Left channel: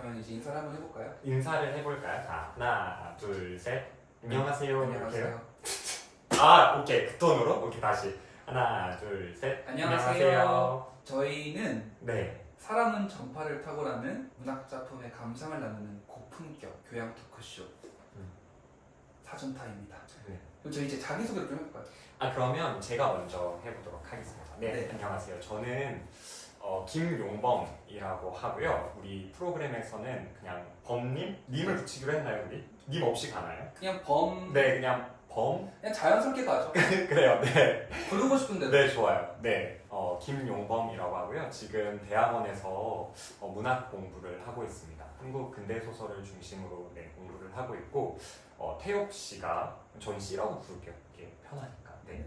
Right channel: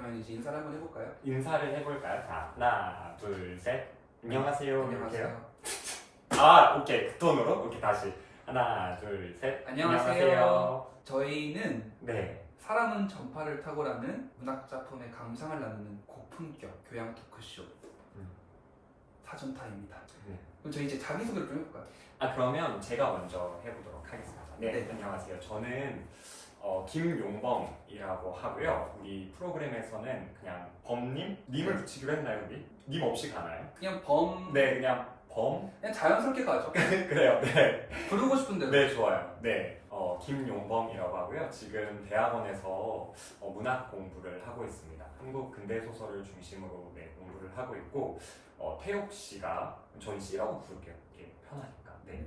그러면 이제 인사를 한번 해볼까요? 인사를 해볼까요? 자, 하나, 둘, 셋. 안녕하세요. 이렇게요. 안녕하세요. 아, 오케이. 그 톤으로? 오케이, 다시. 하나, 둘, 셋. 안녕하세요. 저희는 네. 사람은 전파를 타고라는 문학작품의 감상을 나누는 고품격 교양 토크쇼 사전타입니다. 네. 그럼 저희 이제 자기소개를 좀 해볼까요? 그러면 제가 먼저 해보도록 하겠습니다. 네. 안녕하세요. 저는 김용범이라고 하고요. 우리 프로그램에서는 그냥 범님? 님을 붙이기로 했나요, 우리? 님 없이 가나요? 그냥 범... 네, 그냥 범? 그냥 자연스럽게 가죠. 그래요, 네. 부르고 싶은데. 네, 좋아요. 네, 김용범이라고 하고요. 지금 대학원에서 문학 공부를 하고 있습니다. 한국 근대 소설을 중심으로 공부를 하고 있고, 태옥 씨가 저희 씨라고 부를게요. 이게 편하니까. 네.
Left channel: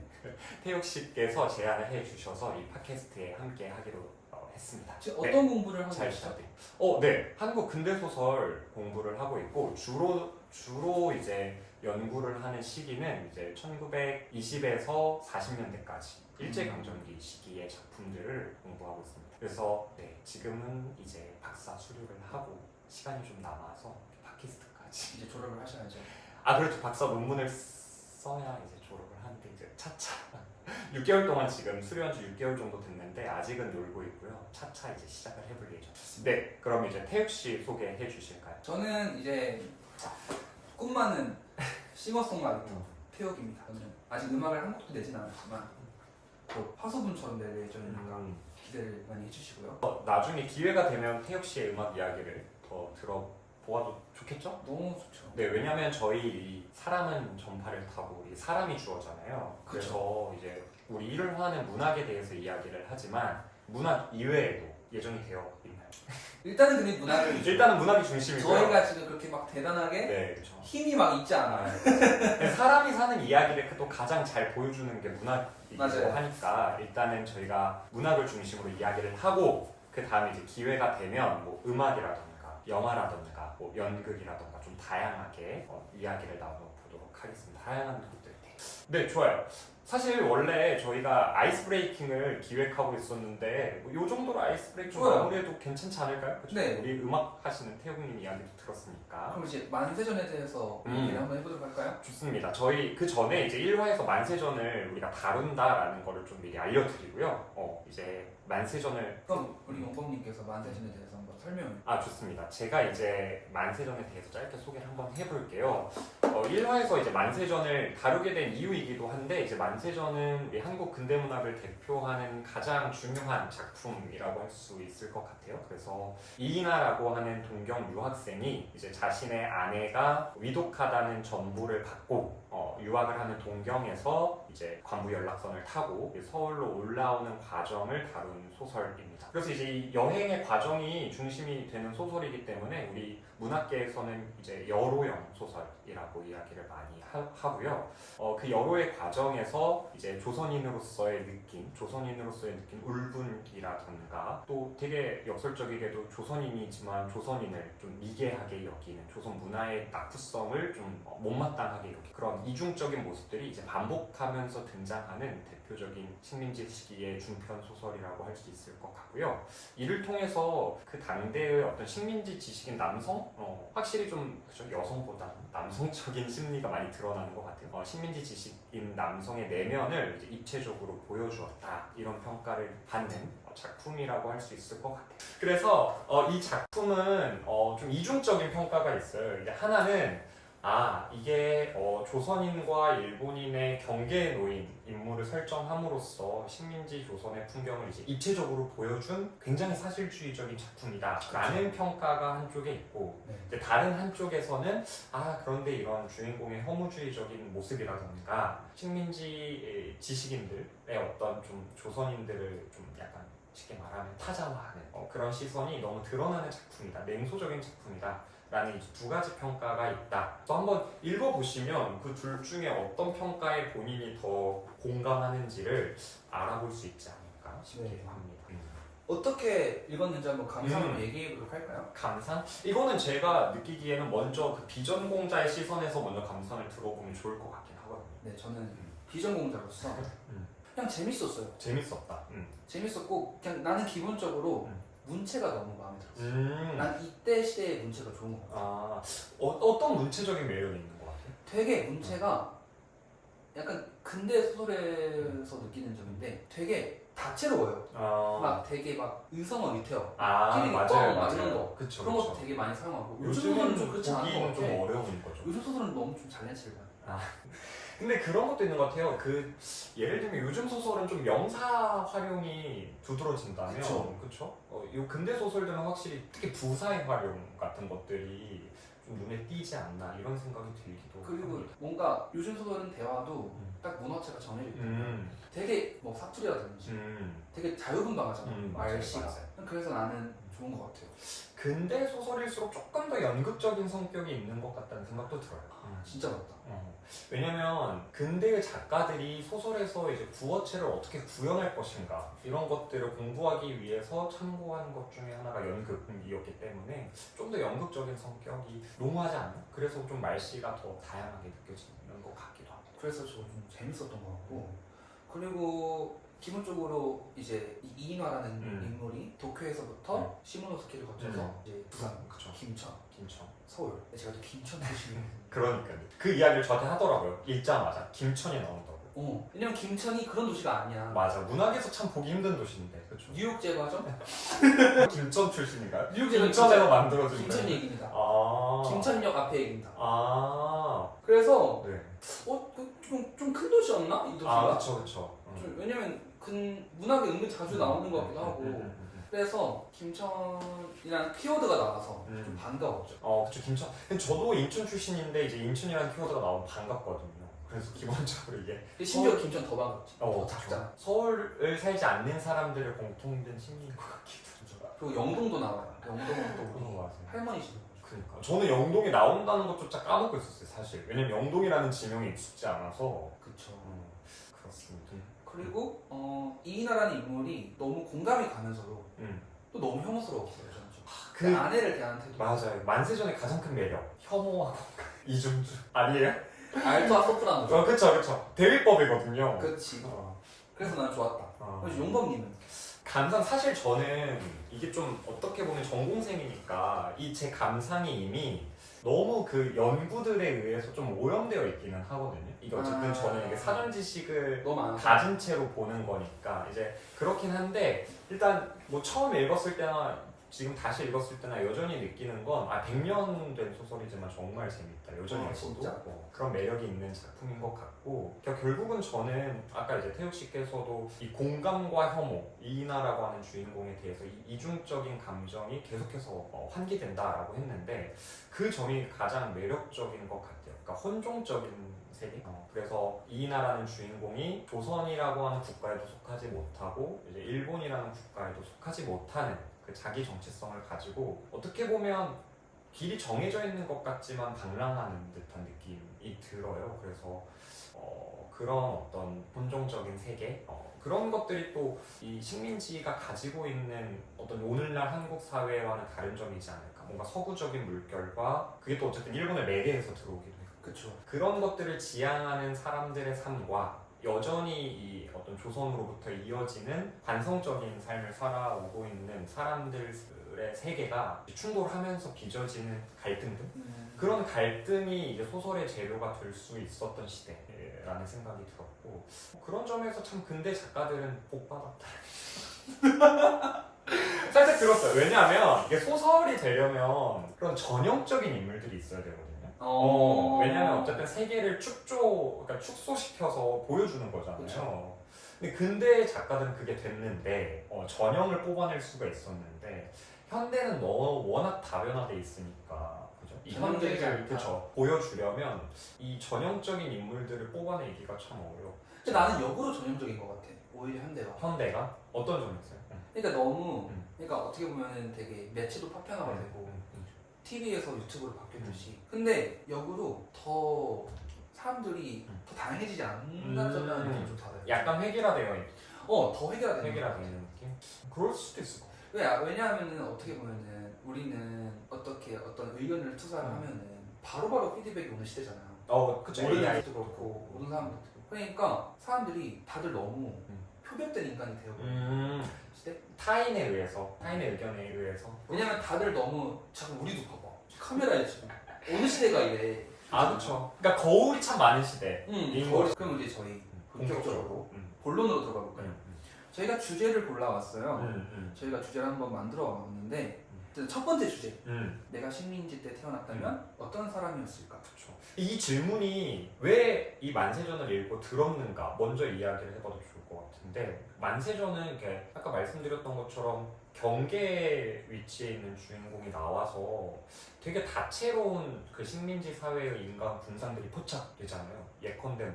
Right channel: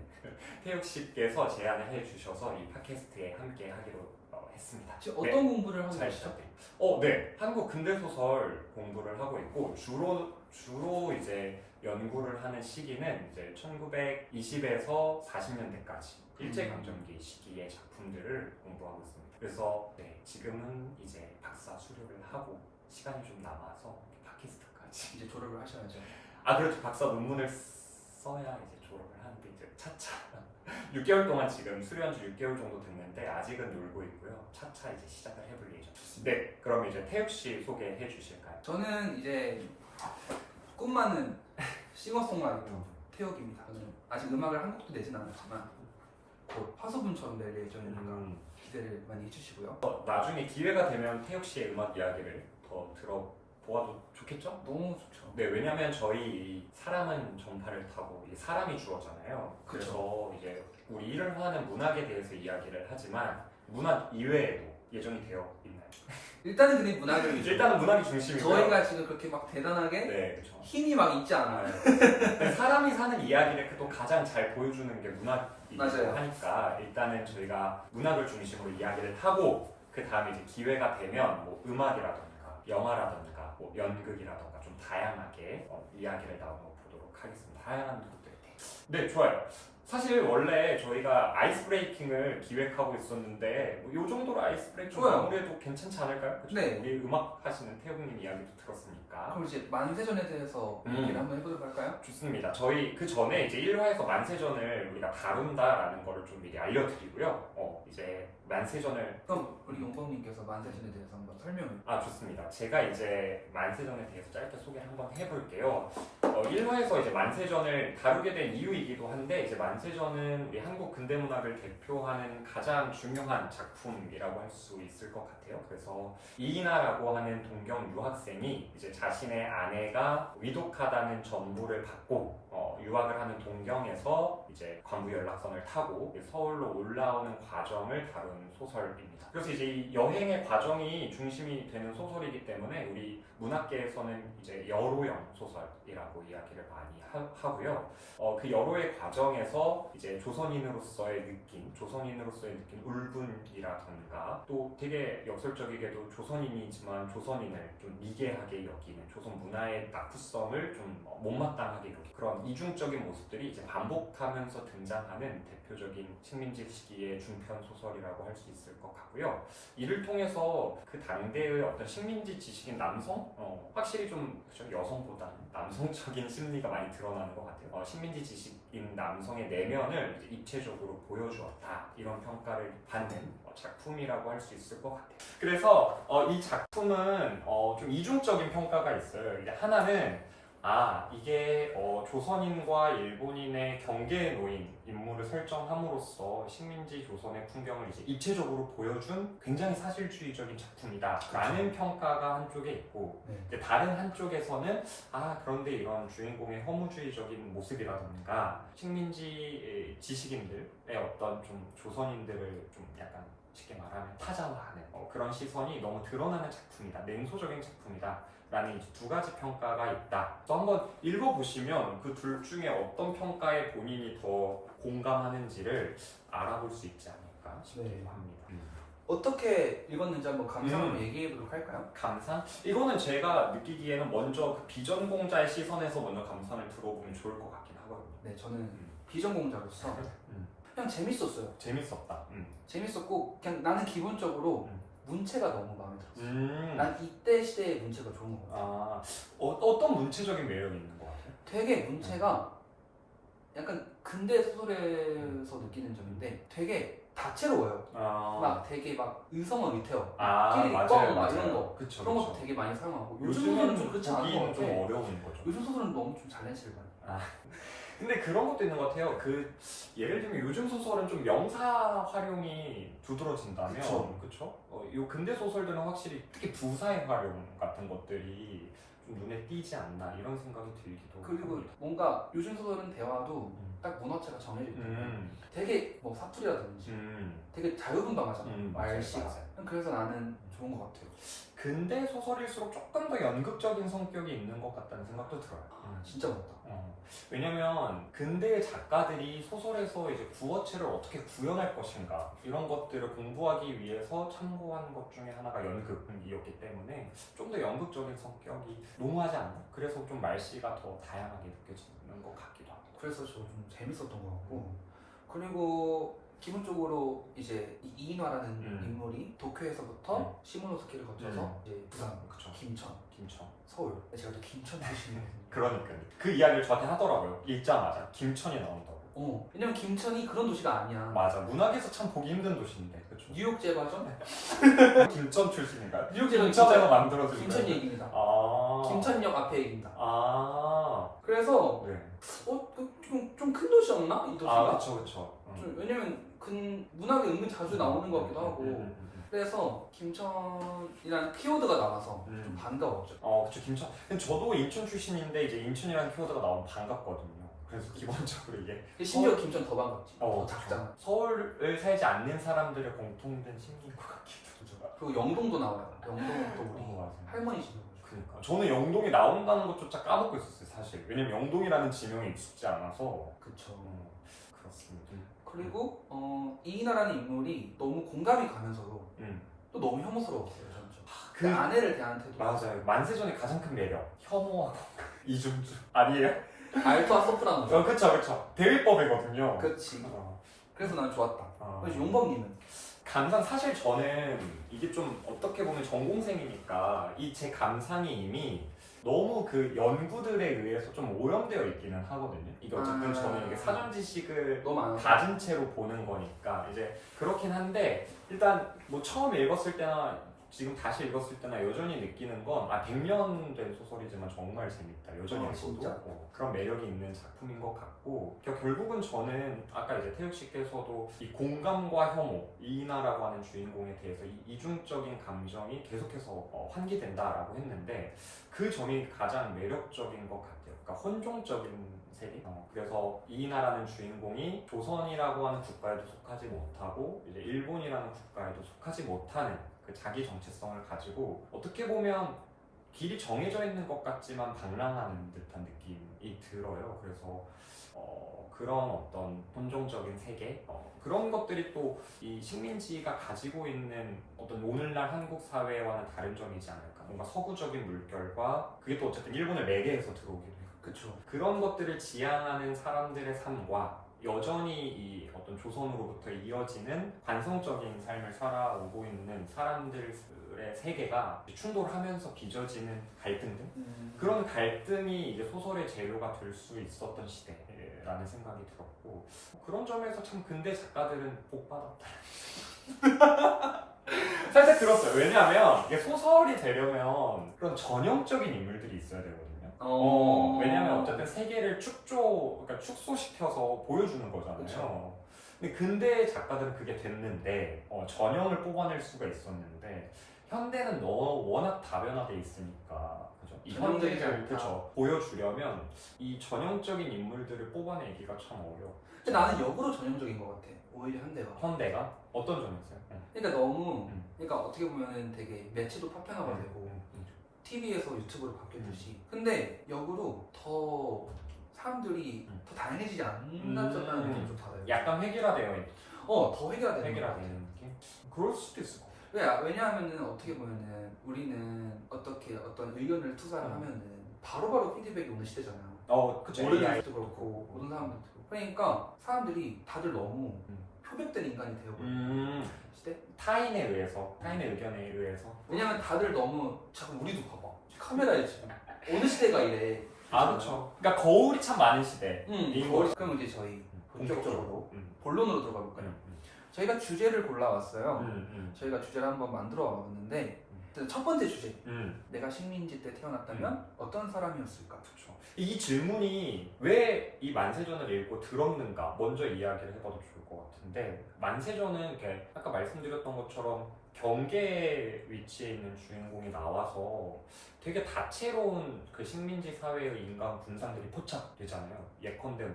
태옥 씨께서 제안을 해주셔서 이 팟캐스트에 함께 하기로 했습니다. 지금 어떤 공부를 하고 잘 계시죠? 부탁드립니다. 네, 한국 근대 소설 공부를 하고 있고 주로 이제 연구를 하는 시기는 이제 1920에서 40년대까지 일제강점기 시기의 작품들을 공부하고 있습니다. 그래서 지금은 이제 박사 수료를 하고 시간이 좀 남아서 팟캐스트까지 이제 졸업을 하셔야죠. 그렇죠. 박사 논문을 써야 이제 졸업을 하는데 이제 차차 6개월 동안 지금 수료한 지 6개월 정도 됐는데 아직은 놀고 있고요. 차차 이제 시작을 해볼 예정입니다. 네, 그럼 이제 태욱 씨 소개해 주실까요? 저는 이제 꿈많은 싱어송라이터 태욱입니다. 저는 아직 음악을 한 곡도 내진 않았지만 곧 화소분처럼 낼 예정이니까 기대를 많이 해주시고요. 나중에 기회가 되면 태욱 씨의 음악 이야기를 더 들어보아도 좋겠죠? 너무 좋죠. 네, 왜냐면 저희 이 사람은 전파를 타고 이 사람이 주어잖아요. 그래서 이제 우리 일을 하는 문학에 대해서 이야기를 하지만 문학 이외에도 예정이 되어 있나요? 일단은 그냥 문학을 위주로. 일단은 문학이 중심이고요. 저희가 지금 그렇게 막 대단하게 네, 그렇죠. 힘이 막 있지 않아요. 네, 사람이 사는 이야기를 또 가장 잘 보여주는 게 문학이기도 맞아요. 하니까 일단은 저희가 문학을 중심으로 이야기를 하고 그 다음에 이제 기회가 되면 뭐 음악이라던가 영화라던가 뭐 연극이라던가 좀 다양하게 이야기를 나눠보도록 하겠습니다. 다양한 것들. 네, 좋아요. 사실 원래 저희가 아이스 브레이킹을 기획하고 있었는데 뭐 요 정도로 아이스 브레이킹 좋아요. 마무리해도 괜찮지 않을까요? 그쵸? 네. 우리 음악 하시는 태욱님 이야기도 들었으니까. 그럼 이제 만세전에 대해서 얘기를 한번 해보도록 할까요? 좋습니다. 저희 그 전에 이제 1화에서 만세전을 우리가 다룬다라는 거를 좀 미리 알려드리고요. 이제 만세전을 그럼 우리 용범님께서 만세전에 대해서 한번 설명을. 좋습니다. 제가 이제 만세전에 대해서 짧게 소개 한번 해볼게요. 1화에서 이제 만세전을 다루게 된 이유이기도 한데 이제 만세전은 우리 한국 근대문학을 대표하는 가장 중요한 작품이라고 할 수 있을 것 같아요. 그래서 이인하라고 하는 동경 유학생이 이제 자신의 아내가 위독하다는 전보를 받고 유학을 하는 동경에서 이제 관부 연락선을 타고 서울로 올라오는 과정을 다룬 소설입니다. 그래서 이제 이 여행의 과정이 중심이 되는 소설이기 때문에 우리 문학계에서는 이제 여로형 소설이라고 이야기를 많이 하고요. 그 여로의 과정에서 이제 조선인으로서의 느낌 울분이라든가 또 되게 역설적이게도 조선인이지만 조선인을 좀 미개하게 여기는 조선 문화의 낙후성을 좀 못마땅하게 여기는 그런 이중적인 모습들이 이제 반복하면서 등장하는 대표적인 식민지 시기의 중편 소설이라고 할 수 있을 것 같고요. 이를 통해서 그 당대의 어떤 식민지 지식인 남성 확실히 좀 여성보다 남성적인 심리가 많이 드러나는 것 같아요. 식민지 지식인 남성의 내면을 이제 입체적으로 보여주었다 이런 평가를 받는 작품이라고 할 수 있을 것 같아요. 그래서 이 작품은 좀 이중적인 평가가 있어요. 이제 하나는 이게 조선인과 일본인의 경계에 놓인 인물을 설정함으로써 식민지 조선의 풍경을 이제 입체적으로 보여준 굉장히 사실주의적인 작품이다라는 평가가 한쪽에 있고 이제 다른 한쪽에서는 그런데 이런 주인공의 허무주의적인 모습이라든가 식민지 지식인들의 어떤 좀 조선인들을 좀 약간 쉽게 말하면 타자화하는 그런 시선이 너무 드러나는 작품이다, 냉소적인 작품이다 라는 두 가지 평가가 있다. 또 한번 읽어보시면 그 둘 중에 어떤 평가에 본인이 더 공감하는지를 알아볼 수 있지 않을까 싶기도 합니다. 어떻게 읽었는지 한번 감상을 얘기해보도록 할까요? 감상? 이거는 제가 느끼기에는 먼저 그 비전공자의 시선에서 먼저 감상을 들어보면 좋을 것 같긴 하거든요. 네, 저는 비전공자로서 그냥 재밌었어요. 재밌었다. 재밌었고 그냥 나는 기본적으로 문체가 너무 마음에 들었어요. 난 이때 시대의 문체가 좋은 것 같아. 아, 어떤 문체적인 매력이 있는 것 같아? 되게 문체가 약간 근대 소설에서 느끼는 점인데 되게 다채로워요. 막 되게 막 의성어 위태어, 끼리리 뻥 막 이런 거 그쵸, 그런 것도 되게 많이 사용하고 요즘 소설은 좀 그렇지 않은 것 같아. 좀 어려운 거죠. 요즘 소설은 너무 좀 잘난치를 많이. 근데 그런 것도 있는 것 같아요. 예를 들면 요즘 소설은 좀 명사 활용이 두드러진다면, 그쵸? 요 근대 소설들은 확실히 특히 부사의 활용 같은 것들이 좀 눈에 띄지 않나 이런 생각이 들기도. 그리고 합니다. 뭔가 요즘 소설은 대화도 딱 문어체가 정해져 있고 되게 뭐 사투리라든지 되게 자유분방하잖아. 말씨가. 맞아요. 그래서 나는 좋은 것 같아요. 근대 소설일수록 조금 더 연극적인 성격이 있는 것 같다는 생각도 들어요. 진짜 맞다. 왜냐면 근대의 작가들이 소설에서 이제 구어체를 어떻게 구현할 것인가 이런 것들을 공부하기 위해서 참고한 것 중에 하나가 연극이었기 때문에 좀 더 연극적인 성격이 농후하지 않나? 그래서 좀 말씨가 더 다양하게 느껴지는 것 같기도 하고. 그래서 저 좀 재밌었던 것 같고 그리고 기본적으로 이제 이 이인화라는 인물이 도쿄에서부터 시모노스키를 거쳐서 이제 부산, 그쵸. 김천, 서울. 제가 또 김천 출신이거든요. 그러니까요. 그 이야기를 저한테 하더라고요. 읽자마자 김천이 나온다고. 왜냐면 김천이 그런 도시가 아니야. 맞아. 문학에서 참 보기 힘든 도시인데, 그렇죠? 뉴욕 제과점? 김천 출신인가요? 뉴욕 제과점 김천에서 만들어진 김천 거예요? 얘기입니다. 아. 김천역 앞에 얘기입니다. 아. 그래서 네. 좀 큰 도시였나 이 도시가? 그쵸. 왜냐면 문학에 은근 자주 나오는 것 같기도 하고. 그래서 김천이라는 키워드가 나와서 좀 반가웠죠. 그쵸. 김천. 근데 저도 인천 출신인데 이제 인천이라는 키워드가 나오면 반갑거든요. 그래서 기본적으로 이게 심지어 김천 더 반갑지. 더 그쵸. 작잖아. 서울을 살지 않는 사람들의 공통된 심리인 것 같기도 하고. 그리고 영동도 나와요. 영동은 또 우리 맞아요. 할머니시죠. 그러니까 저는 영동이 나온다는 것조차 까먹고 있었어요, 사실. 왜냐면 영동이라는 지명이 익숙지 않아서. 그쵸. 그렇습니다. 그리고 이인하라는 인물이 너무 공감이 가면서도 또 너무 혐오스러웠어요, 저는 좀. 그 아내를 대하는 태도. 맞아요. 만세전의 가장 큰 매력. 혐오와 공감. 이중주. 아니에요? 알토와 소프라노. 그쵸. 대위법이거든요. 그치. 그래서 난 좋았다. 그래서 용범님은? 감상 사실 저는 이게 좀 어떻게 보면 전공생이니까 이 제 감상이 이미 너무 그 연구들에 의해서 좀 오염되어 있기는 하거든요. 이게 어쨌든 저는 이게 사전 지식을 너무 가진 채로 보는 거니까 이제 그렇긴 한데 일단 뭐 처음 읽었을 때나 지금 다시 읽었을 때나 여전히 느끼는 건 100년 된 소설이지만 정말 재밌다. 여전히 읽어도 그런 매력이 있는 작품인 것 같고 결국은 저는 아까 이제 태욱 씨께서도 이 공감과 혐오, 이인하라고 하는 주인공에 대해서 이 이중적인 감정이 계속해서 환기된다라고 했는데 그 점이 가장 매력적인 것 같아요. 그러니까 혼종적인 세계. 그래서 이인하라는 주인공이 조선이라고 하는 국가에도 속하지 못하고 이제 일본이라는 국가에도 속하지 못하는 그 자기 정체성을 가지고 어떻게 보면 길이 정해져 있는 것 같지만 방랑하는 듯한 느낌이 들어요. 그래서 그런 어떤 혼종적인 세계 그런 것들이 또 이 식민지가 가지고 있는 어떤 오늘날 한국 사회와는 다른 점이지 않을까. 뭔가 서구적인 물결과 그게 또 어쨌든 일본을 매개해서 들어오기도 해요. 그쵸. 그런 것들을 지향하는 사람들의 삶과 여전히 이 어떤 조선으로부터 이어지는 관성적인 삶을 살아오고 있는 사람들의 세계가 충돌하면서 빚어지는 갈등들 그런 갈등이 이제 소설의 재료가 될 수 있었던 시대라는 생각이 들었고 그런 점에서 참 근대 작가들은 복 받았다. 살짝 들었어요. 왜냐하면 이게 소설이 되려면 그런 전형적인 인물들이 있어야 되거든요. 왜냐하면 어쨌든 세계를 그러니까 축소시켜서 보여주는 거잖아요. 그쵸. 근데 근대 작가들은 그게 됐는데 전형을 뽑아낼 수가 있었는데 현대는 워낙 다변화돼 있으니까 그죠? 이 현대를 보여주려면 이 전형적인 인물들을 뽑아내기가 참 어려워. 근데 나는 역으로 전형적인 것 같아. 오히려 현대가 어떤 점에서요? 그러니까 너무 그러니까 어떻게 보면 되게 매체도 파편화가 되고 TV에서 유튜브로 바뀌었듯이 근데 역으로 더 사람들이 더 다양해지지 않는다는 느낌이 좀 달아요. 약간 획일화되어 있는 더 획일화되는 느낌? 그럴 수도 있을 것 같아요. 왜냐하면은 어떻게 보면은 우리는 어떤 의견을 투사를 하면은 바로바로 피드백이 오는 시대잖아요. 그쵸. 모르는 사람도 그렇고 모르는 사람도 그렇고 그러니까 사람들이 다들 너무 표백된 인간이 되어버린 시대? 타인에 의해서, 타인의 의견에 의해서. 왜냐면 다들 너무 잠깐 우리도 봐봐 카메라에 지금 어느 시대가 이래. 그렇죠. 그러니까 거울이 참 많은 시대. 그럼 이제 저희 본격적으로 본론으로 들어가 볼까요? 음. 저희가 주제를 골라왔어요. 음. 저희가 주제를 한번 만들어 왔는데 첫 번째 주제, 음. 내가 식민지 때 태어났다면 어떤 사람이었을까? 그렇죠. 이 질문이 왜 이 만세전을 읽고 들었는가 먼저 이야기를 해봐도 좋을 것 같은데, 만세전은 이렇게 아까 말씀드렸던 것처럼 경계에 위치해 있는 주인공이 나와서 되게 다채로운 그 식민지 사회의 인간 군상들이 포착되잖아요. 예컨대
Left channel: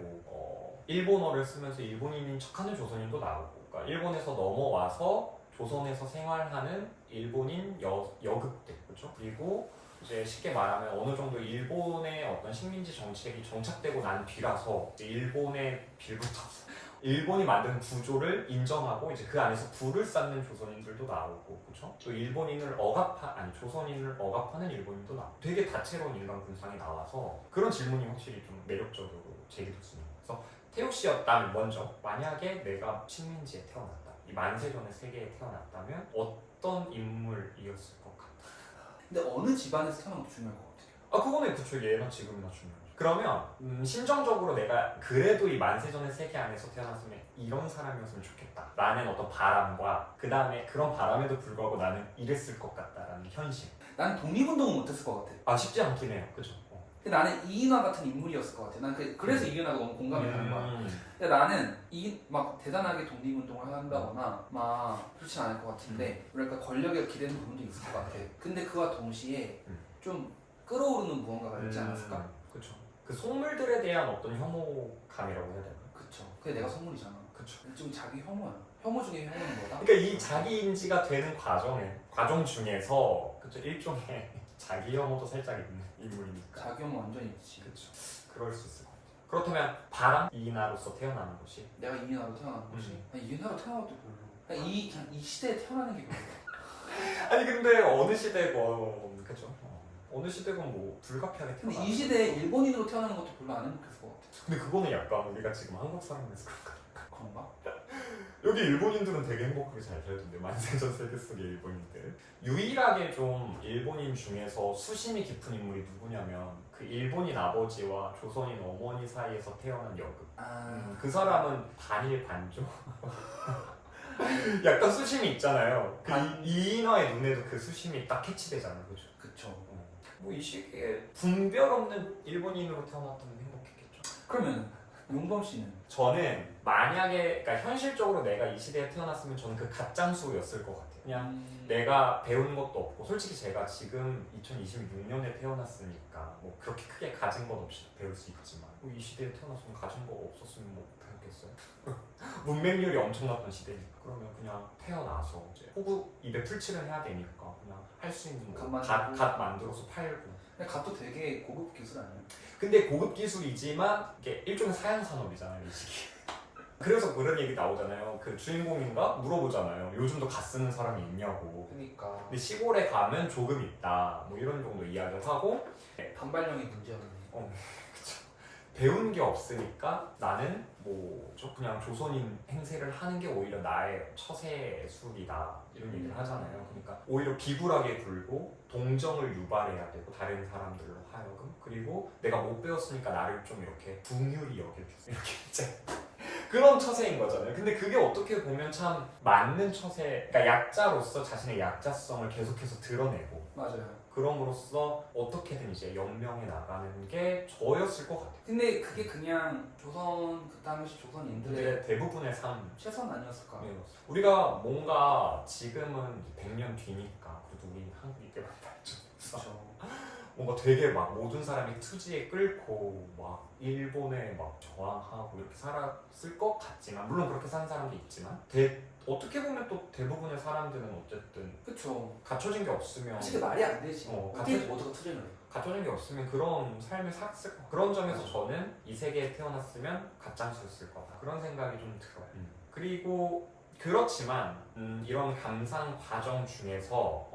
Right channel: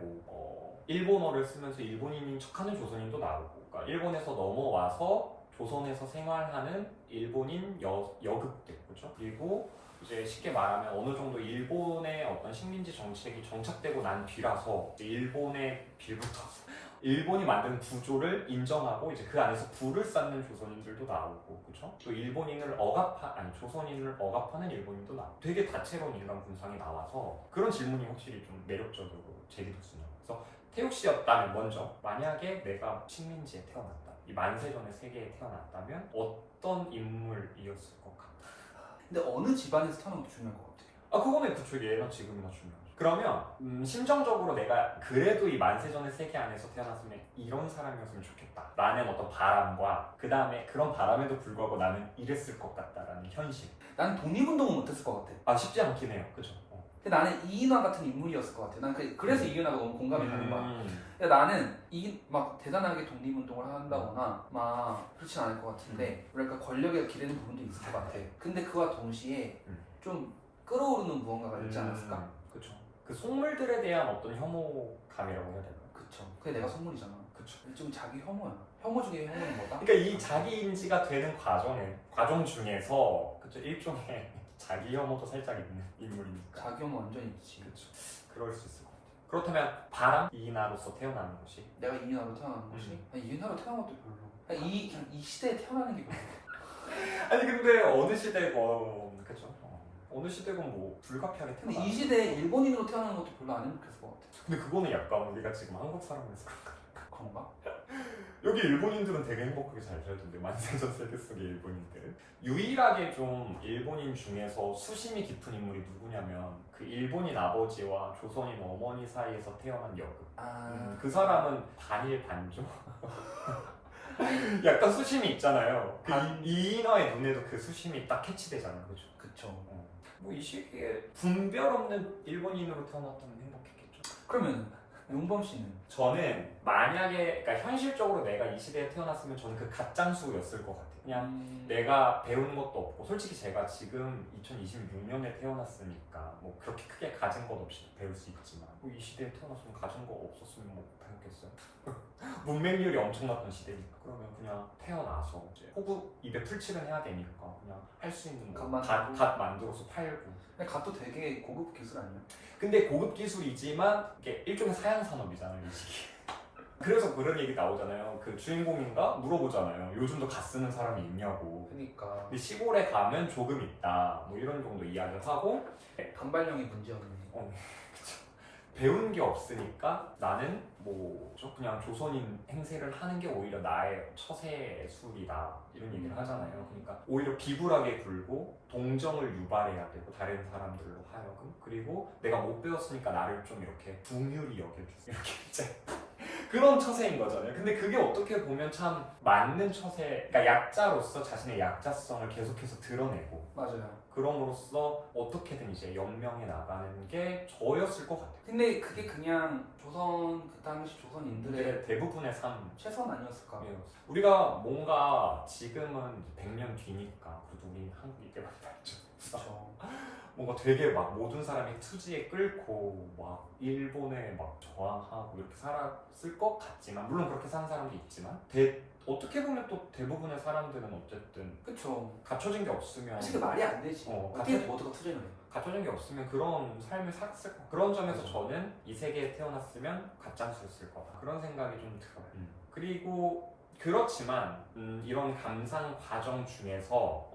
일본어를 쓰면서 일본인인 척하는 조선인도 나오고, 그러니까 일본에서 넘어와서 조선에서 생활하는 일본인 여급들, 그렇죠? 그리고 이제 쉽게 말하면 어느 정도 일본의 어떤 식민지 정책이 정착되고 난 뒤라서 이제 일본의 빌부터 일본이 만든 구조를 인정하고 이제 그 안에서 부를 쌓는 조선인들도 나오고, 그렇죠? 또 조선인을 억압하는 일본인도 나오고, 되게 다채로운 인간 군상이 나와서 그런 질문이 확실히 좀 매력적으로 제기됐습니다. 그래서 태욱 씨였다면 먼저 만약에 내가 식민지에 태어났다, 이 만세전의 세계에 태어났다면 어떤 인물이었을 것 같아? 근데 어느 집안에서 태어난 것도 중요할 것 같아요. 그거는 그쵸, 예나 지금이나 중요하죠. 그러면 심정적으로 내가 그래도 이 만세전의 세계 안에서 태어났으면 이런 사람이었으면 좋겠다 라는 어떤 바람과, 그 다음에 그런 바람에도 불구하고 나는 이랬을 것 같다라는 현실. 나는 독립운동은 못했을 것 같아. 쉽지 않긴 해요. 그죠? 근데 나는 이인화 같은 인물이었을 것 같아. 난 그래서 이인화가 너무 공감이 가는 거야. 근데 나는 막 대단하게 독립운동을 한다거나 막 그렇진 않을 것 같은데, 그러니까 권력에 기대는 부분도 있을 것 같아. 근데 그와 동시에 좀 끌어오르는 무언가가 있지 않았을까? 그렇죠. 그 속물들에 대한 어떤 혐오감이라고 해야 될까요? 그쵸. 그게 내가 속물이잖아. 그쵸. 좀 자기 혐오야. 혐오 중에 혐오는 뭐다? 그러니까 이 자기 인지가 되는 과정 중에서 그쵸, 일종의 자기 혐오도 살짝 있는 인물이니까. 자기 혐오 완전히 있지. 그렇죠. 그럴 수 있을 것 같아요. 그렇다면 바람 이인하로서 태어나는 것이, 내가 이인화로 태어나는 것이? 아니, 이인화로 태어난 것도 별로. 아니, 이 시대에 태어나는 게 별로. 아니 근데 어느 시대건 그쵸? 어느 시대건 뭐 불가피하게 근데 태어나. 이 시대에 일본인으로 태어나는 것도 별로 안 행복했을 것 같아. 근데 그거는 약간 우리가 지금 한국 사람에서 그런가? 여기 일본인들은 되게 행복하게 잘 살던데, 만세전 세계 속의 일본인들. 유일하게 좀 일본인 중에서 수심이 깊은 인물이 누구냐면 그 일본인 아버지와 조선인 어머니 사이에서 태어난 여급. 그 사람은 반일 반조. 약간 수심이 있잖아요. 이인화의 눈에도 그 수심이 딱 캐치되잖아요, 그죠? 그쵸. 뭐 이 시기에 분별 없는 일본인으로 태어났다면 행복했겠죠. 그러면 용범 씨는? 저는 만약에, 그러니까 현실적으로 내가 이 시대에 태어났으면 저는 그 갓장수였을 것 같아요. 그냥 내가 배운 것도 없고, 솔직히 제가 지금 2026년에 태어났으니까 뭐 그렇게 크게 가진 것 없이 배울 수 있지만, 뭐 이 시대에 태어났으면 가진 거 없었으면 뭐 배웠겠어요? 문맹률이 엄청났던 시대니까. 그러면 그냥 태어나서 이제 호구 입에 풀칠을 해야 되니까 그냥 할 수 있는 갓 만들어서 팔고. 근데 갓도 되게 고급 기술 아니야? 근데 고급 기술이지만 이게 일종의 사양 산업이잖아요, 이 시기. 그래서 그런 얘기 나오잖아요. 그 주인공인가 물어보잖아요. 요즘도 갓 쓰는 사람이 있냐고. 그러니까 근데 시골에 가면 조금 있다. 뭐 이런 정도 이야기를 하고, 단발령이 문제였네. 배운 게 없으니까 나는 그냥 조선인 행세를 하는 게 오히려 나의 처세술이다, 이런 얘기를 하잖아요. 그러니까 오히려 비굴하게 굴고 동정을 유발해야 되고, 다른 사람들로 하여금. 그리고 내가 못 배웠으니까 나를 좀 이렇게 궁휼히 여겨주세요, 이렇게 이제 그런 처세인 거잖아요. 근데 그게 어떻게 보면 참 맞는 처세, 그러니까 약자로서 자신의 약자성을 계속해서 드러내고, 맞아요. 그럼으로써 어떻게든 이제 연명해 나가는 게 저였을 것 같아요. 근데 그게 그냥 그 당시 조선인들의 근데 대부분의 삶. 최선 아니었을까? 네. 우리가 뭔가 지금은 100년 뒤니까 그래도 우리는 한국이게 만났죠. 그렇죠. 뭔가 되게 막 모든 사람이 투지에 끌고 막 일본에 막 저항하고 이렇게 살았을 것 같지만, 물론 그렇게 사는 사람도 있지만, 어떻게 보면 또 대부분의 사람들은 어쨌든 그쵸. 갖춰진 게 없으면, 사실 그게 말이 안 되지. 어떻게 모두가 투쟁을 해? 갖춰진 게 없으면 그런 삶을 살았을 것. 그런 점에서 저는 이 세계에 태어났으면 가짜수였을 거다, 그런 생각이 좀 들어요. 그리고 그렇지만 이런 감상 과정 중에서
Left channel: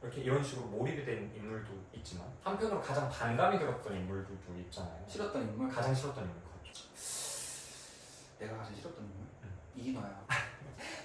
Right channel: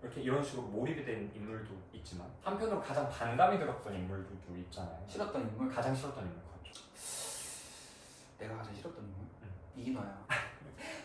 이렇게 이런 식으로 몰입이 된 인물도 있지만, 한편으로 가장 반감이 들었던 인물들도 있잖아요. 싫었던 인물? 가장 싫었던 인물, 그렇죠. 내가 가장 싫었던 인물? 이인화야.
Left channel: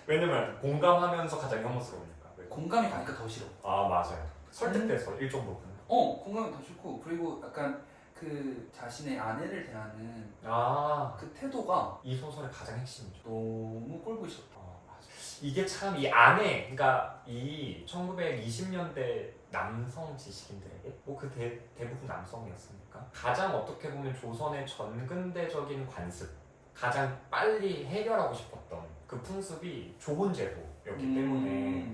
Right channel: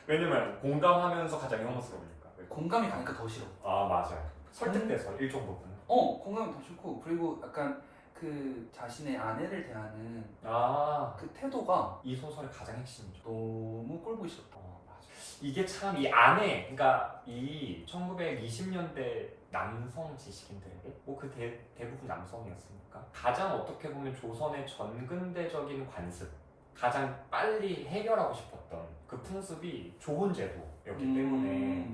왜냐면 공감하면서 가장 혐오스러우니까. 왜? 공감이 가니까 더 싫어. 아 맞아요. 설득돼서 일정 부분은. 공감이 더 싫고, 그리고 약간 그 자신의 아내를 대하는 아, 그 태도가 이 소설의 가장 핵심이죠. 너무 꼴보기 싫다. 맞아. 이게 참 이 안에, 그러니까 이 1920년대 남성 지식인들에게 뭐 그 대부분 남성이었으니까 가장 어떻게 보면 조선의 전근대적인 관습, 가장 빨리 해결하고 싶었던 그 풍습이 좋은 제도였기 때문에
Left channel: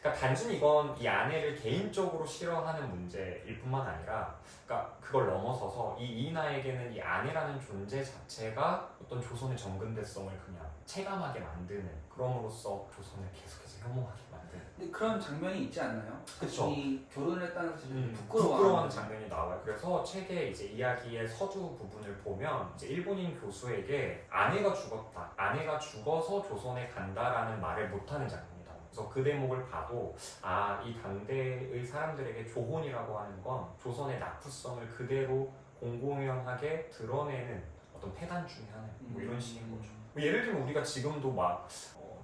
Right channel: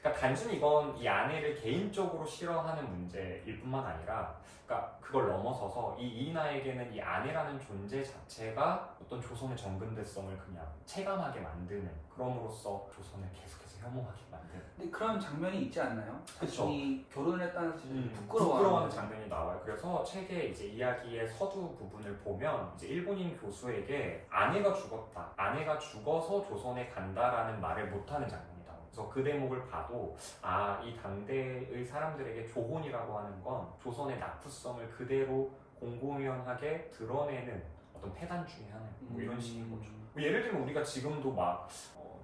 그러니까 단순히 이건 이 아내를 개인적으로 싫어하는 문제일 뿐만 아니라 그러니까 그걸 넘어서서 이 이인아에게는 이 아내라는 존재 자체가 어떤 조선의 정근대성을 그냥 체감하게 만드는, 그럼으로써 조선을 계속해서 혐오하게 만드는. 근데 그런 장면이 있지 않나요? 그쵸. 자신이 결혼을 했다는 사실을 부끄러워하는 장면이 나와요. 그래서 책의 이제 이야기의 서두 부분을 보면 이제 일본인 교수에게 아내가 죽었다, 아내가 죽어서 조선에 간다라는 말을 못하는 장면이 나와요. 그래서 그 대목을 봐도 이 당대의 사람들에게 조혼이라고 하는 건 조선의 낙후성을 그대로 공공연하게 드러내는 어떤 패단 중에 하나예요. 뭐 이런 식인 거죠. 뭐 예를 들면 우리가 지금도 막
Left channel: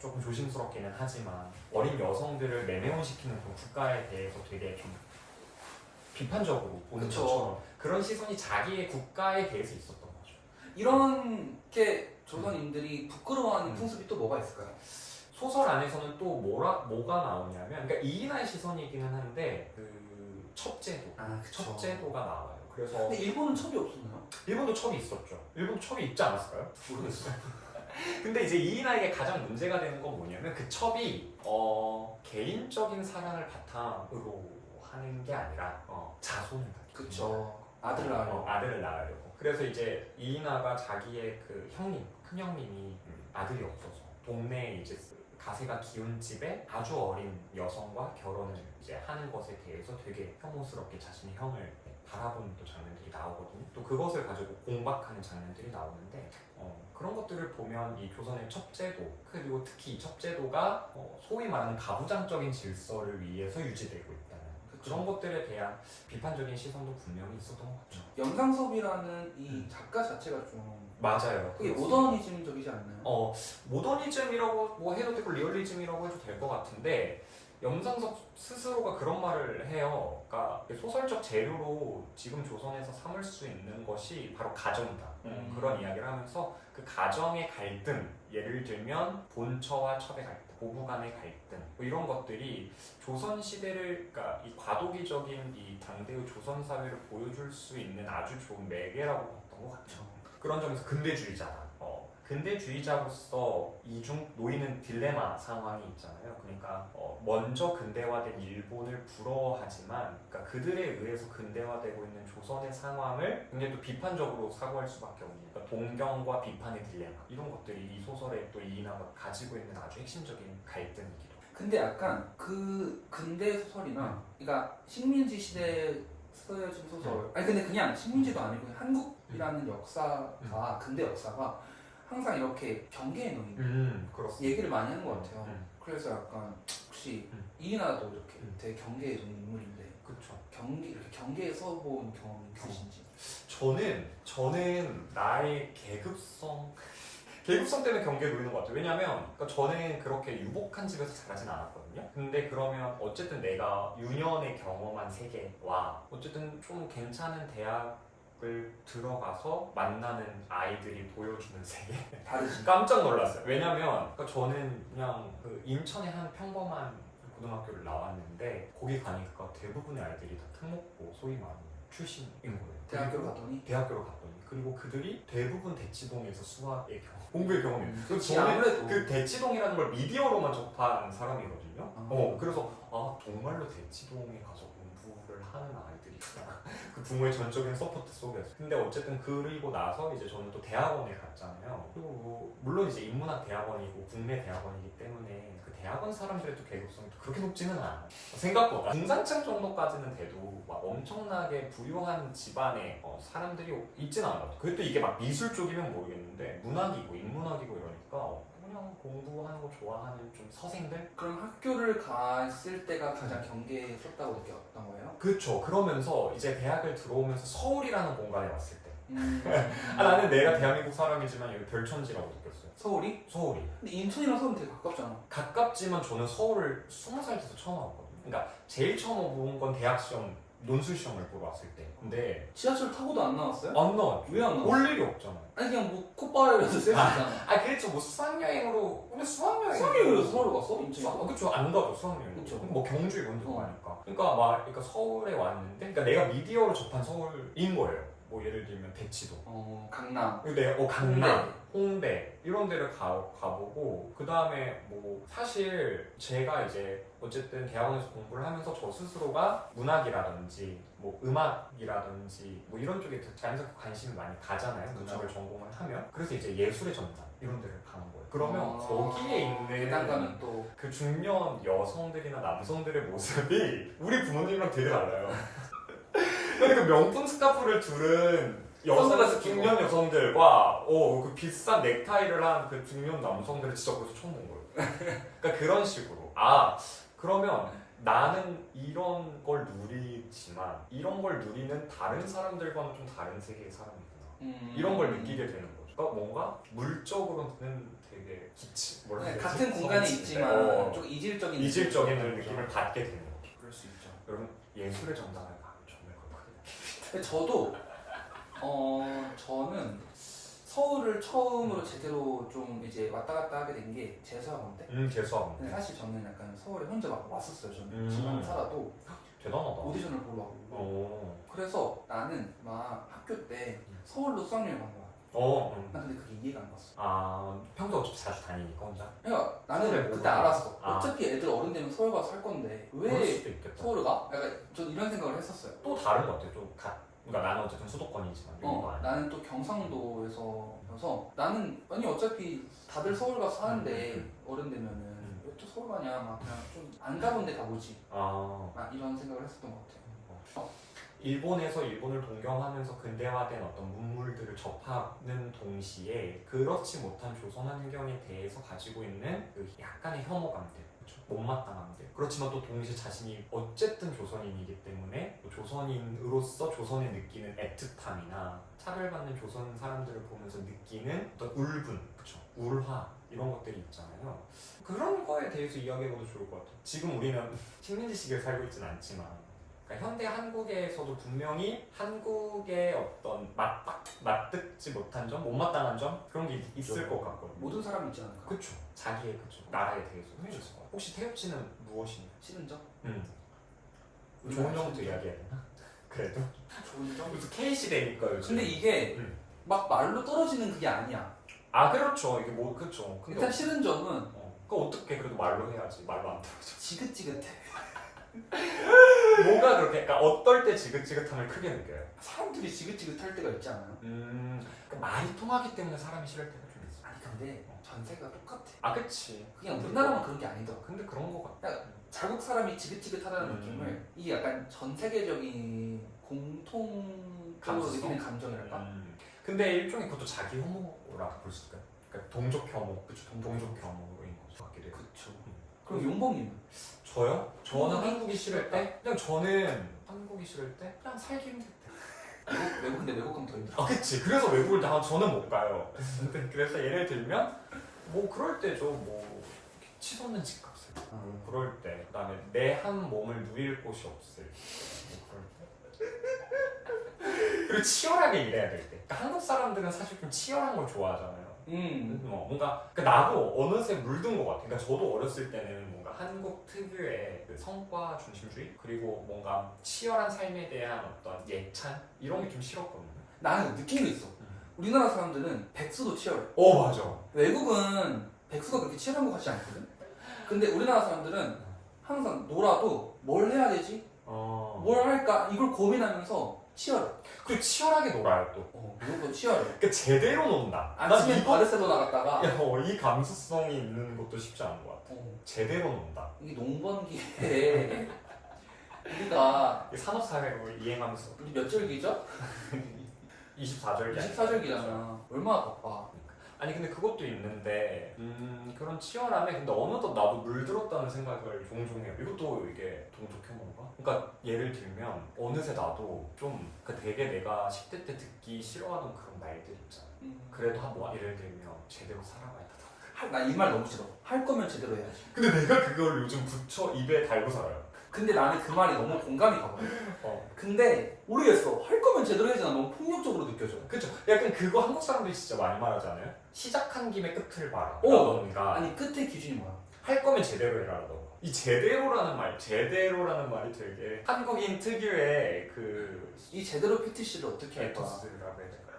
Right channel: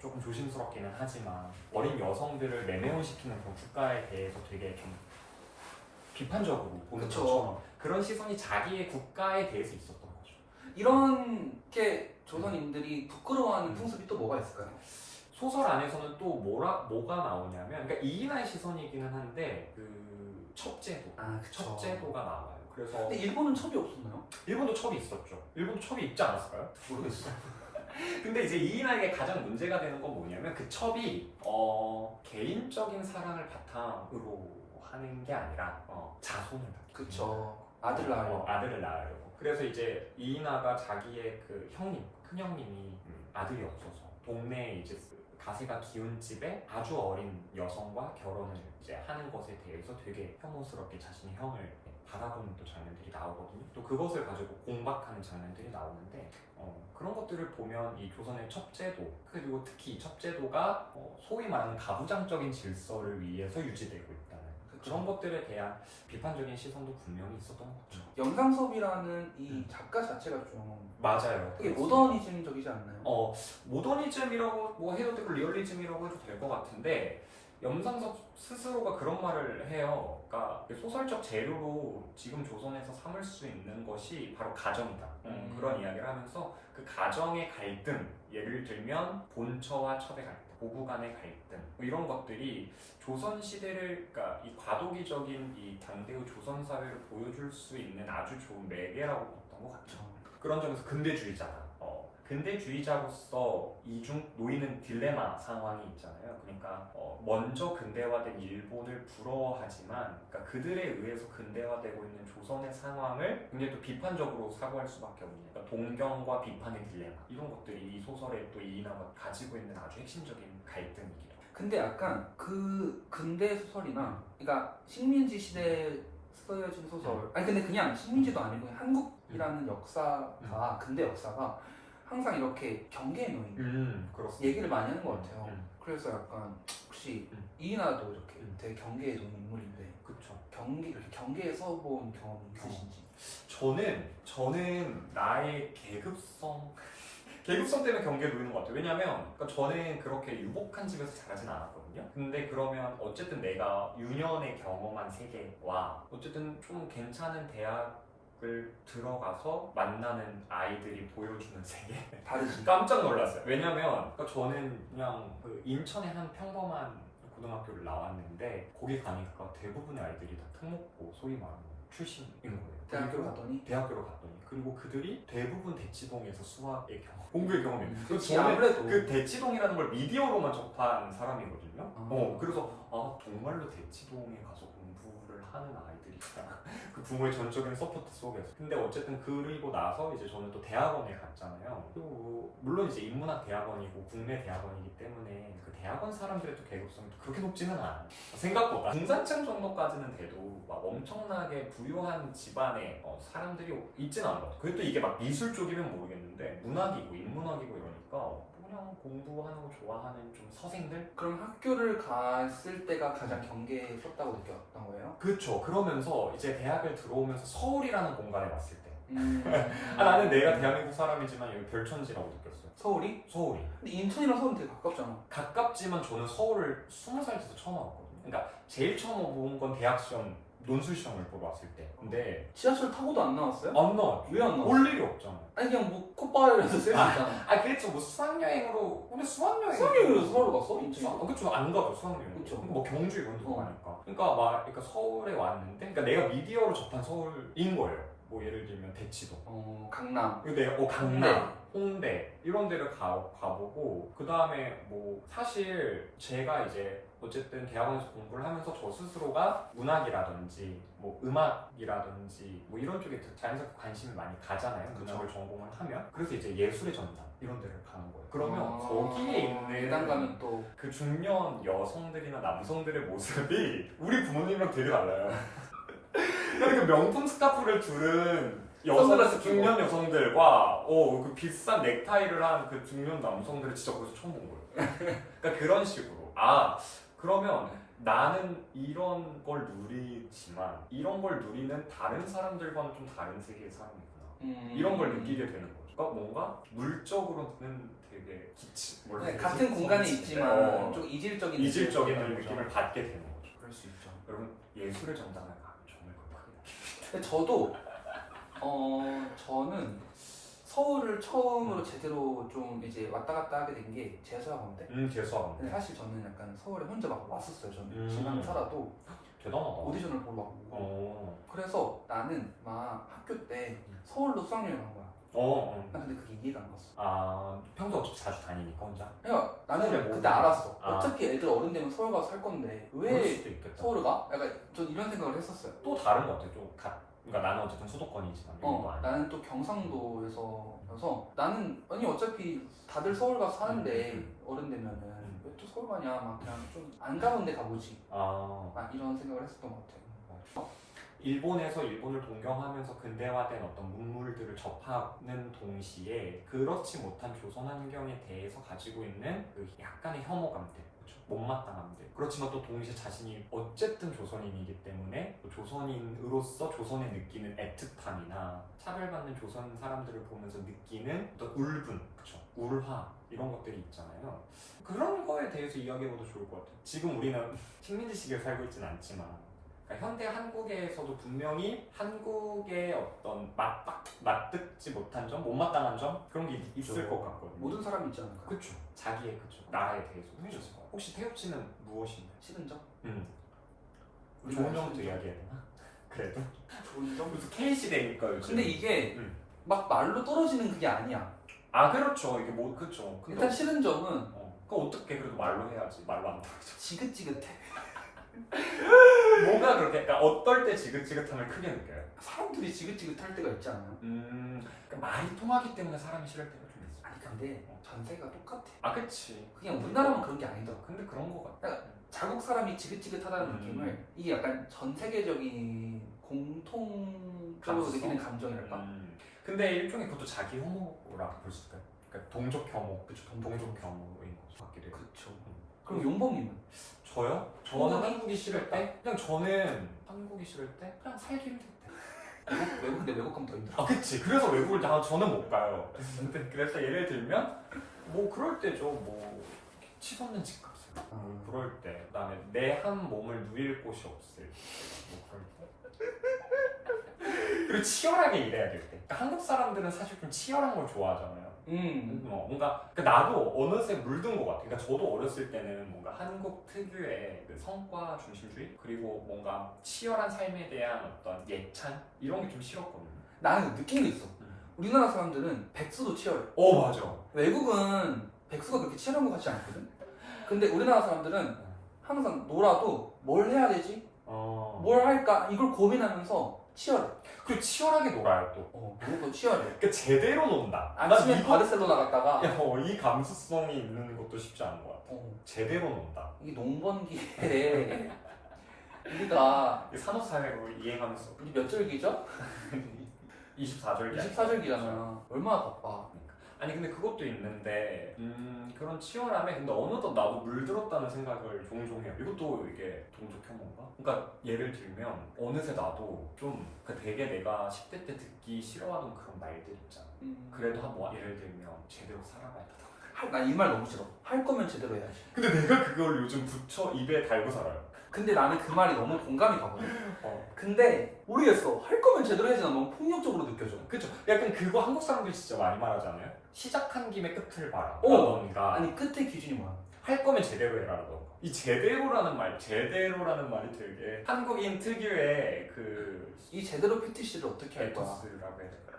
조금 조심스럽기는 하지만 어린 여성들을 매매혼시키는 그런 국가에 대해서 되게 좀 비판적으로 보는 그쵸. 것처럼 그런 시선이 자기의 국가에 대해서 있었던 거죠. 이런 게 조선인들이 부끄러워하는 풍습이 또 뭐가 있을까요? 소설 안에서는 또 뭐가 나오냐면, 그러니까 이인아의 시선이기는 한데 그 첩제도, 그쵸. 첩제도가 나와요. 그래서 근데 일본은 첩이 없었나요? 일본도 첩이 있었죠. 일본도 첩이 있지 않았을까요? 모르겠어요. 근데 이제 이인아에게 가장 문제가 되는 건 뭐냐면 그 첩이 개인적인 사랑을 바탕으로 하는 게 아니라 자손을 갖기 그쵸. 아들을 낳으려고. 아들을 낳으려고. 그래서 이제 이인아가 자기의 그 형님, 큰 형님이 아들이 없어서 동네에 이제 가세가 기운 집에 아주 어린 여성과 결혼을 이제 하는 것에 대해서 되게 혐오스럽게 자신의 형을 바라보는 또 장면들이 나오거든요. 또 그것을 가지고 공박하는 장면들이 나오는데 그런 것들을 보면 이 조선의 첩제도, 그리고 특히 이 첩제도가 소위 말하는 가부장적인 질서를 위해서 유지되고 있다는 그런 것들에 대한 비판적인 시선도 분명히 있었던 것 같죠. 영상섭이라는 이 작가 자체가 좀 맞아요. 되게 모더니즘적이지 않나요? 모더니즘이라고 뭐 해도 되고 리얼리즘이라고 해도 될 것 같은데 염상섭 스스로가 그런 말을 해요. 그러니까 소설적 재료로 지금 조선에서 삼을 수 있는 것이 바로 가정이다. 그런 이야기를 하면서 그 가정의 갈등, 예를 들면 본처와 첩의 갈등, 부부 간의 갈등, 뭐 이런 것들이 조선 시대를, 그러니까 이 과도기적인 이 당대의 조선 사회를 보여줄 수 있는 아주 좋은 매개라고 봤던 것 같죠. 그런 점에서 근대주의자다. 근대주의자로서 이중 놓이는 딜레마 상황이 있잖아요. 그러니까 먼저 근대화된 일본을 부러워하지만, 그러니까 그들에 의해서 근대화되고 있는 조선의 상황을 굉장히 또 비판적으로 사고할 수밖에 없는, 그러니까 동경과 비판의 딜레마, 이런 것들이 이 소설에 또 이인아가 가지고 있는 아주 핵심적인 갈등이기도 해요. 근데 약간 그 근대 소설이나, 그러니까 식민지 시대에 쓰여진 소설, 아니 근데 그냥 식민지도 아니고 한국이라는 역사가, 근대 역사가 항상 이렇게 경계에 놓인 그렇습니다. 얘기를 많이 하는 것 같아요. 그래서 약간 혹시 이인아도 이렇게 되게 경계에 놓인 인물인데, 그렇죠. 이렇게 경계에 서본 경험이 있으신지? 저는 나의 계급성 때문에 경계에 놓이는 것 같아요. 왜냐면 그러니까 저는 그렇게 유복한 집에서 자라진 않았거든요. 근데 그러면 어쨌든 내가 유년에 경험한 세계와 어쨌든 좀 괜찮은 대학을 들어가서 만나는 아이들이 보여주는 세계, 다르지. 깜짝 놀랐어요. 왜냐면 그러니까 저는 그냥 그 인천의 한 평범한 고등학교를 나왔는데 거기 가니까 대부분의 아이들이 다 특목고 소위 말하는 출신인 거예요. 대학교로 갔더니 그리고 그들이 대부분 대치동에서 수학의 경험, 공부의 경험이 있어요. 그치, 저는 아무래도 그 대치동이라는 걸 미디어로만 접한 사람이거든요. 그래서 정말로 대치동에 가서 공부를 하는 아이들이 있구나. 그 부모의 전적인 서포트 속에서. 근데 어쨌든 그리고 나서 이제 저는 또 대학원에 갔잖아요. 그리고 물론 이제 인문학 대학원이고 국내 대학원이기 때문에 그 대학원 사람들의 또 계급성이 또 그렇게 높지는 않아요. 생각보다 중산층 정도까지는 돼도 막 엄청나게 부유한 집안에 사람들이 있지는 않은 것 같아요. 그게 또 이게 막 미술 쪽이면 모르겠는데 문학이고 인문학이고 이러니까 그냥 공부하는 거 좋아하는 좀 서생들? 그럼 학교를 갔을 때가 가장 경계에 섰다고 느꼈던 거예요? 그렇죠. 그러면서 이제 대학을 들어오면서 서울이라는 공간에 왔을 때 나는 내가 대한민국 사람이지만 여기 별천지라고 느꼈어요. 서울이? 서울이. 근데 인천이랑 서울은 되게 가깝잖아. 가깝지만 저는 서울을 20살 돼서 처음 와봤거든요. 그러니까 제일 처음 온 건 대학 시험, 논술 시험을 보러 왔을 때. 근데 지하철 타고도 안 나왔어요? 안 나왔죠. 왜 안 나왔어? 올 일이 없잖아. 아니 그냥 뭐 콧바람에서 쐬고 있잖아. 그랬죠. 뭐 수학여행으로. 근데 수학여행. 수학여행으로 서울 갔어? 인천이? 그쵸. 안 가죠, 수학여행. 그쵸. 뭐 경주 이런 데 어. 가니까. 그러니까 서울에 왔는데, 그러니까 내가 미디어로 접한 서울인 거예요. 뭐 예를 들면 대치동. 강남. 강남, 홍대 이런 데를 가보고 그 다음에 뭐 사실 제가 이제 어쨌든 대학원에서 공부를 하면서 저 스스로가 문학이라든지 뭐 음악이라든지 뭐 이런 쪽에 자연스럽게 관심이 많이 가잖아요. 그쵸. 문학을 전공을 하면. 그래서 이제 예술의 전당 이런 데를 가는 거예요. 그러면 거기에 있는 대단 가면 또 그 중년 여성들이나 남성들의 모습이 우리 부모님이랑 되게 달라요. 근데 그 명품 스카프를 두른 선글라스 끼고. 중년 여성들과 그 비싼 넥타이를 한 그 중년 남성들을 진짜 거기서 처음 본 거예요. 그러니까 그런 식으로 그러면 나는 이런 걸 누리지만 이런 걸 누리는 다른 사람들과는 좀 다른 세계의 사람이구나. 이런 걸 느끼게 되는 거죠. 그러니까 뭔가 물적으로는 되게 같은 공간에 있지만 좀 이질적인 이질적인 느낌을 느낌을 받게 되는 거죠. 그럴 수 있죠. 여러분 예술의 전당을 가면 정말 그렇거든요. 근데 저도 저는 서울을 처음으로 제대로 좀 이제 왔다 갔다 하게 된 게 재수학원인데. 근데 재수학원. 사실 저는 약간 서울에 혼자 막 왔었어요. 저는 음. 지방 살아도 대단하다. 오디션을 보러 가고. 그래서 나는 막 학교 때 서울로 수학여행 간 거야. 나 근데 그게 이해가 안 갔어. 평소 어차피 자주 다니니까 혼자. 그러니까 서울에 나는 뭐 그때 알았어. 아. 어차피 애들 어른 되면 서울 가서 살 건데 그럴 왜 수도 있겠다. 서울을 가? 약간 전 이런 생각을 했었어요. 또 다른 것 같아. 그러니까 나는 어쨌든 수도권이지만 여기도 아니고. 나는 또 경상도에서여서 나는 아니 어차피 다들 서울 가서 사는데 어른 되면은 왜 또 서울 가냐 막 그냥 좀 안 가본 데 가보지 막 이런 생각을 했었던 것 같아요. 일본에서 일본을 동경하면서 근대화된 어떤 문물들을 접하는 동시에 그렇지 못한 조선 환경에 대해서 가지고 있는 그 약간의 혐오감들, 그렇죠? 못마땅함들. 그렇지만 또 동시에 자신이 어쨌든 조선인이기 때문에 또 조선인으로서 조선에 느끼는 애틋함이나 차별받는 조선 사람들을 보면서 느끼는 어떤 울분, 그렇죠? 울화 이런 것들이 있잖아요. 그런 거에 대해서 이야기해봐도 좋을 것 같아요. 지금 우리는 식민지 시기에 살고 있지는 않지만 그러니까 현대 한국에서도 분명히 한국의 어떤 맞듣지 못한 점, 못마땅한 점 그런 게 있을 것 같거든요. 모든 사람이 있지 않을까? 그렇죠. 자기의 나라에 대해서 있을 것 같아요. 혹시 태욱 씨는 무엇인가요? 싫은 점? 좋은 점부터 이야기해야 되나? 그래도 좋은 점? 무슨 K 시대니까 요즘. 근데 이게 막 말로 떨어지는 그게 아니야. 그렇죠. 이게 그렇죠. 일단 싫은 점은 그거 어떻게 그래도 말로 해야지. 말로 안 떨어져. 지긋지긋해. 뭐가 그렇게? 그러니까 어떨 때 지긋지긋함을 크게 느껴요? 사람들이 지긋지긋할 때가 있지 않아요? 그러니까 말이 통하기 때문에 사람이 싫을 때가 좀 있어. 아니 근데 전 세계가 똑같아. 그치. 그냥 우리나라만 그런 게 아니더라. 근데 그런 거 같아. 자국 사람이 지긋지긋하다는 느낌을 이게 약간 전 세계적인 공통적으로 감수성? 느끼는 감정이랄까? 근데 일종의 그것도 자기 혐오라고 볼 수 있을까요? 그러니까 동족 혐오. 그쵸, 동족 혐오인 거죠. 같기도 해요. 그쵸. 그럼 용범님은? 저요? 저는 한국이 싫을 때? 그냥 저는 한국이 싫을 때? 그냥 살기 힘들 때. 근데 외국 가면 더 힘들어. 그치. 그래서 외국을 저는 못 가요. 그래서 예를 들면 뭐 그럴 때죠. 뭐 치솟는 집값. 그럴 때. 그다음에 내 한 몸을 누일 곳이 없을 때. 뭐 그럴 때. 그리고 치열하게 일해야 될 때. 그러니까 한국 사람들은 사실 좀 치열한 걸 좋아하잖아요. 뭔가 그러니까 나도 어느새 물든 것 같아. 그러니까 저도 어렸을 때는 뭔가 한국 특유의 그 성과 중심주의 그리고 뭔가 치열한 삶에 대한 어떤 예찬 이런 게 좀 싫었거든요. 나는 느낀 게 있어. 우리나라 사람들은 백수도 치열해. 맞아. 외국은 백수가 그렇게 치열한 것 같지 않거든. 근데 우리나라 사람들은 항상 놀아도 뭘 해야 되지? 뭘 할까? 이걸 고민하면서 치열해. 그리고 치열하게 놀아요 또. 외국도 치열해. 그러니까 제대로 논다. 아침에 바르셀로나 갔다가 이 감수성이 있는 것도 쉽지 않은 것 같아. 제대로 논다. 이게 농번기에 우리가 산업사회로 이행하면서 우리 몇 절기죠? 24절기 24절기잖아. 얼마나 바빠. 아니 근데 그것도 있는데 그런 치열함에 근데 어느덧 나도 물들었다는 생각을 종종 해요. 이것도 이게 동족 혐오인가? 그러니까 예를 들면 어느새 나도 좀 되게 내가 10대 때 듣기 싫어하던 그런 말들 있잖아. 그래도 뭐 예를 들면 제대로 살아가야 된다. 나 이 말 너무 싫어. 할 거면 제대로 해야지. 근데 내가 그걸 요즘 붙여 입에 달고 살아요. 근데 나는 그 말이 너무 공감이 가거든. 어. 근데 모르겠어. 할 거면 제대로 해야지. 난 너무 폭력적으로 느껴져. 그쵸? 약간 그거 한국 사람들이 진짜 많이 말하지 않아요? 시작한 김에 끝을 봐라. 오! 라던가 아니 끝의 기준이 뭐야? 할 거면 제대로 해라라던가. 이 제대로라는 말이 되게 한국인 특유의 그 이 제대로 PTC를 어떻게 할 거야? 에토스라고 해야 될까?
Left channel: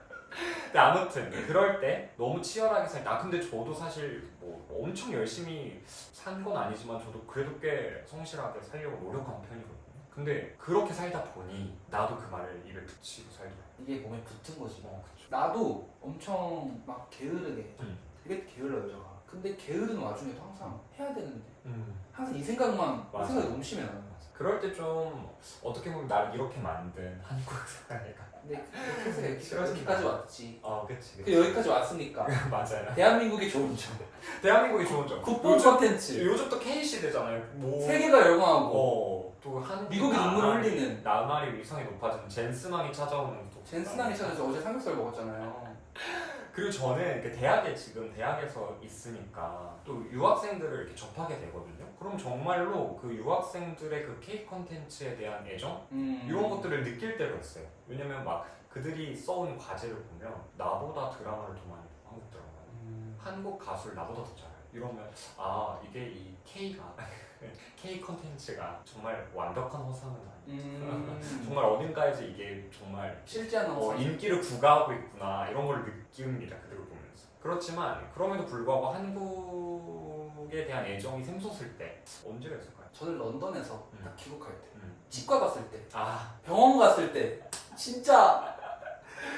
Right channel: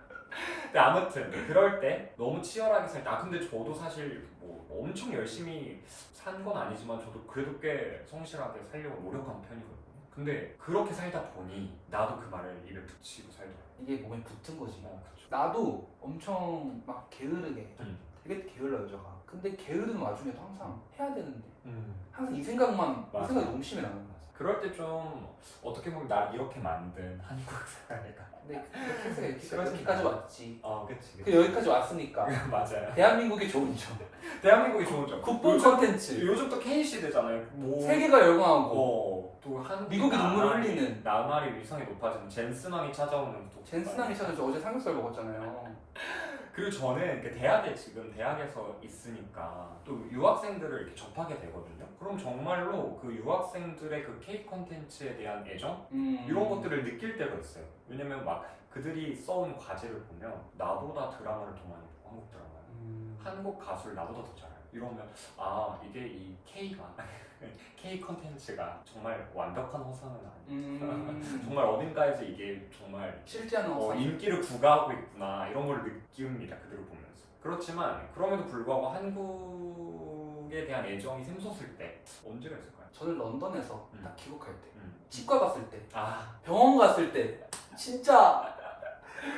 근데 아무튼 그럴 때 너무 치열하게 살 때 근데 저도 사실 뭐 엄청 열심히 산 건 아니지만 저도 그래도 꽤 성실하게 살려고 노력한 편이거든요. 근데 그렇게 살다 보니 나도 그 말을 입에 붙이고 살더라고요. 이게 몸에 붙은 거지. 그쵸. 나도 엄청 막 게으르게 되게 게을러 여자가. 근데 게으른 와중에도 항상 해야 되는데 항상 이 생각만 맞아. 이 생각이 너무 심해 나는. 그럴 때 좀 어떻게 보면 나를 이렇게 만든 한국 사회가 근데 이렇게 해서 싫어진다. 여기까지 왔지. 그치. 그 여기까지 왔으니까 맞아요. 대한민국의 좋은 점. 대한민국이 좋은 점. 국뽕 컨텐츠. 요즘 또 K 시대잖아요. 뭐 세계가 열광하고 또 한국 미국이 눈물을 흘리는. 나날이 위상이 높아지는 젠스망이 찾아오는 또 젠스남이 찾아서 어제 삼겹살 먹었잖아요. 그리고 저는 대학에서 있으니까 또 유학생들을 이렇게 접하게 되거든요. 그럼 정말로 그 유학생들의 그 K 컨텐츠에 대한 애정 이런 것들을 느낄 때가 있어요. 왜냐면 막 그들이 써온 과제를 보면 나보다 드라마를 더 많이 보고 한국 드라마는 한국 가수를 나보다 더 잘해요. 이러면 이게 이 K 컨텐츠가 정말 완벽한 허상은 아니야. 정말 어딘가에서 이게 정말 실제하는 허상. 인기를 구가하고 있구나 이런 걸 느낍니다. 그들을 보면서. 그렇지만 그럼에도 불구하고 한국에 대한 애정이 샘솟을 때 언제가 있을까요? 저는 런던에서 딱 귀국할 때, 음. 치과 갔을 때, 병원 갔을 때, 진짜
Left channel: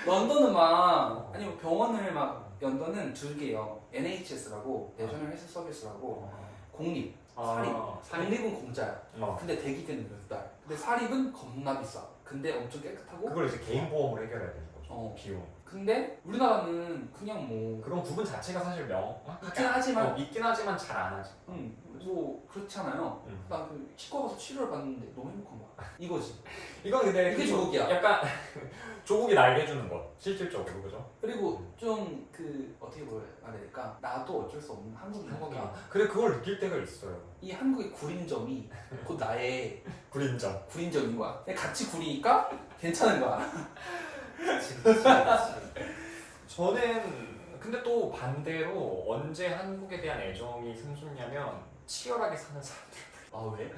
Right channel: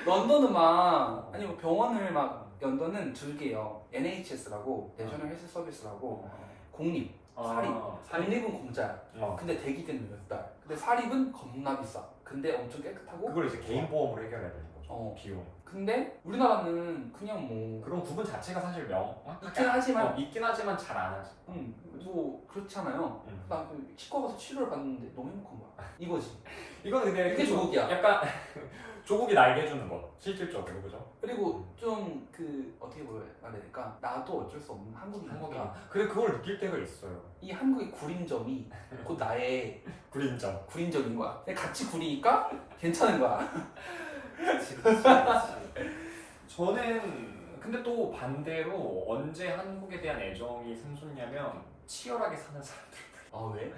런던은 막 아니 뭐 병원을 막 런던은 두 개요. NHS라고 내셔널 헬스 서비스라고 공립, 사립. 공립은 공짜야. 근데 대기는 몇 달. 근데 사립은 겁나 비싸. 근데 엄청 깨끗하고. 그걸 이제 개인 보험으로 해결해야 되는 거죠. 비용. 근데 우리나라는 그냥 뭐 그런 부분 자체가 사실 있긴 하지만 잘 안 하지. 뭐 그렇잖아요. 나 그 치과 가서 치료를 받는데 너무 행복한 거야. 이거지. 이건 근데 이게 조국이야. 약간 조국이 날게 해주는 것 실질적으로 그죠? 그리고 좀 그 어떻게 보여야 될까? 나도 어쩔 수 없는 한국인이니까. 근데 그걸 느낄 때가 있어요. 이 한국의 구린점이 곧 나의 구린점인 거야. 같이 구리니까 괜찮은 거야. 그치. 저는 근데 또 반대로 언제 한국에 대한 애정이 샘솟냐면 치열하게 사는 사람들. 왜?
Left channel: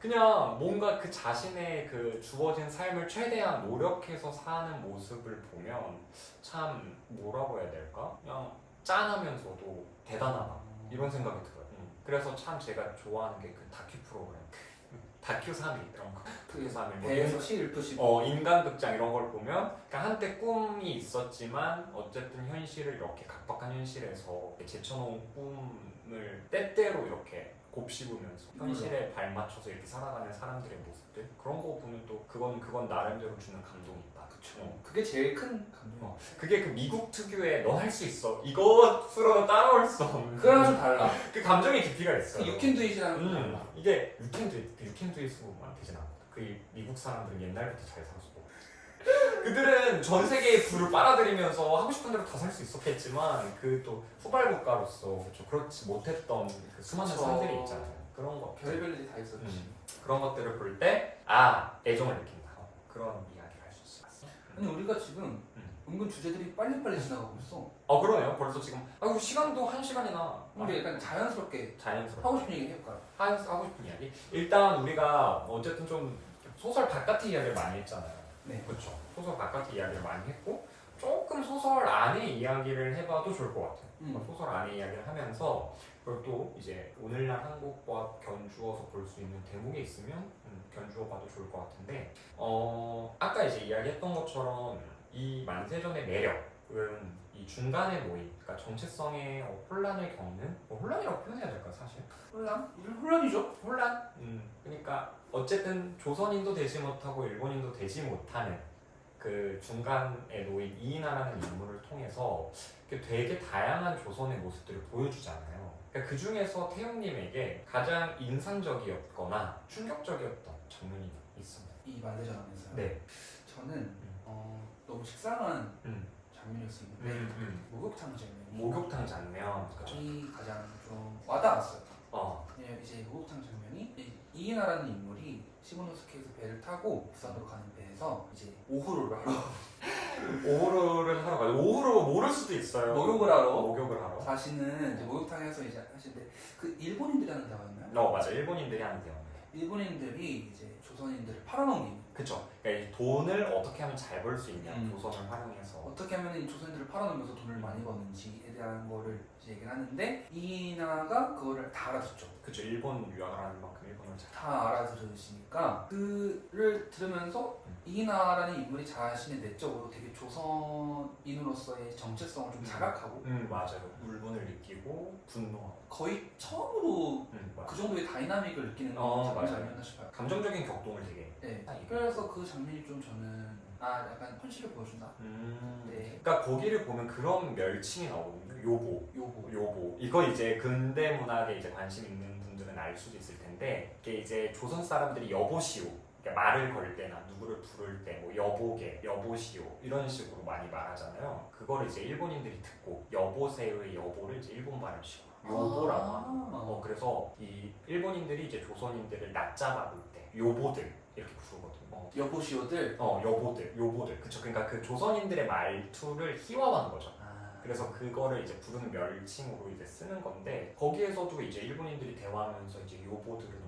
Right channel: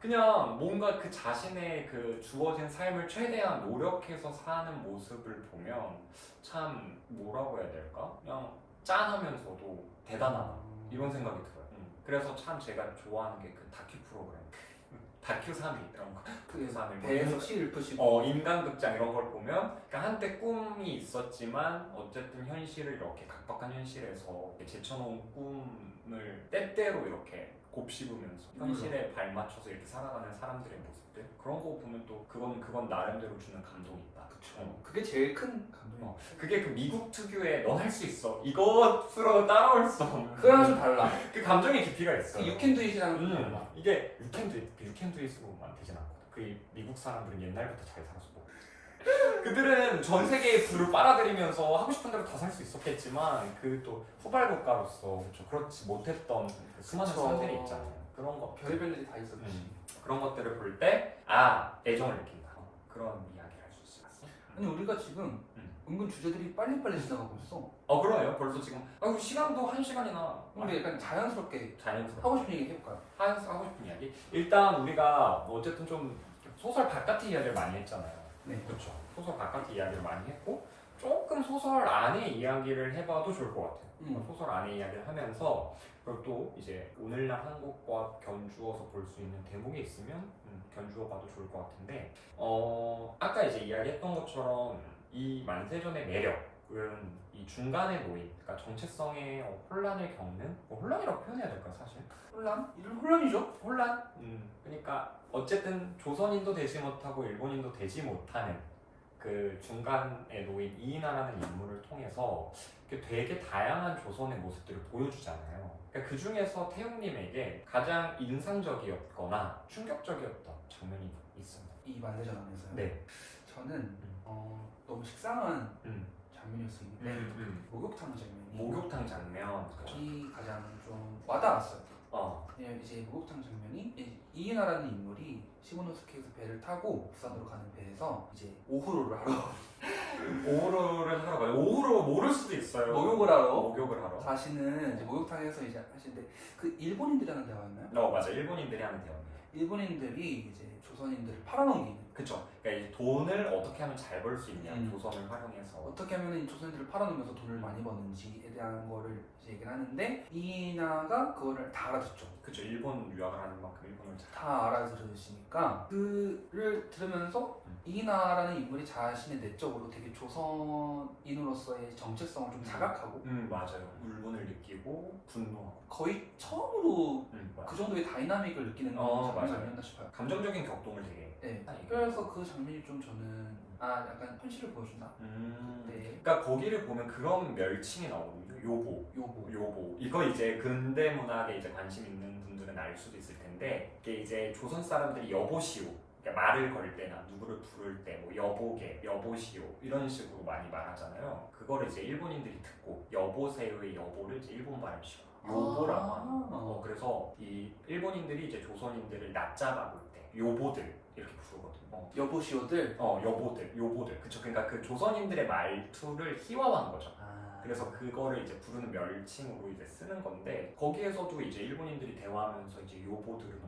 그냥 뭔가 그 자신의 그 주어진 삶을 최대한 노력해서 사는 모습을 보면 참 뭐라고 해야 될까? 그냥 짠하면서도 대단하다 이런 생각이 들어요. 그래서 참 제가 좋아하는 게 그 다큐 프로그램, 다큐 3일 이런 거. 그 다음에 배에서 씨 읊으시고 인간극장 이런 걸 보면 그러니까 한때 꿈이 있었지만 어쨌든 현실을 이렇게 각박한 현실에서 제쳐놓은 꿈을 때때로 이렇게 곱씹으면서 현실에 발맞춰서 이렇게 살아가는 사람들의 모습들 그런 거 보면 또 그건 나름대로 주는 감동이 있다. 그쵸? 그게 제일 큰 감동. 그게 그 미국 특유의 넌 할 수 있어 이것으로 따라올 수 없는 그거랑 좀 달라. 그 감정의 깊이가 있어요. 그 유캔두잇이랑 좀 달라. 이게 유캔두잇으로만 되진 않거든. 그 미국 사람들은 옛날부터 잘 살았고 그들은 전 세계의 불을 빨아들이면서 하고 싶은 대로 다 살 수 있었겠지만 그 또 후발 국가로서 그렇지 못했던 그 수많은 사람들이 있잖아요. 그런 거 별의별 일이 다 있었지. 그런 것들을 볼 때 애정을 느낀다. 그런 이야기를 할 수 있어요. 아니 우리가 지금 은근 주제들이 빨리빨리 지나가고 있어. 그러네요. 벌써 지금 우리 시간도 1시간이나 우리 약간 자연스럽게 자연스럽게 하고 싶은 얘기 해볼까요? 하고 싶은 이야기? 일단 우리가 어쨌든 좀 소설 바깥의 이야기를 많이 했잖아요. 네. 그렇죠. 소설 바깥의 이야기를 많이 했고 조금 소설 안의 이야기를 해봐도 좋을 것 같아요. 소설 안의 이야기를 하면서 그리고 또 이제 오늘날 한국과 견주어서 볼 수 있는 대목이 있으면 견주어봐도 좋을 것 같은데 아까 이제 이야기했던 것처럼 이 만세전의 매력은 이 중간에 놓인 그러니까 정체성의 혼란을 겪는 혼란이라고 표현해야 될까 사실? 혼란이죠. 혼란? 그러니까 어쨌든 조선인도 되지 못하고 일본인도 되지 못하는 그 중간에 놓인 이인하라는 인물을 통해서 되게 다양한 조선의 모습들을 보여주잖아요. 그러니까 그 중에서 태용님에게 가장 인상적이었거나 충격적이었던 장면이 있습니다. 이 만세전 안에서요. 네. 저는 너무 식상한 장면일 수 있는데 목욕탕 장면이 목욕탕 장면. 그쵸? 이 가장 좀 와닿았어요. 어. 왜냐면 이제 목욕탕 장면이 이인하라는 인물이 시모노스케에서 배를 타고 부산으로 가는 배에서 이제 오후로를 하러 오후를 하러 가요. 오후로 모를 수도 있어요. 목욕을 하러 목욕을 하러. 가시는 이제 목욕탕에서 이제 하시는데 그 일본인들이 하는 대화였나요? 맞아. 일본인들이 하는 대화입니다. 일본인들이 이제 조선인들을 팔아넘기는 그쵸. 그러니까 이 돈을 어떻게 하면 잘 벌 수 있냐. 조선을 활용해서. 어떻게 하면 이 조선인들을 팔아넘겨서 돈을 많이 버는지에 대한 거를 이제 얘기를 하는데 이나가 그거를 다 알아듣죠. 그쵸. 일본 유학을 하는 만큼 일본을 잘. 다 알아들으시니까 그를 들으면서 이나라는 인물이 자신의 내적으로 되게 조선인으로서의 정체성을 좀 자각하고 맞아요. 울분을 느끼고 분노하고. 거의 처음으로 맞아요. 그 정도의 다이나믹을 느끼는 장면이 맞아요. 아니었나 싶어요. 감정적인 격동을 되게. 네. 그래서 그 장면이 좀 저는 약간 현실을 보여준다. 네. 그러니까 거기를 보면 그런 멸칭이 나오거든요. 요보. 이거 이제 근대 문학에 이제 관심 있는 분들은 알 수도 있을 텐데 이게 이제 조선 사람들이 여보시오. 그러니까 말을 걸 때나 누구를 부를 때 뭐 여보게, 여보시오 이런 식으로 많이 말하잖아요. 그거를 이제 일본인들이 듣고 여보세요의 여보를 이제 일본 발음식으로 요보라고 하는 거예요. 그래서 이 일본인들이 이제 조선인들을 낮잡아 볼 때 요보들 이렇게 부르거든요. 여보시오들. 요보들. 그쵸. 그러니까 그 조선인들의 말투를 희화화한 거죠. 그래서 그거를 이제 부르는 멸칭으로 이제 쓰는 건데 거기에서도 이제 일본인들이 대화하면서 이제 요보들을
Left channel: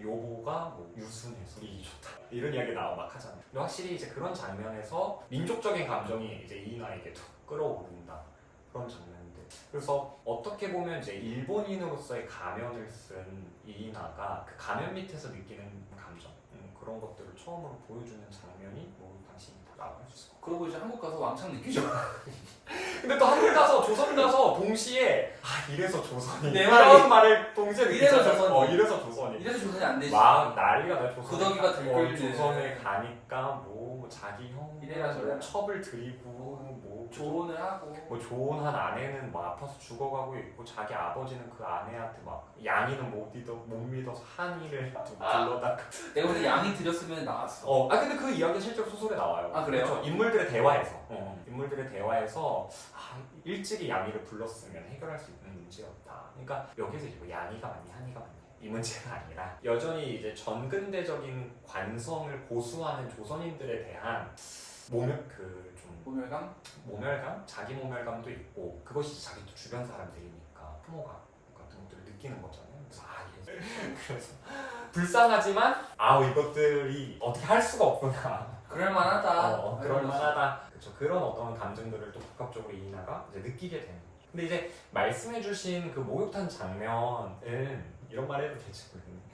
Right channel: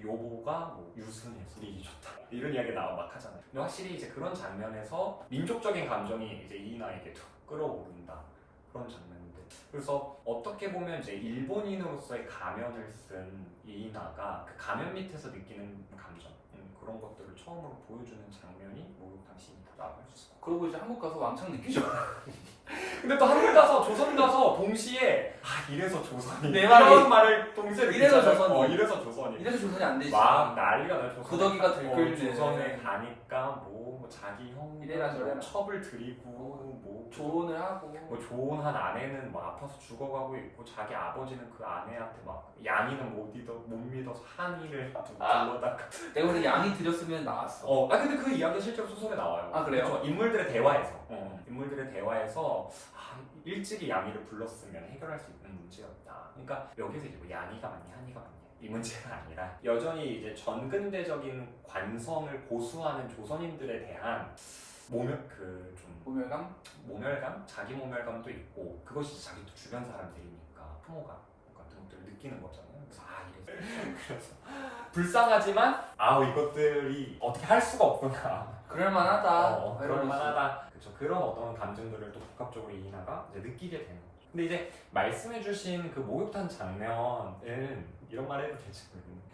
요보가 뭐 유순해 분위기 좋다 이런 이야기 나와 막 하잖아요. 근데 확실히 이제 그런 장면에서 민족적인 감정이 이제 이인하에게도 끌어오른다 그런 장면인데 그래서 어떻게 보면 이제 일본인으로서의 가면을 쓴 이인하가 그 가면 밑에서 느끼는 감정 그런 것들을 처음으로 보여주는 장면이 목욕탕신이다라고 할 수 있고. 그리고 이제 한국 가서 왕창 느끼죠. 근데 또 한국 가서 조선 가서 동시에 이래서 조선이 내 이런 말을 동시에 이래서 느끼잖아요. 조선이. 이래서 조선이 이래서 조선이 안 되지. 막 난리가 나요. 조선에 구더기가 들끓네. 조선에 가니까 뭐 자기 형 이래라 저래라. 첩을 들이고 뭐 조언을 하고 뭐 조언한 아내는 막 아파서 죽어가고 있고 자기 아버지는 그 아내한테 막 양이는 못 믿어서 한이를 불러다가 내가 보기엔 양이 들였으면 나왔어. 근데 그 이야기 실제로 소설에 나와요. 그래요? 그렇죠? 인물들의 대화에서 인물들의 대화에서 일찍이 양이를 불렀으면 해결할 수 있는 문제였다. 그러니까 여기서 이제 뭐 양이가 맞니 한이가 맞니 이 문제가 아니라 여전히 이제 전근대적인 관성을 고수하는 조선인들에 대한 모멸감, 자기 모멸감도 있고 그것이 자기 또 주변 사람들이니까 혐오감 같은 것들을 느끼는 거잖아요. 그래서 불쌍하지만 이것들이 어떻게 할 수가 없구나. 그럴만하다. 그럴만하다. 그렇죠. 그런 어떤 감정들을 또 복합적으로 이인하가 이제 느끼게 되는. 근데 이제 말씀해주신 그 목욕탕 장면은 이런 말 해도 될지 모르겠는데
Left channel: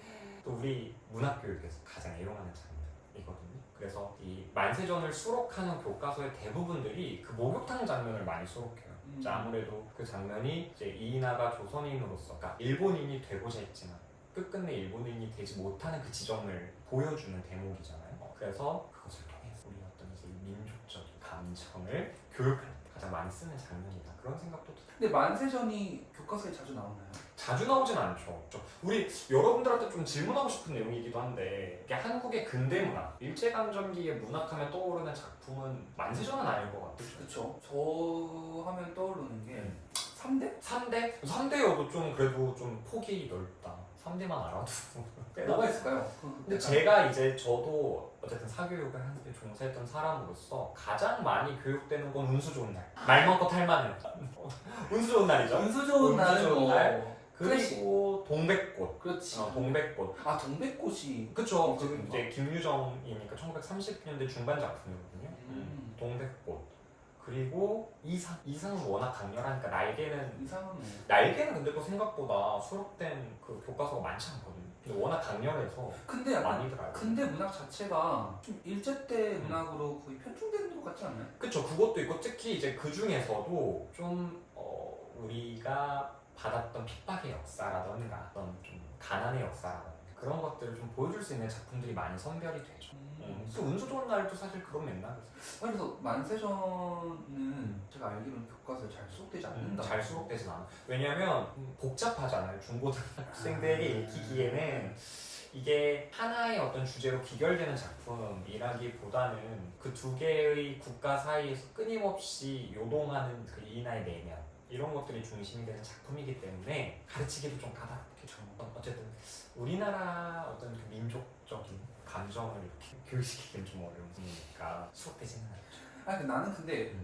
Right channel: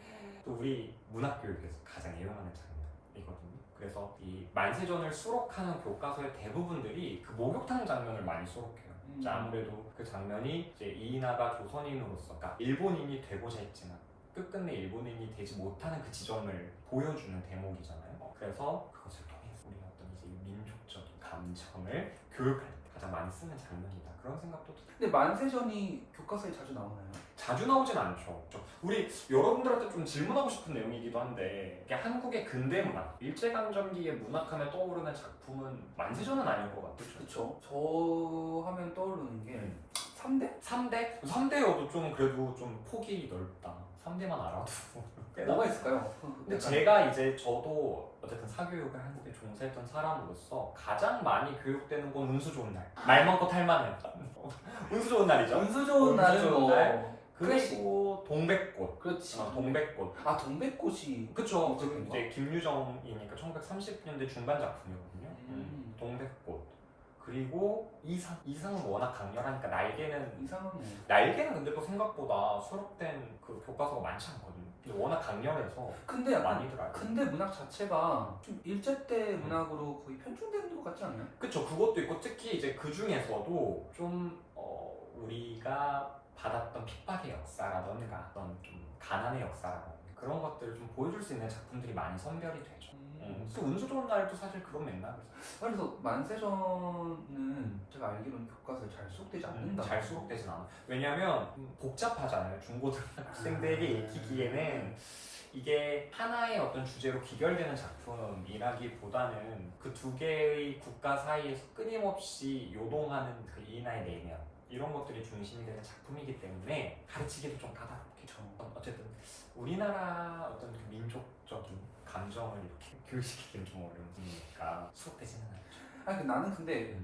또 우리 문학교육에서 가장 애용하는 장면이거든요. 그래서 이 만세전을 수록하는 교과서의 대부분들이 그 목욕탕 장면을 많이 수록해요. 이제 아무래도 그 장면이 이제 이인하가 조선인으로서, 그러니까 일본인이 되고자 했지만 끝끝내 일본인이 되지 못하는 그 지점을 보여주는 대목이잖아요. 그래서 그것을 통해서 우리 어떤 이제 민족적인 감정을 교육할 때 가장 많이 쓰는 장면이다. 그런 생각도 들어요. 근데 만세전이 교과서에 자주 나오나요? 자주 나오진 않죠. 우리 여러분들한테 좀 질문하고 싶은 내용이기도 한데 이게 한국의 근대 문학, 일제강점기의 문학하면 떠오르는 작품은 만세전은 아닐 것 같아요. 그쵸. 저 하면 떠오르는 게 3대? 3대? 3대여도 좀 그래도 좀 폭이 넓다. 3대만 알아도 뭐가 있을까요? 근데 제가 이제 저도 어쨌든 사교육을 한국에 종사했던 사람으로서 가장 많이 교육되는 건 운수 좋은 날. 말 많고 탈 많은. 운수 좋은 날이죠. 운수 좋은 날은 뭐 그리고 동백꽃. 그렇지. 동백꽃. 동백꽃이 그쵸. 이제 김유정이니까 1930년대 중반 작품이거든요. 동백꽃. 그리고 이상은 워낙 강렬하니까 날개는 근데 또 생각보다 수록된 그 교과서가 많지 않거든요. 근데 워낙 강렬해서 근데 약간 많이들 알고. 근데 문학 자체가 좀 일제 때 문학으로 거의 편중된 것 같지 않아요? 그쵸. 그것도 있고 특히 이제 그 중에서도 좀 우리가 받았던 핍박의 역사라던가 어떤 좀 가난의 역사라던가 그런 것들을 좀 보여줄 수 있는 작품들이 많이 선별이 되죠. 또 운수 좋은 날도 사실 그런 맥락이죠. 그래서 만세전은 제가 알기로는 교과서에 잘 수록되지 않는다. 잘 수록되진 않아. 왜냐면 복잡하잖아요. 중고등학생들에게 읽히기에는 이게 하나의 어떤 주제로 귀결되는 작품이라기보다는 그 두 개의 국가 사이에서 끊임없이 요동하는 그 이나의 내면 이런 것들이 중심이 되는 작품이기 때문에 가르치기도 좀 까다롭겠죠. 어쨌든 우리나라 어떤 그 민족적인 감정을 이렇게 교육시키기는 좀 어려우니까 수록되지는 않죠. 아니 나는 근데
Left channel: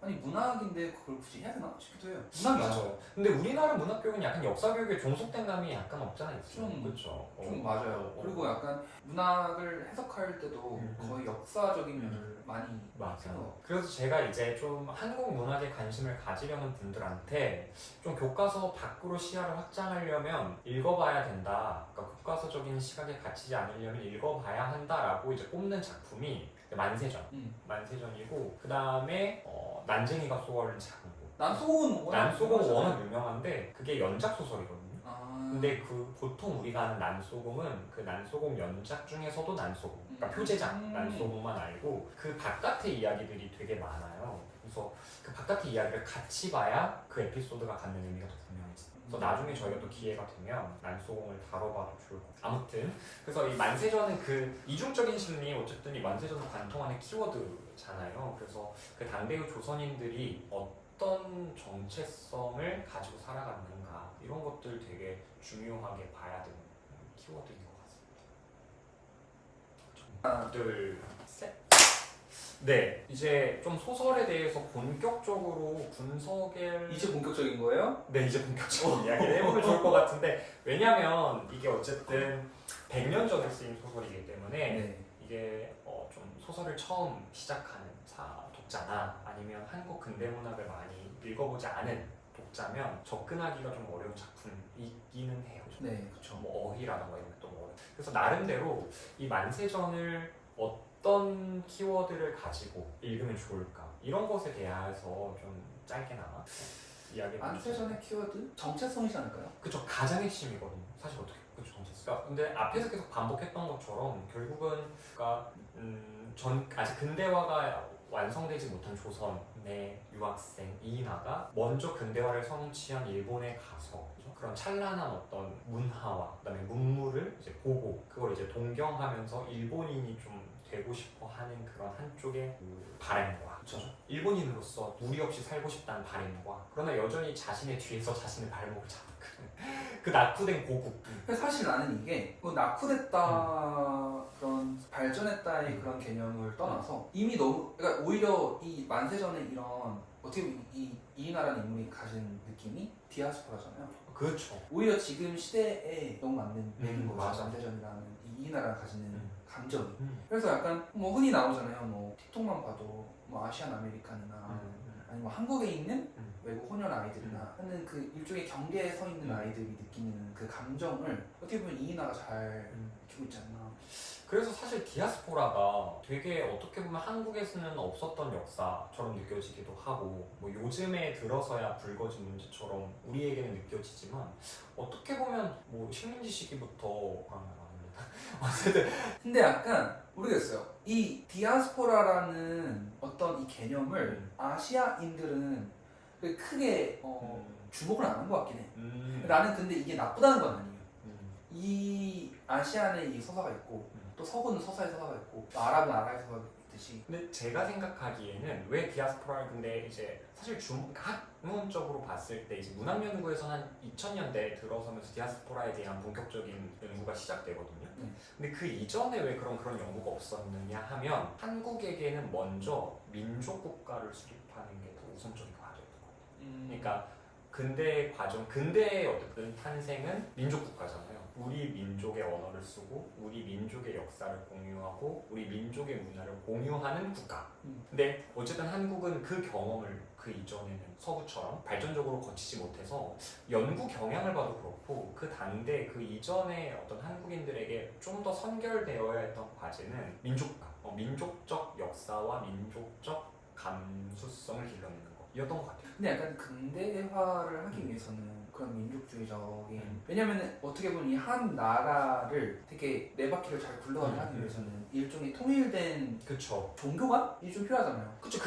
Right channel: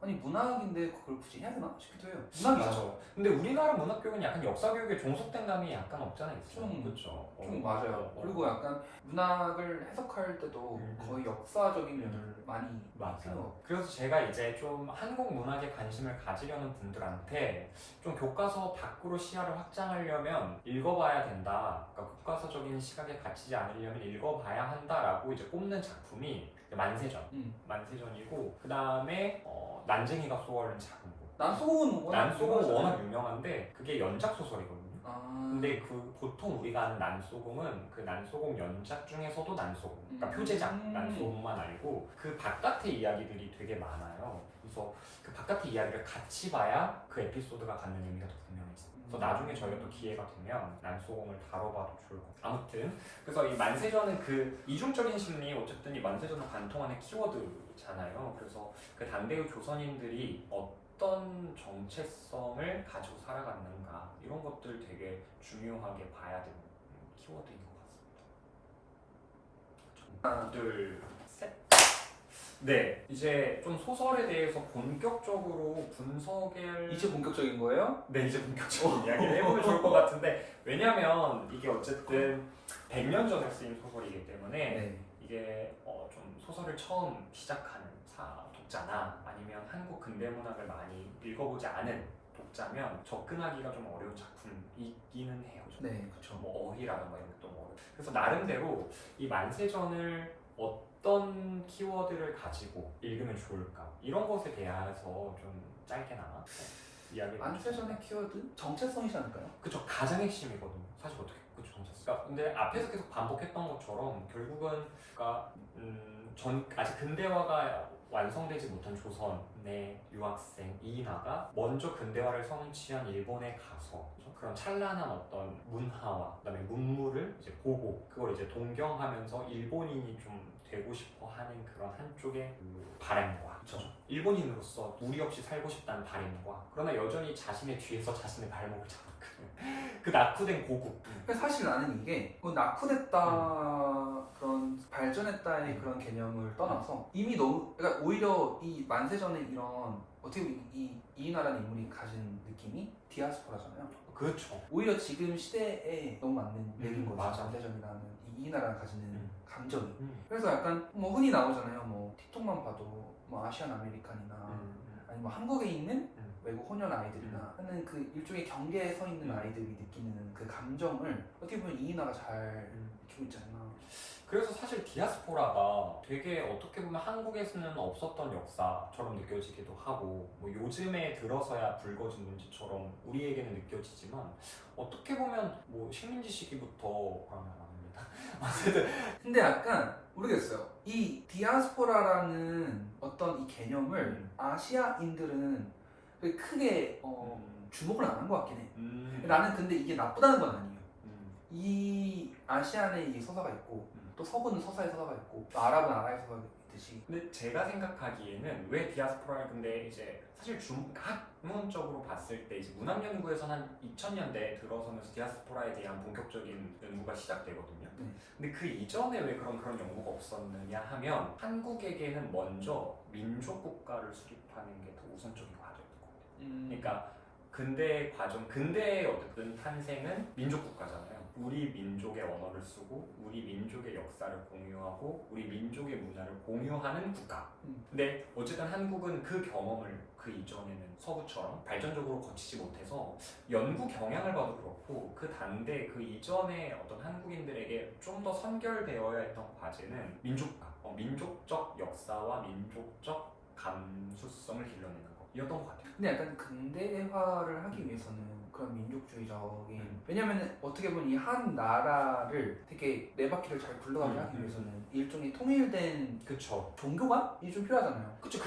아니 문학인데 그걸 굳이 해야 되나 싶기도 해요. 문학이죠. 근데 우리나라 문학 교육은 약간 역사 교육에 종속된 감이 약간 없잖아 있죠. 좀 그렇죠. 좀 맞아요. 그리고 약간 문학을 해석할 때도 거의 역사적인 면을 많이 맞아요. 그래서 제가 이제 좀 한국 문학에 관심을 가지려는 분들한테 좀 교과서 밖으로 시야를 확장하려면 읽어봐야 된다. 그러니까 교과서적인 시각에 갇히지 않으려면 읽어봐야 한다라고 이제 꼽는 작품이 만세전. 만세전이고 그 다음에 난쟁이가 쏘아올린 작은 곳. 난소곤은 워낙 유명한데 그게 연작 소설이거든요. 근데 그 보통 우리가 아는 난소금은 그 난소금 연작 중에서도 난소금, 그러니까 표제작 난소금만 알고 그 바깥의 이야기들이 되게 많아요. 그래서 그 바깥의 이야기를 같이 봐야 그 에피소드가 갖는 의미가 더 분명해져요. 그래서 나중에 저희가 또 기회가 되면 난소금을 다뤄봐도 좋을 것 같아요. 아무튼 그래서 이 만세전은 그 이중적인 심리, 어쨌든 이 만세전은 관통하는 키워드잖아요. 그래서 그 당대의 조선인들이 어떤 정체성을 가지고 살아갔는가 이런 것들 되게 중요하게 봐야 되는 키워드인 것 같습니다. 하나, 둘, 셋. 네, 이제 좀 소설에 대해서 본격적으로 분석을 이제 본격적인 거예요? 네, 이제 본격적인 이야기를 해보면 좋을 것 같은데 왜냐면 이게 어쨌든 100년 전에 쓰인 소설이기 때문에 네. 이게 좀 소설을 처음 시작하는 독자나 아니면 한국 근대문학을 많이 읽어보지 않은 독자면 접근하기가 좀 어려운 작품이기는 해요. 네, 그렇죠. 뭐 어휘라든가 이런 것도 어려워. 그래서 나름대로 이 만세전을 어떤 키워드를 가지고 읽으면 좋을까 이런 것에 대해서 좀 짧게나마 이야기. 만세전의 키워드 정체성이지 않을까요? 그쵸, 가장 핵심이거든요. 사실 어떻게 그쵸 정체성. 그러니까 근데 앞에서 계속 반복했던 것처럼 결국은 그러니까 아직 근대화가 완성되지 못한 조선의 유학생 이인하가 먼저 근대화를 성취한 일본에 가서 그런 찬란한 어떤 문화와 그다음에 문물을 이제 보고 그걸 이제 동경하면서 일본인이 좀 되고 싶어 하는 그런 한쪽의 그 바람과 그렇죠. 일본인으로서 무리 없이 살고 싶다는 바람과 그러나 여전히 자신의 뒤에서 자신의 발목을 잡는 그 낙후된 고국. 사실 나는 이게 뭐 낙후됐다 그런 발전했다의 그런 개념을 떠나서 이미 너무 그러니까 오히려 이 만세전의 이런 어떻게 보면 이인하라는 인물이 가진 느낌이 디아스포라잖아요. 그렇죠. 오히려 지금 시대에 너무 맞는 얘기인 거죠. 맞아. 만세전이라는 이 이인하라가 가지는 감정이. 그래서 약간 뭐 흔히 나오잖아요. 뭐 틱톡만 봐도 뭐 아시안 아메리칸이나 아니면 뭐 한국에 있는 외국 호년 아이들이나 하는 그 일종의 경계에 서 있는 아이들이 느끼는 그 감정을 어떻게 보면 이인하가 잘 느끼고 있지 않나. 그래서 사실 디아스포라가 되게 어떻게 보면 한국에서는 없었던 역사처럼 느껴지기도 하고 뭐 요즘에 들어서야 불거진 문제처럼 우리에게는 느껴지지만 어떻게 보면 뭐 식민지 시기부터 어쨌든 근데 약간 모르겠어요. 이 디아스포라라는 어떤 이 개념을 아시아인들은 크게 주목을 안 한 것 같긴 해. 나는 근데 이게 나쁘다는 건 아니에요. 이 아시안에 이 서사가 있고 또 서구는 서사의 서사가 있고 또 아랍은 아랍의 서사가 있듯이. 근데 제가 생각하기에는 왜 디아스포라를 근데 이제 사실 학문적으로 봤을 때 이제 문학 연구에서는 한 2000년대 들어서면서 디아스포라에 대한 본격적인 연구가 시작되거든요. 근데 그 이전에 왜 그런 연구가 없었느냐 하면 한국에게는 먼저 민족 국가를 수립하는 게 더 우선적인 과정이었던 것 같아요. 그러니까 근대의 어쨌든 탄생은 민족 국가잖아요. 우리 민족의 언어를 쓰고 우리 민족의 역사를 공유하고 우리 민족의 문화를 공유하는 국가. 근데 어쨌든 한국은 그 경험을 그 이전에는 서구처럼 발전적으로 거치지 못해서 연구 경향을 봐도 그렇고 그 당대 그 이전에 어떤 한국인들에게 좀 더 선결되어야 했던 과제는 민족국, 민족적 역사와 민족적 감수성을 길러내는 것. 것 같아요. 근데 약간 근대화를 하기 위해서는 그런 민족주의적인 왜냐면은 어떻게 보면 이 한 나라를 되게 네 바퀴를 잘 굴러가게 하기 위해서는 일종의 통일된 그쵸. 종교관이 좀 필요하잖아요. 그쵸.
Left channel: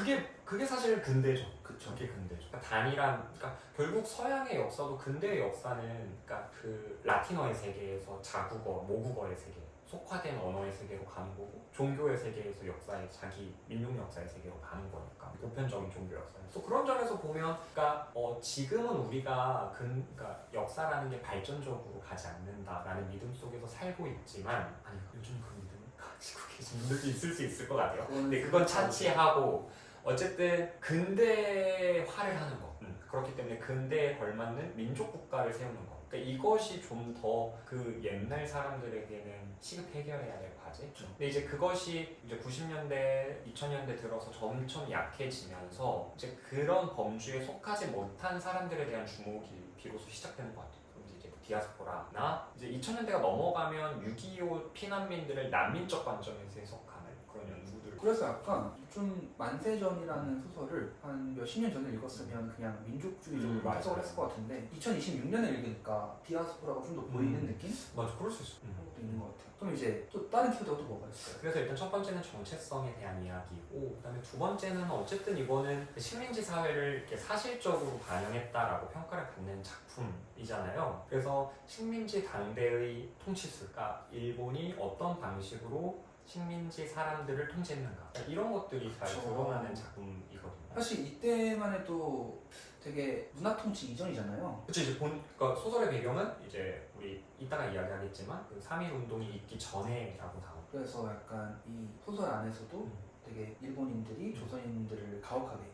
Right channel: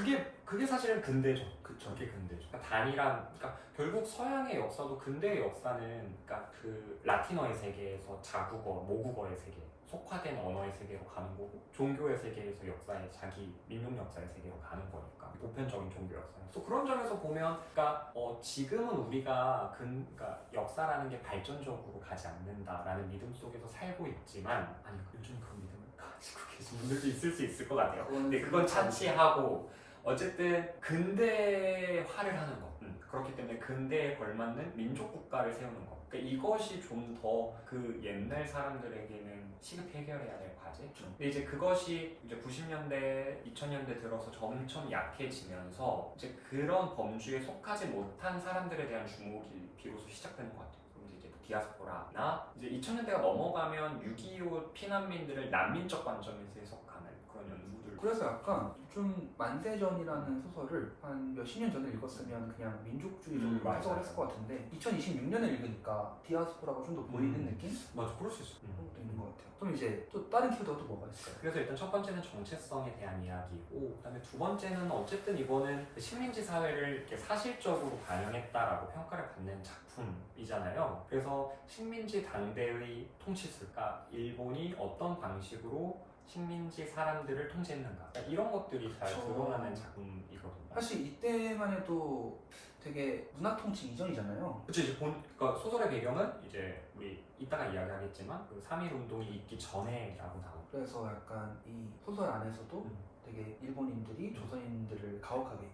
그게 사실 근대죠. 그쵸. 그게 근대죠. 그러니까 단일한, 그러니까 결국 서양의 역사도 근대의 역사는 그러니까 그 라틴어의 세계에서 자국어, 모국어의 세계, 속화된 언어의 세계로 가는 거고 종교의 세계에서 역사의 자기 민족 역사의 세계로 가는 거니까 보편적인 종교 역사예요. 또 그런 점에서 보면, 그러니까 지금은 우리가 그러니까 역사라는 게 발전적으로 가지 않는다라는 믿음 속에서 살고 있지만 아니 요즘 그 믿음을 가지고 계신 분들도 있을 수 있을 것 같아요. 근데 그건 차치하고 어쨌든 근대화를 하는 거. 그렇기 때문에 근대에 걸맞는 민족 국가를 세우는 거. 그러니까 이것이 좀 더 그 옛날 사람들에게는 시급 해결해야 될 과제. 근데 이제 그것이 이제 90년대, 2000년대 들어서 점점 약해지면서 이제 그런 범주에 속하지 못한 사람들에 대한 주목이 비로소 시작되는 것 같아요. 그럼 이제 디아스포라나 이제 2000년대가 넘어가면 6.25 피난민들을 난민적 관점에서 해석하는 그런 연구들. 그래서 약간 좀 만세전이라는 소설을 한 몇십 년 전에 읽었으면 그냥 민족주의적으로 해석을 했을 것 같은데 2026년에 읽으니까 디아스포라가 좀 더 보이는 느낌? 맞아, 그럴 수 있어. 그런 것도 있는 것 같아요. 그럼 이제 또 다른 키워드가 또 뭐가 있을까요? 그래서 일단 첫 번째는 정체성에 대한 이야기고, 그다음에 두 번째는 어쨌든 이거는 그 식민지 사회를 이렇게 사실적으로 반영했다라고 평가를 받는 작품이잖아요. 그래서 식민지 당대의 통치술가 일본이 어떤 방식으로 식민지 사람들을 통제했는가 이런 것들이 잘 그쵸. 드러나는 작품이거든요. 사실 이때만 해도 되게 문화통치 이전이잖아요. 그쵸, 이제 그러니까 소설의 배경은 이제 우리 이따가 이야기하겠지만 그 3.1 운동이 있기 전에라고 나오고. 그래서 약간 이 소설 안에서도 되게 일본인들이 조선인들을 가혹하게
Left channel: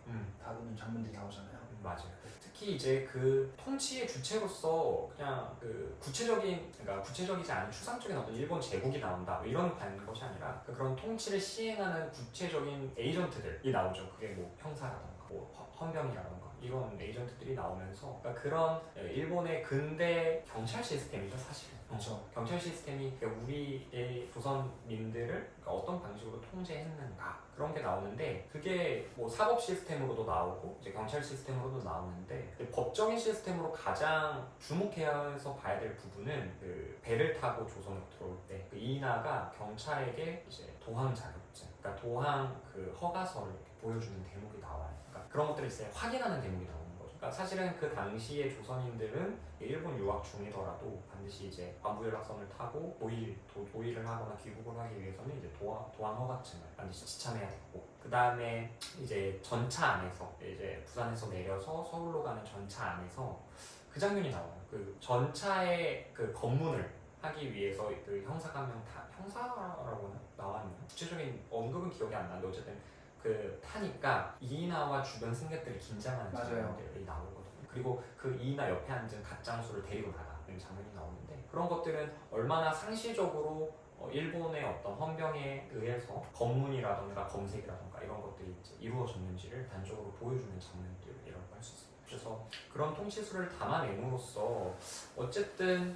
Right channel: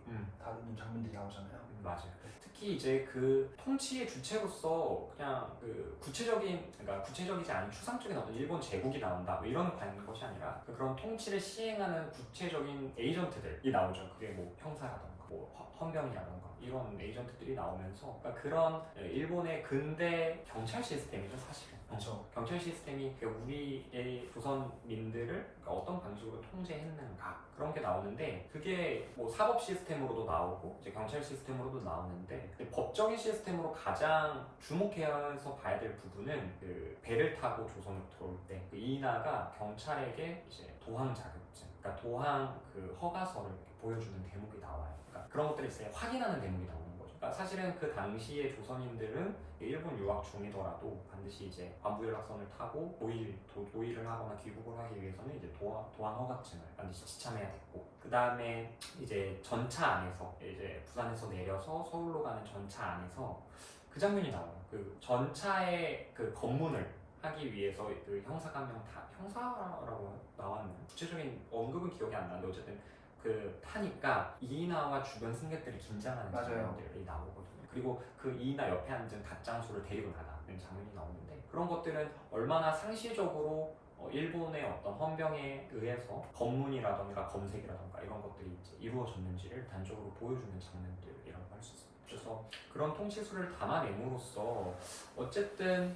다루는 장면들이 나오잖아요. 맞아요. 특히 이제 그 통치의 주체로서 그냥 그 그러니까 구체적이지 않은 추상적인 어떤 일본 제국이 나온다 뭐 이런 것이 아니라 그런 통치를 시행하는 구체적인 에이전트들이 나오죠. 그게 뭐 형사라던가 뭐 헌병이라던가 이런 에이전트들이 나오면서 그러니까 그런 일본의 근대 경찰 시스템이죠, 사실은. 그렇죠. 경찰 시스템이 우리의 조선민들을 그러니까 어떤 방식으로 통제했는가 그런 게 나오는데 그게 뭐 사법 시스템으로도 나오고 이제 경찰 시스템으로도 나오는데 법적인 시스템으로 가장 주목해서 봐야 될 부분은 그 배를 타고 조선으로 들어올 때 그 이나가 경찰에게 이제 도항 자격증, 그러니까 도항 그 허가서를 이렇게 보여주는 대목이 나와요. 그러니까 그런 것들을 이제 확인하는 대목이 나오는 거죠. 그러니까 사실은 그 당시에 조선인들은 일본 유학 중이더라도 반드시 이제 관부연락선을 타고 도의를 하거나 귀국을 하기 위해서는 이제 도항 허가증을 반드시 지참해야 됐고, 그 다음에 이제 전차 안에서 이제 부산에서 내려서 서울로 가는 전차 안에서 그 장면이 나와요. 그 전차의 그 검문을 하기 위해서 그 형사가 한 명 형사라고 나왔네요. 구체적인 언급은 기억이 안 나는데 어쨌든 그 타니까 이이나와 주변 승객들이 긴장하는 장면들이 나오거든요. 그리고 그 이이나 옆에 앉은 갓장수를 데리고 나가는 장면이 나오는데 그런 것들은 얼마나 상시적으로 일본의 어떤 헌병에 의해서 검문이라던가 검색이라던가 이런 것들이 이제 이루어졌는지를 단적으로 보여주는 장면들이라고 할 수 있습니다. 그래서 그런 통치술을 담아냄으로써 어쨌든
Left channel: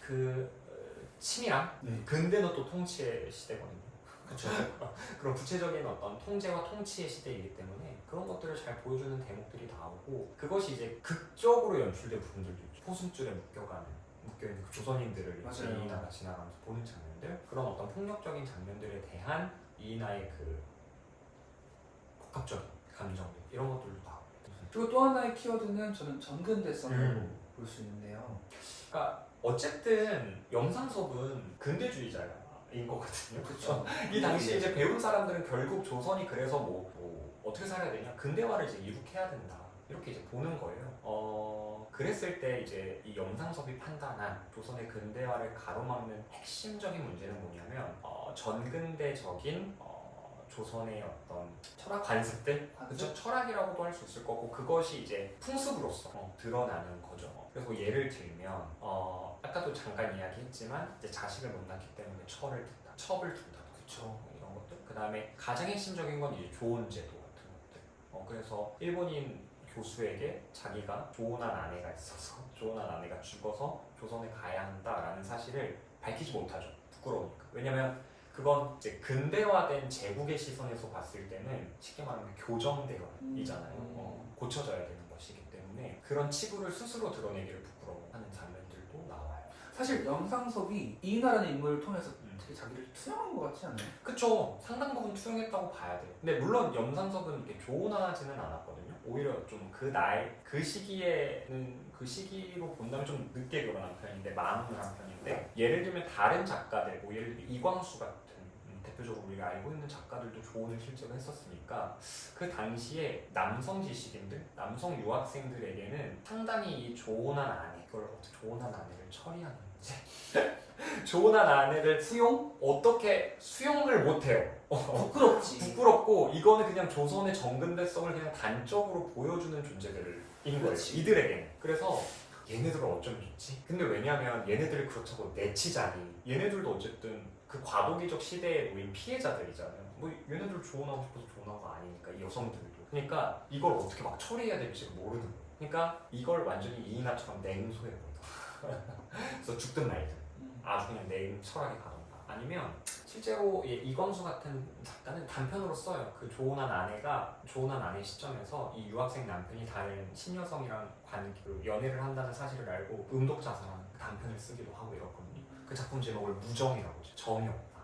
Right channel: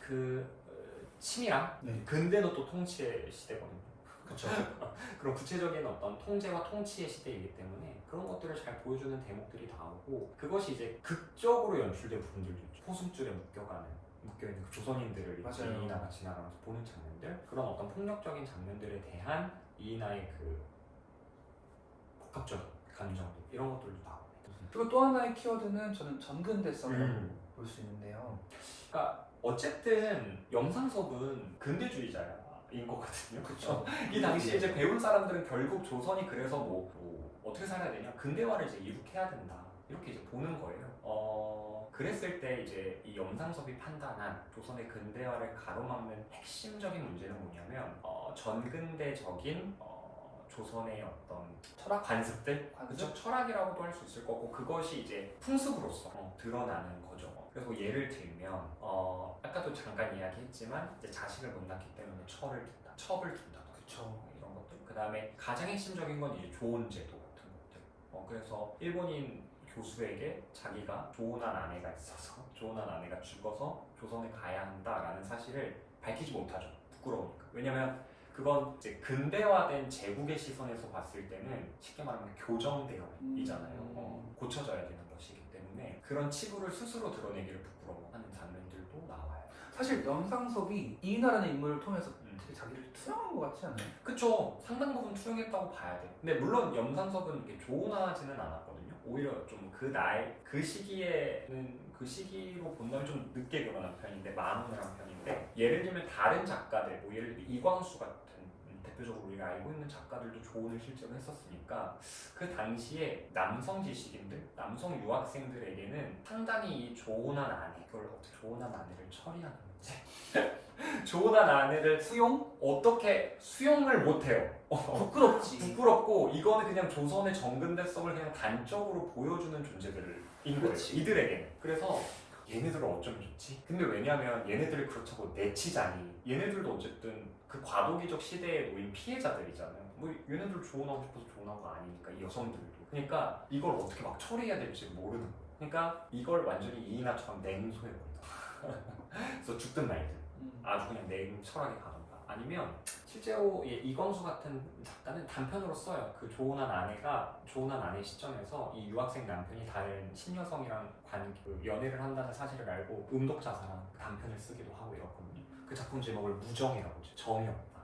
그 치밀함, 근대는 또 통치의 시대거든요. 그렇죠. 그런 구체적인 어떤 통제와 통치의 시대이기 때문에 그런 것들을 잘 보여주는 대목들이 나오고 그것이 이제 극적으로 연출된 부분들도 있죠. 포승줄에 묶여있는 그 조선인들을 이이나가 지나가면서 보는 장면들, 그런 어떤 폭력적인 장면들에 대한 이이나의 그 복합적인 감정들 이런 것들도 나오고. 그리고 또 하나의 키워드는 저는 전근대성이라고 볼 수 있는데요. 그러니까 어쨌든 영상섭은 근대주의자인 것 같거든요. 그렇죠. 이 당시에 이제 배운 사람들은 결국 조선이 그래서 뭐 어떻게 살아야 되냐, 근대화를 이제 이룩해야 된다 이렇게 이제 보는 거예요. 그랬을 때 이제 이 영상섭이 판단한 조선의 근대화를 가로막는 핵심적인 문제는 뭐냐면 전근대적인 조선의 어떤 철학 관습들, 그쵸? 철학이라고도 할 수 있을 거고 그것이 이제 풍습으로서 드러나는 거죠. 그래서 예를 들면 아까도 잠깐 이야기했지만 이제 자식을 못 낳기 때문에 첩을 둔다. 그쵸? 이런 것들. 그 다음에 가장 핵심적인 건 이제 조혼제도 같은 것들. 그래서 일본인 교수에게 자기가 조혼한 아내가 있어서 조혼한 아내가 죽어서 조선에 가야 한다라는 사실을 밝히지 못하죠. 부끄러우니까. 왜냐면 그건 이제 근대화된 제국의 시선에서 봤을 때는 쉽게 말하면 교정대열이잖아요. 고쳐져야 되는 것이기 때문에 그런 치부를 스스로 드러내기를 부끄러워하는 장면들도 나와요. 사실 염상섭이 이인하라는 인물을 통해서 되게 자기를 투영한 것 같지 않아요? 그쵸. 상당 부분 투영했다고 봐야 돼요. 근데 물론 염상섭은 이렇게 조언하지는 않았거든요. 오히려 좀 그 나이, 그 시기에는 그 시기로 본다면 좀 늦게 결혼한 편인데 마흔을 한 편인데 예를 들면 다른 작가들, 뭐 예를 들면 이광수 같은 대표적으로 우리가 알고 있는 작가들도 조언을 실제로 했었으니까 그 당시에 남성 지식인들, 남성 유학생들에게는 상당히 이 조언한 아내, 그걸 어떻게 조언한 아내를 처리하는 문제 조언한 아내를 어떻게 수용을 못해요. 부끄럽지. 부끄럽고 이거는 그냥 조선의 정근대성을 그냥 단적으로 보여주는 존재들인 거예요. 그렇지. 이들에게는. 그래서 얘네들을 어쩌면 좋지? 근데 왜냐면 얘네들을 그렇다고 내치자니 얘네들도 어쨌든 그 과도기적 시대에 놓인 피해자들이잖아요. 뭐 얘네들 조언하고 싶어서 조언한 거 아니니까 이 여성들도. 그러니까 이걸 어떻게 막 처리해야 될지 모르는 거예요. 그러니까 이걸 완전히 이인하처럼 냉소해 버리다. 그래서 죽든 말든. 아주 그냥 냉철하게 가던가 아니면 실제로 이광수 같은 작가는 단편으로 써요. 그 조언한 아내 시점에서 이 유학생 남편이 다른 신여성이랑 그 연애를 한다는 사실을 알고 음독자사랑 그 단편을 쓰기도 하고 이렇거든요. 그 작품 제목을 무정이라고 해요. 정이 없다.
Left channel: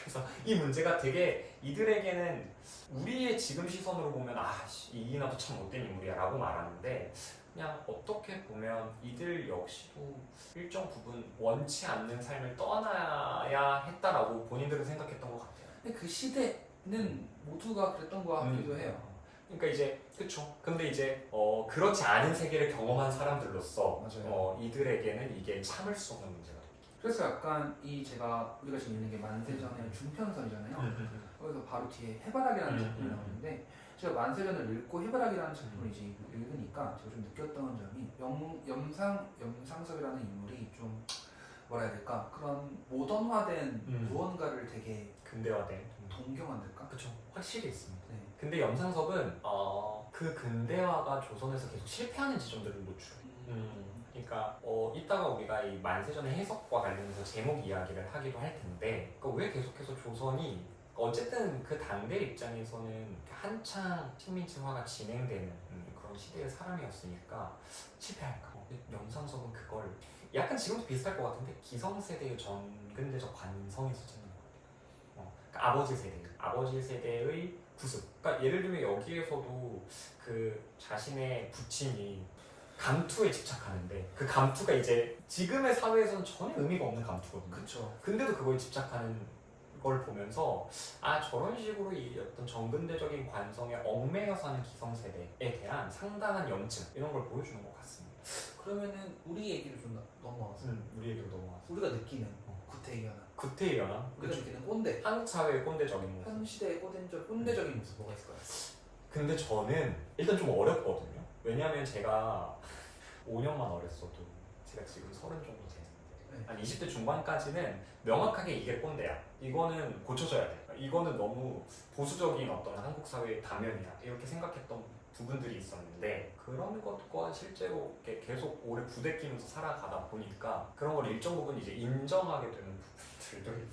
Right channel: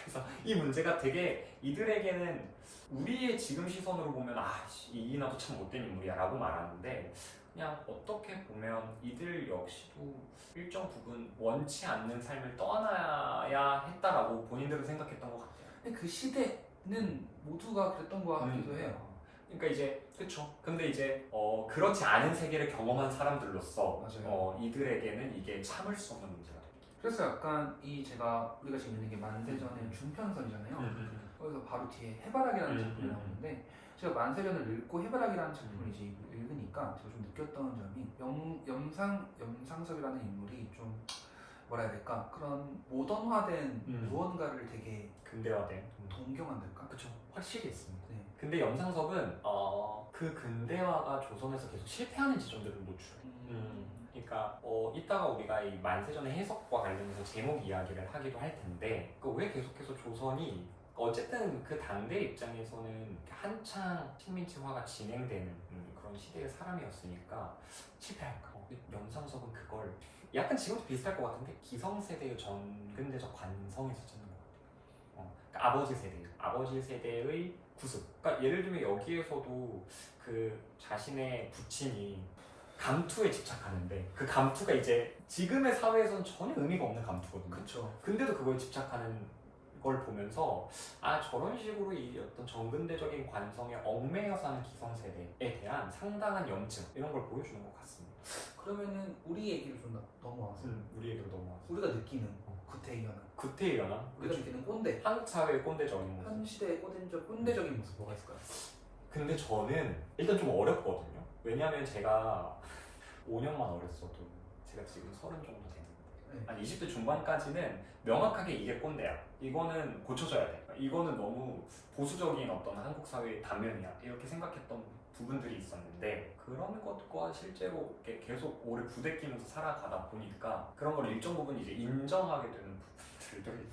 그래서 이 문제가 되게 이들에게는 우리의 지금 시선으로 보면 이인하도 참 못된 인물이야 라고 말하는데 그냥 어떻게 보면 이들 역시도 일정 부분 원치 않는 삶을 떠나야 했다라고 본인들은 생각했던 것 같아요. 근데 그 시대는 모두가 그랬던 것 같기도 해요. 그러니까 이제 그쵸. 근데 이제 그렇지 않은 세계를 경험한 사람들로서 맞아요. 이들에게는 이게 참을 수 없는 문제가 돼요. 그래서 약간 우리가 지금 있는 게 만세전의 중편선이잖아요. 거기서 바로 뒤에 해바라기라는 작품이 나오는데 제가 만세전을 읽고 해바라기라는 작품을 이제 읽으니까 제가 좀 느꼈던 점이 염상섭이라는 인물이 좀 뭐라 해야 될까 그런 모던화된 무언가를 되게 근대화된 동경한달까? 그쵸. 확실히 있습니다. 네. 근데 염상섭은 그 근대화가 조선에서 계속 실패하는 지점들을 노출해요. 그러니까 이따가 우리가 이 만세전의 해석과 관련해서 제목 이야기를 하기도 할 텐데 왜 계속해서 조선이 어쨌든 그 당대 입장에서는 한창 식민지화가 진행되는 그런 시대의 사람이었으니까 실패할까? 염상섭은 그걸 약간 지금도 비슷할 것 같은데 기성세대의 전근대적 관성에서 찾는 것 같아요. 그러니까 아버지 세대의 구습. 그러니까 예를 들면 여기에서도 그 자신의 부친이 감투에 집착하는데 그 감투가 이제 지금의 사회에서는 전혀 의미가 없는 감투거든요. 그쵸. 근데도 그거에 집착하는 걸 보면서 저런 식으로 이 어떤 정근대적인 관성에 얽매여 사는 기성세대에 대한 상당한 염증 이런 걸 보여주는 것 같습니다. 그러면은 우리 얘기를 좀 넘어와서 우리 얘기로 넘어와서 우리가 느끼는 구태의연화 구태의 연화 우리가 느끼는 꼰대 한국 사회의 꼰대적인 모습. 현 시대의 꼰대적인 모습 뭐가 있을까요? 근데 저는 일단 좀 어렵거든요. 왜냐하면 제가 5년만 어렸어도 제가 지금 30 정도 되는데 한 20대 중반까지는 명확하게 이게 꼰대야. 이거는 고쳐져야 돼. 이거는 너무 보수적인 어떤 한국 사회의 단면이야. 이렇게 생각했던 부분들이 있었는데 그런 것과 실제로 이렇게 계속 오래 부대끼면서 살아가다 보니까 그런 걸 일정 부분 이제 인정하게 되는 부분들도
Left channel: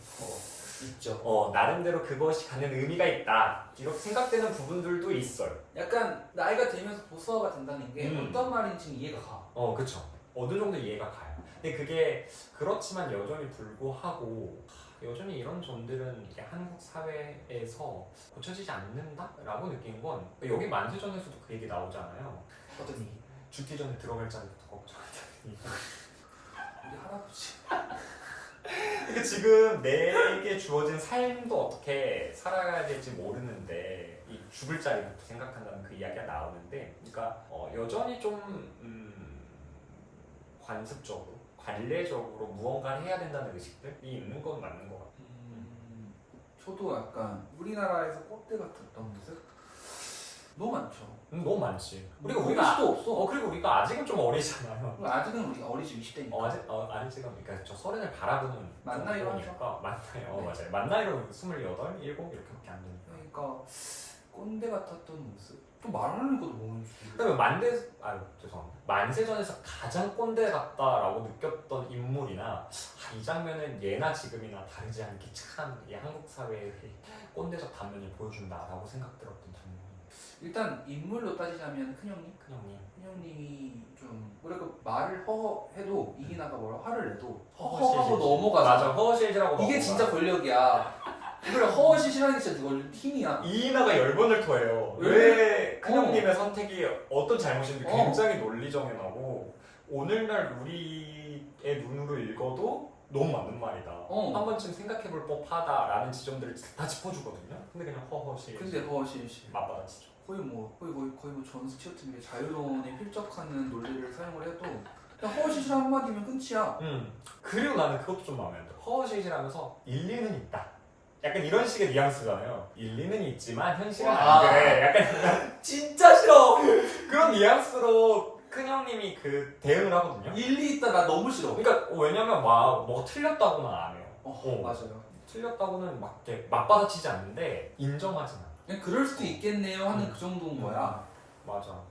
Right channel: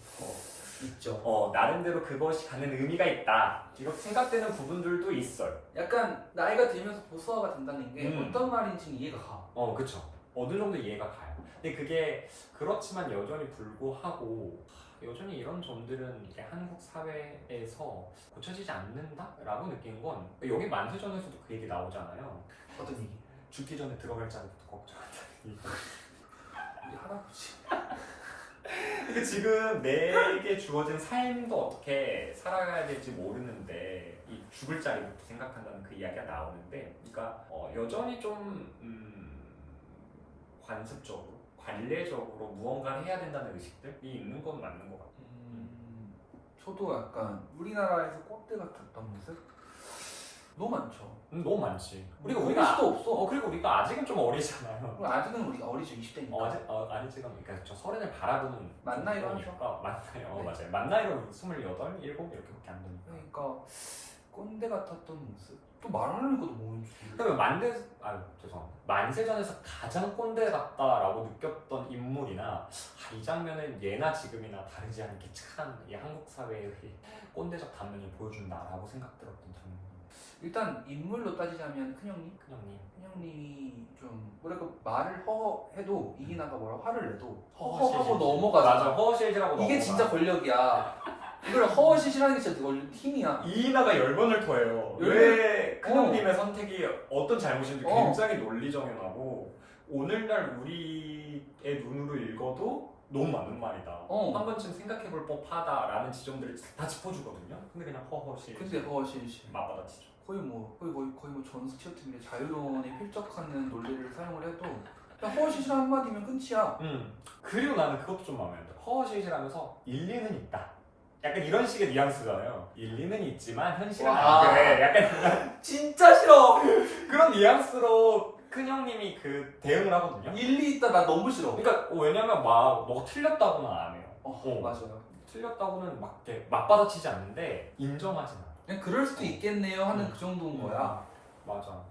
있죠. 나름대로 그것이 갖는 의미가 있다. 이렇게 생각되는 부분들도 있어요. 약간 나이가 들면서 보수화가 된다는 게 어떤 말인지 이해가 가. 그쵸. 어느 정도 이해가 가요. 근데 그게 그렇지만 여전히 불구하고 여전히 이런 점들은 이게 한국 사회에서 고쳐지지 않는다라고 느낀 건 여기 만세전에서도 그 얘기 나오잖아요. 어떤 얘기? 죽기 전에 들어갈 자리부터 걱정한다는 얘기. 우리 할아버지. 지금 내게 주어진 삶도 어떻게 살아가야 될지 모르는데 이 죽을 자리부터 생각한다는 그 이야기가 나오는데 그러니까 여전히 좀 관습적으로 관례적으로 무언가를 해야 된다는 의식들이 있는 건 맞는 것 같아요. 저도 약간 우리나라에서 꼰대 같았던 모습 너무 많죠. 너무 많지. 우리가 수도 없어. 그리고 우리가 아직은 좀 어리잖아요. 아직은 우리 어리죠. 20대니까. 아직은 그러니까 저 서른을 바라보는 만 나이로 거니까. 맞나요? 맞아요. 만 나이로 28, 7 이렇게밖에 안 되니까. 그러니까 꼰대 같았던 모습? 또 말하는 것도 모르는 줄. 그러면 죄송합니다. 만세전에서 가장 꼰대 같다라고 느꼈던 인물이나 이 장면은 예나 지금이나 다르지 않게 참 이 한국 사회의 꼰대적 단면을 보여준다라고 생각 들었던 장면. 일단 인물로 따지자면 큰형님? 큰형님. 큰형님이 좀 뭐랄까 말을 허해도 이기나가 뭐라 화를 내도 허허실실. 허허하고 넘어가죠. 맞아, 허허실실하고 이게 넘어가. 진짜 권력이야. 이걸 허허실실하는 게 진짜 힘이야. 이인하가 10번을 토해요. 왜 큰형님의 선택이 어떤 잘못인지 굉장히 논리정연하고 오늘날 우리의 눈으로 읽어도 너무 맞는 말이다. 한 번쯤 생각해볼 법하다라는 지점들을 다 짚어주거든요. 근데 그냥 허허실. 근데 허허실실 맞받아치죠. 거의 뭐 전 스튜어트밀의 자유론에 필적하는 논리를 사용을 해도 그냥 허허실실 한마디면 끝이야. 그리고 나는 그것도 좀 마음에 안 들어. 허허실실하면서 일리는 있다. 약간 이런 식의 뉘앙스잖아요. 일리는 있지만 현실은 안 그래. 약간 진짜 싫어. 그런 뉘앙스로 큰형님이 그 대응을 하거든요. 일리 있다 나 너무 싫어. 그러니까 왜냐면 막 뭐가 틀렸다고는 안 해요. 맞아요. 틀렸다고는 막 이렇게 맞받아치지 않는데 인정하진 않아. 그냥 그럴 수도 있겠네요 하는 그 정도인 거야. 맞아.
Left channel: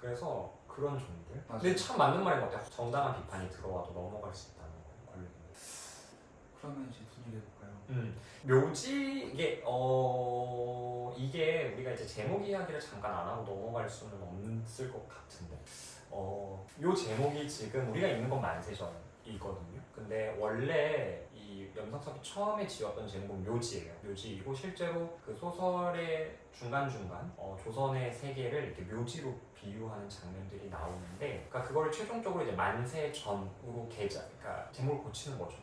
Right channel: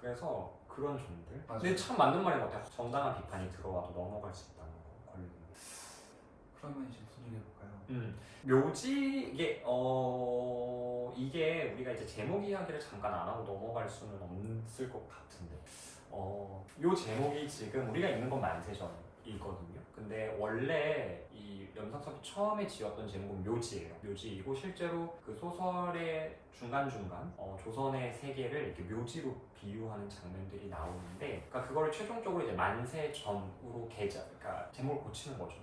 그래서 그런 점들. 맞아. 근데 참 맞는 말인 것 같아요. 정당한 비판이 들어와도 넘어갈 수 있다는 거. 권력이. 그러면 이제 무슨 얘기 해볼까요? 묘지 이게 우리가 이제 제목 이야기를 잠깐 안 하고 넘어갈 수는 없을 것 같은데 요 제목이 지금 우리가 읽는 건 만세전이거든요. 근데 원래 이 염상섭이 처음에 지었던 제목은 묘지예요. 묘지이고 실제로 그 소설의 중간중간 조선의 세계를 이렇게 묘지로 비유하는 장면들이 나오는데, 그러니까 그걸 최종적으로 이제 만세전으로 그러니까 제목을 고치는 거죠.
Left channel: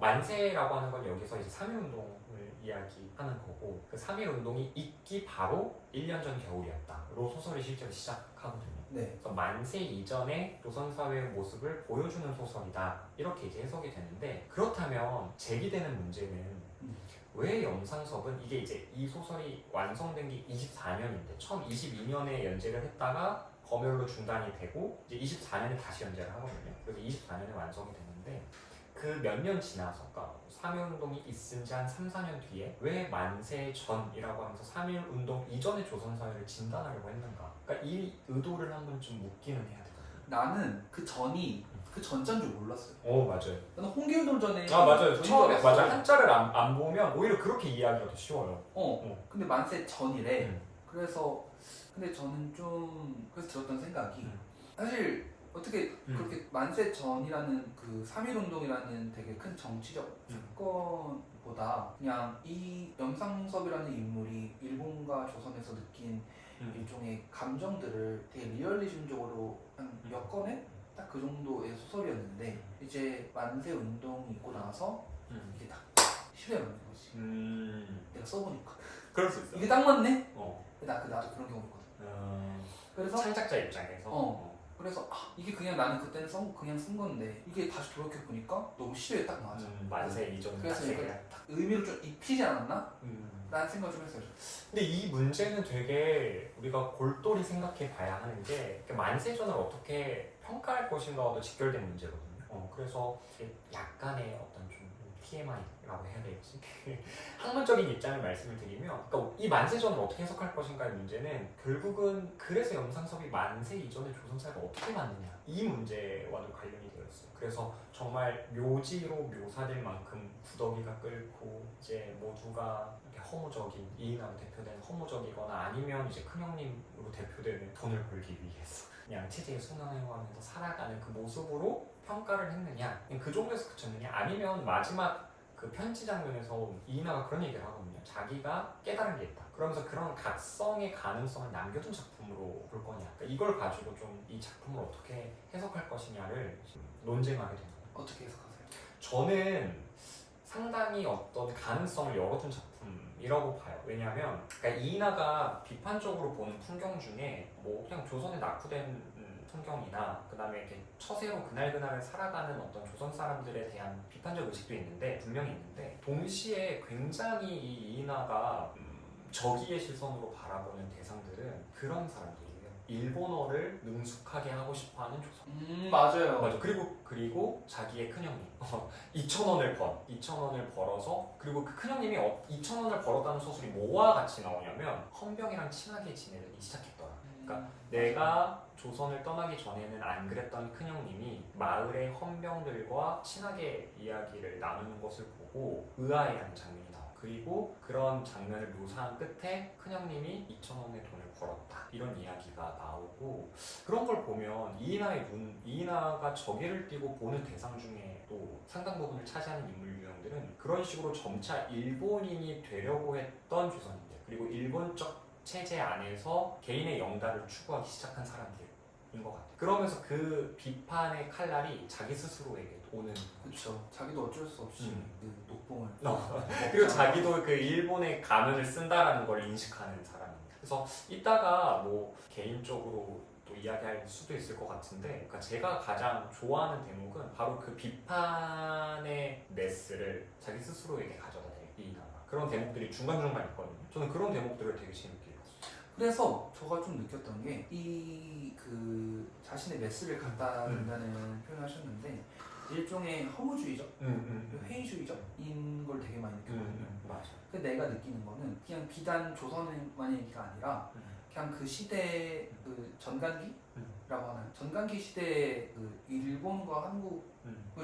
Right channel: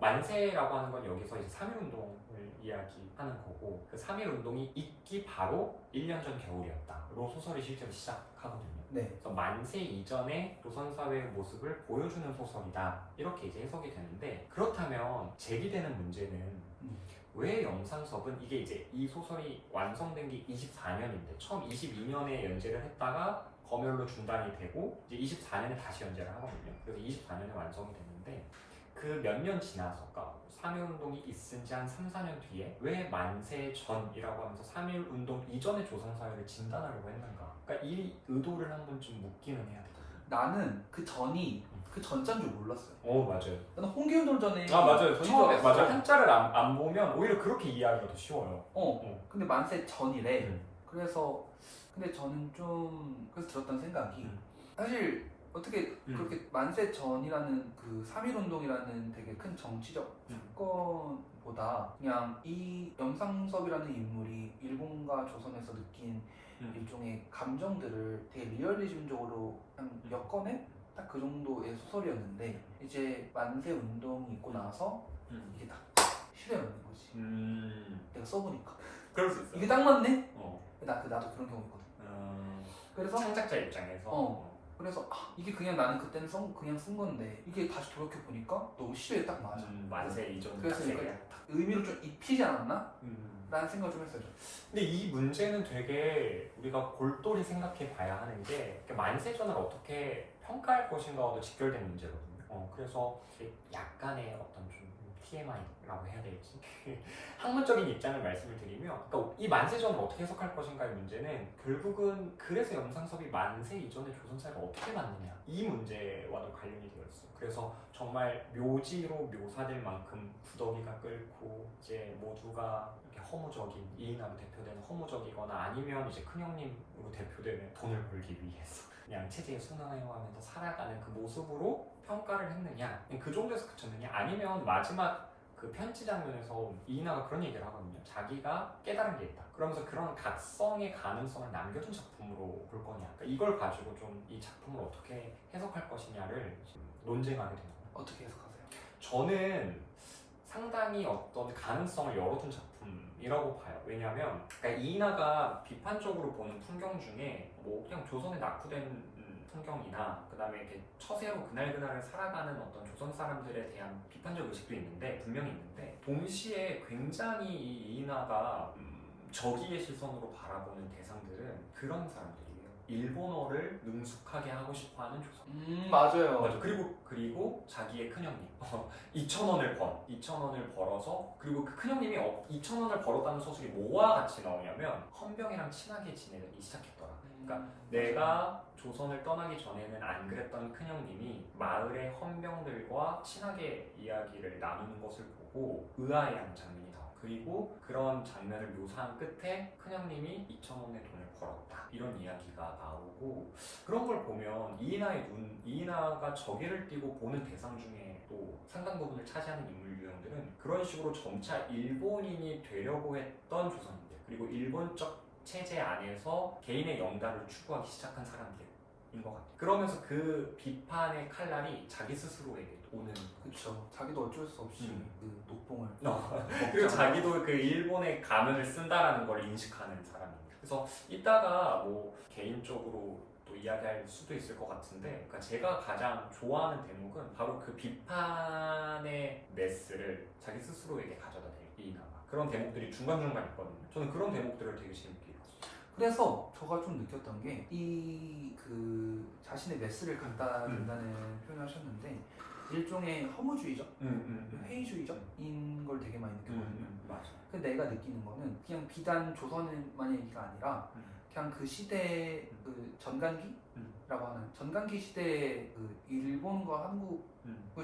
만세라고 하는 건 여기서 이제 3.1운동을 이야기하는 거고, 그 3.1운동이 있기 바로 1년 전 겨울이었다로 소설이 실제로 시작하거든요. 네. 그래서 만세 이전의 조선 사회의 모습을 보여주는 소설이다, 이렇게 이제 해석이 되는데, 그렇다면 제기되는 문제는 왜 염상섭은 이게 이제 이 소설이 완성된 게 24년인데 처음 22년에 연재를 했다가 검열로 중단이 되고 이제 24년에 다시 연재를 하거든요. 그래서 24년에 완성이 됐는데 그 몇 년 지나서, 그러니까 3.1운동이 있은 지 한 3, 4년 뒤에 왜 만세 전이라고 하면서 3.1운동 이전의 조선사회를 진단하려고 했는가, 그러니까 이 의도를 한 번쯤 묻기는 해야 되거든요. 나는 그 전이 그 전자인 줄 몰랐어요. 맞아요. 나는 홍길동 전에 맞아요. 처음에 알았어. 맞아요. 한자를 안 보면 오히려 그렇게 이해하기가 더 쉬워요. 근데 만세 전이래. 그래서 근데 저는 좀 그래서 들었던 생각이 사실 어떻게 그렇게 만세 전이라는 그 3.1운동이라는 되게 큰 정치적 사건보다 그냥 이 염상섭이라는 인물이 일본과 조선에서 느낀 일종의 감정들을 되게 리얼리즘적으로 그냥 엮어낸 딱 그 정도의 소설이었는데, 이제 만세 운동이 있고 나서 이게 딱 실현하는 거지. 내가 써보니까 그럴 수 있어요. 이게 딱 맞네? 나도 그런 경우 있거든. 그래서 창작자 입장에서 그래서 이게 그냥 나는 그때는 그냥 쓴 건데 이게 다시 돌이켜보니까 너무 시대에 딱 맞아. 만세 이전. 그래서 딱 의미를 좀 입히지 않았나? 라는 생각을 좀 했어요. 근데 이 문제는 되게 우리가 골똘히 생각해 봐야 하는 게 만세전을 어떻게 평가할 것인가와도 직결된 문제거든요. 그래서 약간의 어떤 좀 TMI라고 해야 될지 학문적인 입장을 말씀을 드리면, 그러니까 이 만세전을 어떻게 해석할 것인가의 문제는 결국은 그래서 염상섭이 만세 이전의 조선사회를 어떻게 봤느냐, 이 문제와도 관련이 되어 있어요. 그래서 정말 묘지로 묘사될 만큼 구더기가 끓고 이제 모두가 이렇게 허무적인, 이인하로 대표되는 허무적이거나 아니면 이제 큰형님으로 대표되는 돈을 벌기 위해서 그냥 체제에 순응해가면서 살아가는 그 모습으로 평가를 했느냐, 그 정도에서 그쳤느냐, 아니면 마지막 그 편지 장면에서 이인하가 그런 얘기를 하거든요. 자기가 깨달은 게 있다. 그러면서 그런 각성의 가능성을 남겨둔 작품으로 볼 거냐, 그러니까 이걸 가지고 좀 이 작품을 어떻게 해석할 것이냐를 논쟁하게 되는 거예요. 어떻게 해석하세요? 저는 상당히 어떤 가능성을 열어둔 작품이라고 봐요. 왜냐하면 그러니까 이인하가 비판적으로 보는 풍경 중에 뭐 그냥 조선에 낙후된 풍경이나 그 다음에 이렇게 처세로 그날그날을 살아가는 어떤 조선 사람들에 대한 비판적 의식도 있는데, 분명히 있는데, 동시에 굉장히 이 이인하가 적의의 시선으로 바라보는 대상들은 그런 사람들이에요. 일본어를 능숙하게 하고 싶어하는 조선. 맞아요. 맞아. 그리고 자기의 큰형님 2,000원을 벌어서 그리고 그 큰형님이 2,000원을 벌었다는 소설이 뭐와 같이 나오냐면 헌병이랑 친하게 지내기 시작했더라. 그러니까 내가 조선을 떠나기 전에는 안 그랬던 큰형님이 마을의 헌병들과 친하게 이야기를 나누는 것을 보고 의아해하는 장면이 나와. 그리고 그런 장면을 묘사한 끝에 큰형님이 2,000원의 돈을 벌었다. 이런 이야기가 나오고 그런 걸 보면 이인하가 저기를 띄고 보는 대상 중에 또 상당 부분을 차지하는 인물 유형들은 그런 식으로 점차 일본인이 되려고 했던 조선인들 그리고 일본적 체제 안에서 개인의 영달을 추구하기 시작한 사람들인 것 같아요. 그러면서 그 비판의 칼날이 자기 스스로에게 오는. 그렇죠. 자기도 어쩔 수 없이 그 녹봉을 그리고 자기도 그 일본의 가면을 쓴다라는 걸 인식하는 사람입니다. 그래서 이따가 뭐 개인적으로 또 이야기할 수도 있을 것 같은데, 그러니까 제가 가장 좋아하는 대목은 바로 그 비판의 메스를 자기 스스로에게 가져다 대는 이인하가 그런 대목들이 중간중간 있거든요. 저는 그런 대목들을 되게 재밌게 읽었어요. 그래서 제가 좀 느꼈던 게 이 그 자신의 메스를 갖다 둔다는 표현을 하셨는데 일종의 허무주의적, 회의주의적인 걸 되게 많이 느꼈거든요. 맞아. 근데 내가 느끼는 거는 그냥 비단 조선만의 얘기가 아니라 그냥 그 시대 그 전간기라고 하는 전간기 시대의 그 일본과 한국,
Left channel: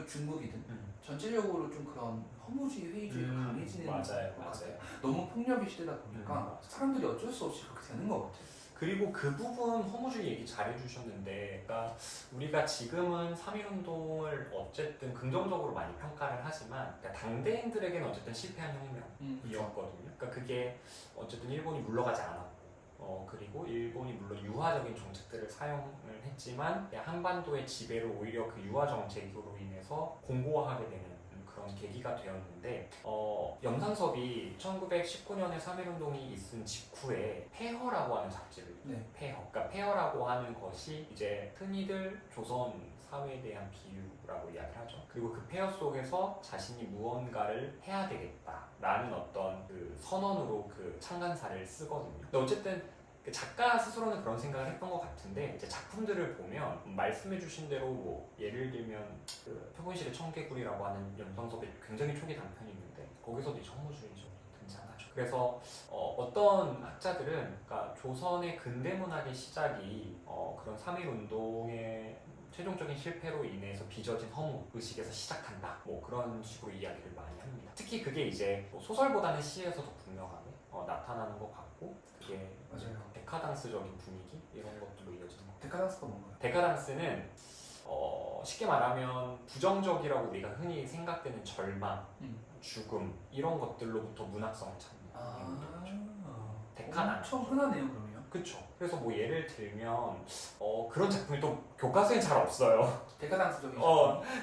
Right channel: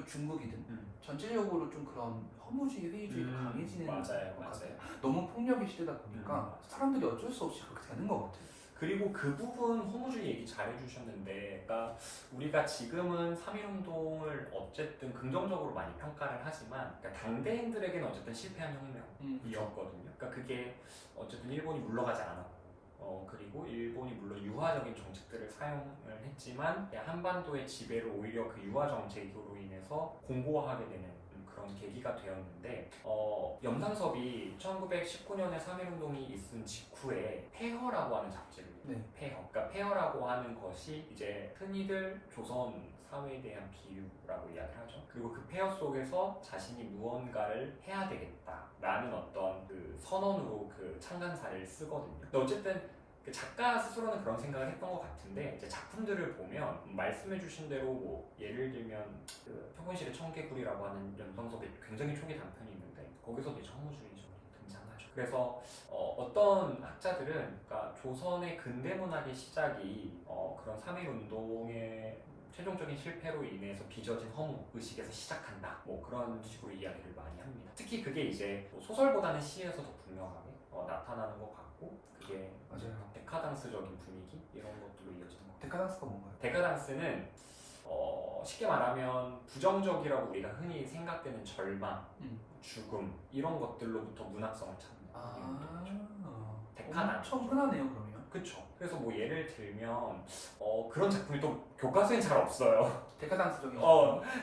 중국이든 전체적으로 좀 그런 허무주의, 회의주의가 강해지는 것 같아요. 너무 폭력의 시대다 보니까 사람들이 어쩔 수 없이 그렇게 되는 것 같아요. 그리고 그 부분 허무주의 얘기 잘해주셨는데, 그러니까 우리가 지금은 3.1운동을 어쨌든 긍정적으로 많이 평가를 하지만, 그러니까 당대인들에게는 어쨌든 실패한 혁명이었거든요. 그러니까 그게 어쨌든 일본이 물러가지 않았고, 그리고 일본이 물론 유화적인 정책들을 사용을 했지만 한반도의 지배를 오히려 그 유화 정책으로 인해서 공고화하게 되는 그런 계기가 되었는데, 염산섭이 1919년에 3.1운동이 있은 직후에 폐허라고 하는 잡지를 폐허. 그러니까 폐허라고 하는 것이 이제 흔히들 조선 사회에 대한 비유라고 이야기를 하죠. 그리고 그 폐허 속에서 자신이 무언가를 해야 되겠다라는 어떤 그 선언으로 그 창간사를 쓰거든요. 근데 어쨌든 그 작가 스스로는 그런 생각을 했던 것 같은데, 이제 작품들을 보면 말씀해주신 대로 뭐 예를 들면 그 표본실의 청개구리라고 하는 염산섭의 굉장히 초기 단편이 있는데 거기서도 이제 허무주의적이 등장하죠. 그래서 어떤 학자들은 그러니까 조선의 근대문학의 시작이 그런 3.1운동의 최종적인 실패로 인해서 빚어진 허무 의식에서 시작한다. 뭐 그런 식으로 이야기를 많이 합니다. 특히 그게 이제 소설보다는 시에서도 분명하게 나타나는 것 같고, 그게 맞아요. 데카당스적인 분위기 이런 것들로 이어지는 것 같아요. 데카당스가 뭔가요? 데카당스는 쉽게 말하면 부정적이라고 우리가 흔히 생각되는 절망, 죽음 이런 것들로부터 문학성을 찾는. 데카당스. 엄청 흔하네요, 그러면. 그렇죠. 그래서 뭐 예를 들면 그런 작품이 또 교과서에 잘 없어요. 데카당스적인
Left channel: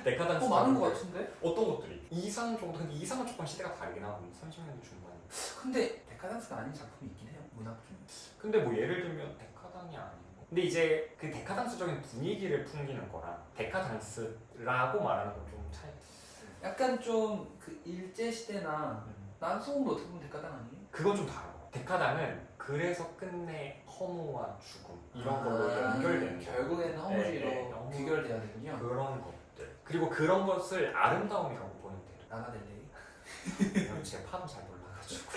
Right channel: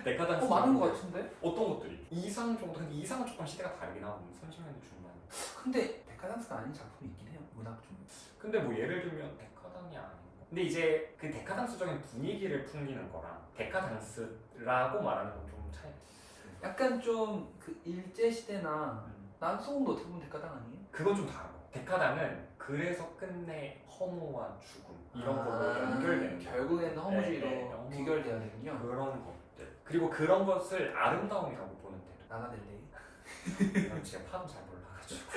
데카당스. 많은 것 같은데? 어떤 것들이? 이상 정도. 근데 이상은 조금 시대가 다르긴 하거든요. 30년대 중반에. 근데 데카당스가 아닌 작품이 있긴 해요, 문학 중. 근데 뭐 예를 들면 데카당이 아니고. 근데 이제 그 데카당스적인 분위기를 풍기는 거랑 데카당스라고 말하는 건 좀 차이가 있어요. 약간 좀 그 일제 시대나 난소공도 어떻게 보면 데카당 아니에요? 그건 좀 다른 거. 데카당은 그래서 끝내 허무와 죽음 이런 걸로 연결되는 거예요. 결국에는 허무주의로 귀결돼야 되군요. 그런 것들. 그리고 그런 것을 아름다움이라고 보는 데도. 나나델레이. 제가 파도 잘 몰라가지고.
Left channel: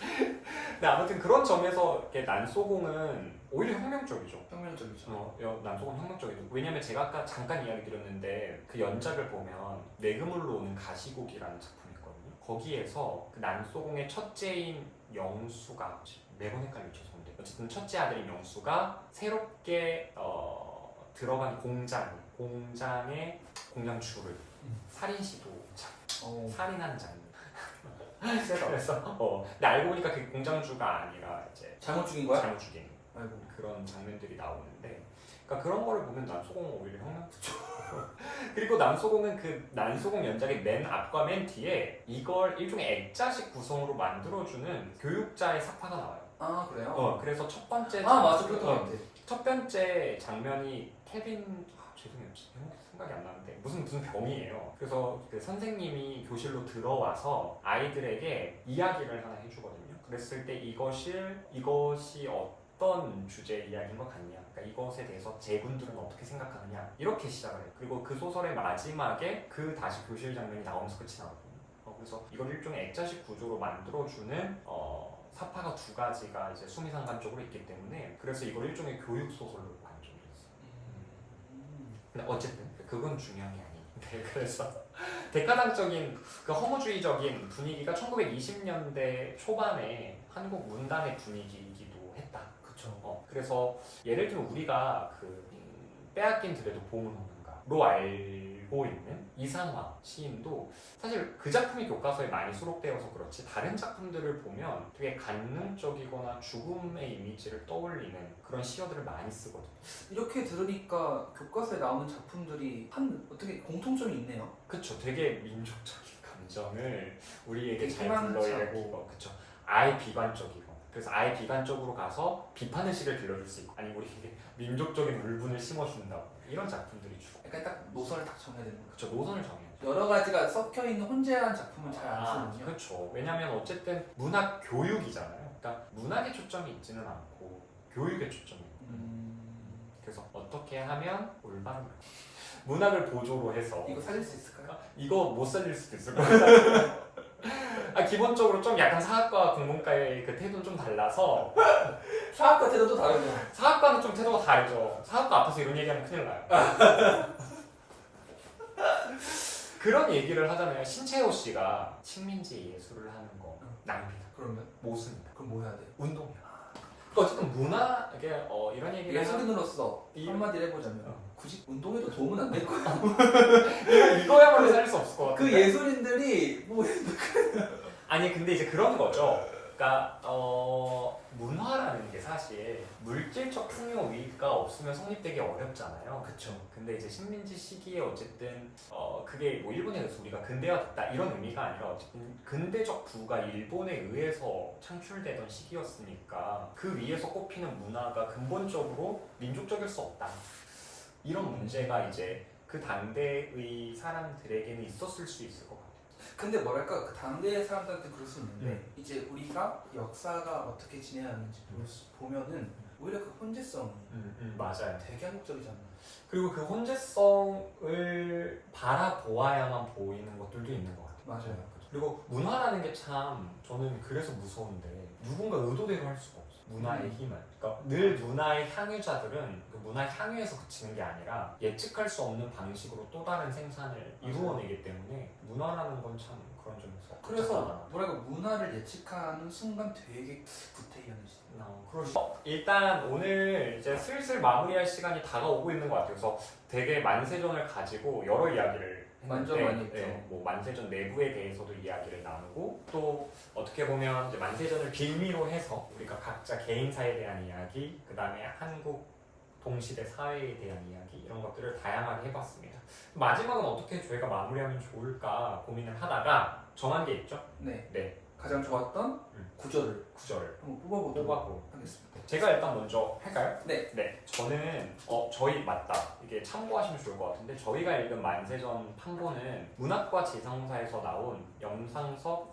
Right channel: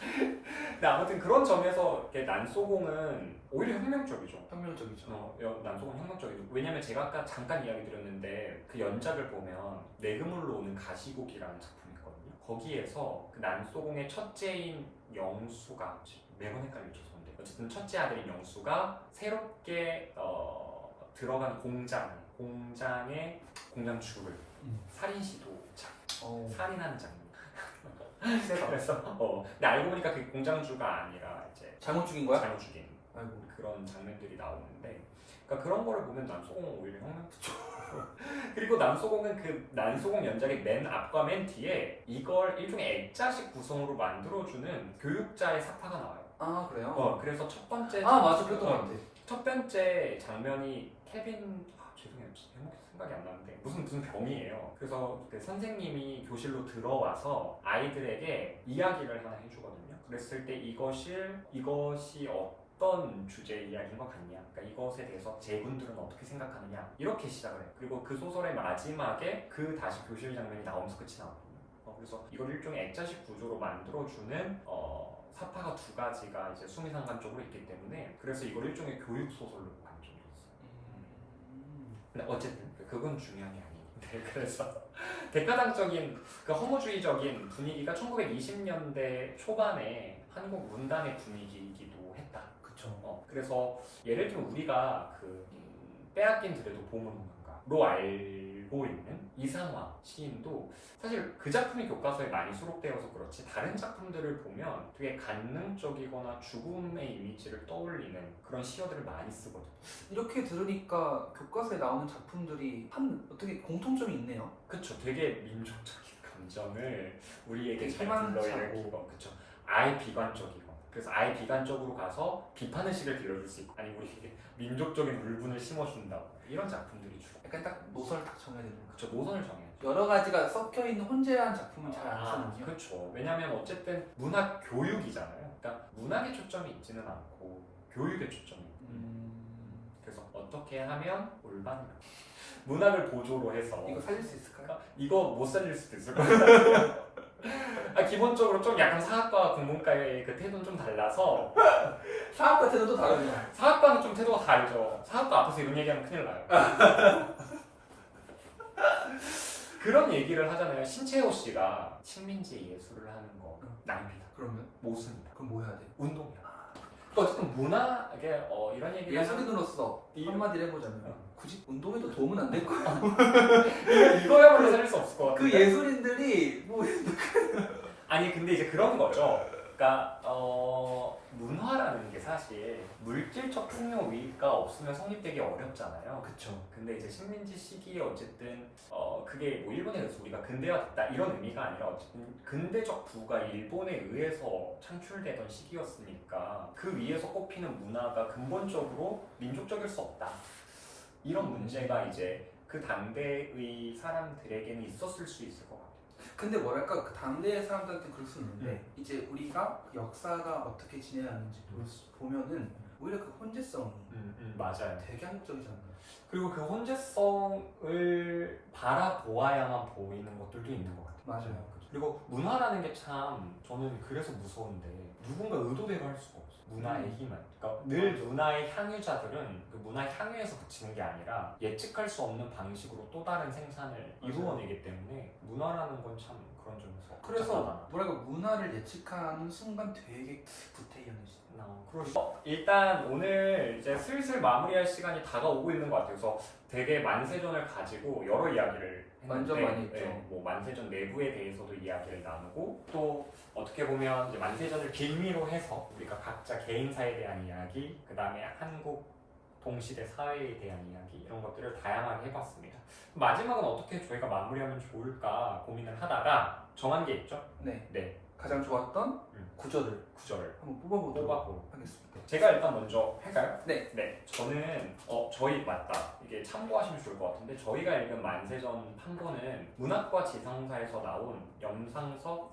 근데 아무튼 그런 점에서 이렇게 난소공은 오히려 혁명적이죠. 혁명적이죠. 난소공 혁명적이죠. 왜냐면 제가 아까 잠깐 이야기 드렸는데 그 연작을 보면 내그물로 오는 가시곡이라는 작품이 있거든요. 거기에서 그 난소공의 첫째인 영수가 매번 헷갈리죠. 근데 어쨌든 첫째 아들인 영수가 새롭게 들어간 공장의 공장주를 살인 시도 살인한 장면. 그래서 근데 알고 보니까 그 공장주가 아니라 이제 잘못 죽인 거야? 잘못 죽인. 아이고. 그런 장면들이 나오는데, 그러니까 그런 거를 보면 난소공은 오히려 혁명적이죠. 그리고 난소공은 그 난소공 연작의 맨 앞과 맨 뒤에 이걸 일종의 액자식 구성으로 만들어주는 교육자의 삭화가 나와요. 아 그래요? 그래서 첫 번째 맞아, 그랬던 것 같아. 첫 번째 장면이 케빈 죄송해요, 생각이 안 나는데 무슨 병이에요. 그래서 그 선생님이 교실로 들어와서 아이들에게 이야기를 하나 해주거든요. 그랬을 때 이것이 어떤 주제 이야기인 것 같냐, 그러니까 이것에 대해서 제군들은 어떻게 생각하느냐, 이렇게 시작을 해요. 그리고 그 소설의 마지막에 그 다시 교실 장면이 나오면서 끝이 나거든요. 그래서 이걸 일종의 액자식 구조로 만들어주는 사파가 두 가지가 이제 수미상관적으로 있기 때문에 그래서 이걸 일종의 교육 소설로 만들어줬어요. 근데 어쨌든 그건 중요한 게 아니에요. 네, 그래서 대가당적인 그 허무주의적인 분위기가 1920년대 초반에 한국 문단의 분위기이기도 했다. 그쵸. 그래서 예를 들면 우리가 빼앗긴 들에도 봄은 오는가로 알고 있는 이상화 시인도 사실 그 작품이 교과서에 많이 수록되어서 그렇지 다른 작품들을 보면 되게 간능적이거나 죽음의 이미지를 떠올리는 그런 시어들을 많이 쓰거든요. 이렇게 들으니까 교과서에 나오는 작품들이 어떻게 공통점이 있네요. 그쵸, 되게 민족적인 감정을 우리에게 되게 잘 희망차고. 불러일으키고, 그쵸, 아예 비관적이고, 그래서 아예 비관적으로 가서 비판의 시를 빌려줄 수 있고, 아니 우리에게 민족적인 울분을 심어준다고, 이런 작품들이 주고. 약간 딱 노선을 딱 정해야 되는 거죠. 그쵸, 노선을 정해요. 여러 가지가 섞여 있는 혼재한 작품은 잘 안 쓰는군요. 그렇죠. 왜냐하면 어쨌든 문학 교육이잖아요. 그러니까 문학에 초점이 있지는 않고 교육에 초점이 있고. 그래서 어떻게 하면 올바른 문학을 보조로 해서 이거 살릴 수 있을까요? 이거 못 살릴 수도 있을 것 같아요. 기본적으로 좀 약간 사학과 국문과의 그 태도는 좀 달라서 사학과 태도도 다르네요. 사학과는 좀 태도가 다르죠. 사학과 앞에서 이런 얘기하면 큰일 나요. 그런 얘기를 하잖아요. 신채호 씨가 식민지 예술을 하는 거 낭비다. 그러면 모순이다. 그럼 뭐 해야 돼요? 운동이야. 그러니까 어쨌든 문학에 이런 얘기를 예술인으로서 한마디를 해보자면 굳이 운동에도 도움은 안 될 거야. 이거야말로 살 수 없을 것 같아요. 그 예술인들이 뭐 아니 근데 이제 그런 거죠. 그러니까 문화라는 게 사실 물질적 풍요가 없으면 성립되기 어렵잖아요. 그쵸. 근데 이제 식민지 시기에 어쨌든 그게 뭐 일본에 의해서 우리가 근대화됐다 이런 의미가 아니라 어쨌든 근대적 부가 일본에 의해서 창출되던 시기였으니까 그 위에서 꼽히는 문화가 근본적으로 민족적일 수 없다. 이런 문제가 이제 그 당대의 사람들에게는 있었을 수 있을 것 같아요. 근데 뭐랄까 그 당대 사람들한테 그럴 수 있는데 이제 우리가 역사가 어떻게 진행하는지 보면은 오히려 그 혼재성이 맞아요. 되게 한국적이지 않나요? 그리고 그 혼재성을 바라보아야만 보이는 것들도 있는 것 같아요. 맞아요. 그리고 문화라는 게 참 저는 그래서 무서운데 누군가 의도대로 할 수가 없어요. 문화의 힘은. 그러니까 늘 문화의 향유자들은 그 문화의 향유에서 그치는 게 아니라 예측할 수 없는 방식으로 또 다른 생산을 이루어내기 때문에 문화라는 건 참 그런 점에서 그래서 뭐랄까 문화를 예측하는 순간 되게 구태연해지죠. 일단 오늘 이제 슬슬 마무리할 시간이 다가오고 있는 것 같아요. 그래서 되게 만세전을 가지고 여러 이야기를 했는데 완전 많이 했죠. 뭐 만세전 내부에 대해서도 이야기를 나누고 또 어떻게 보면 이제 만세전을 빌미로 해서 우리가 각자 개인사에 대한 이야기, 그 다음에 한국 동시대 사회에 대한 이야기 이런 것들을 다양하게 해봤습니다. 마지막은 어떻게 저희가 마무리하면 좋을까 고민을 하다가 정한 게 있죠? 네. 가장 좋았던 구절을 한번 뽑아보도록 하겠습니다. 제가 일단 먼저 할까요? 네. 저는 저희 맞다. 이게 참고하시면 좋을 것 같은데 저희가 읽은 만세전 판본은 문학과 지성사에서 나온 염상섭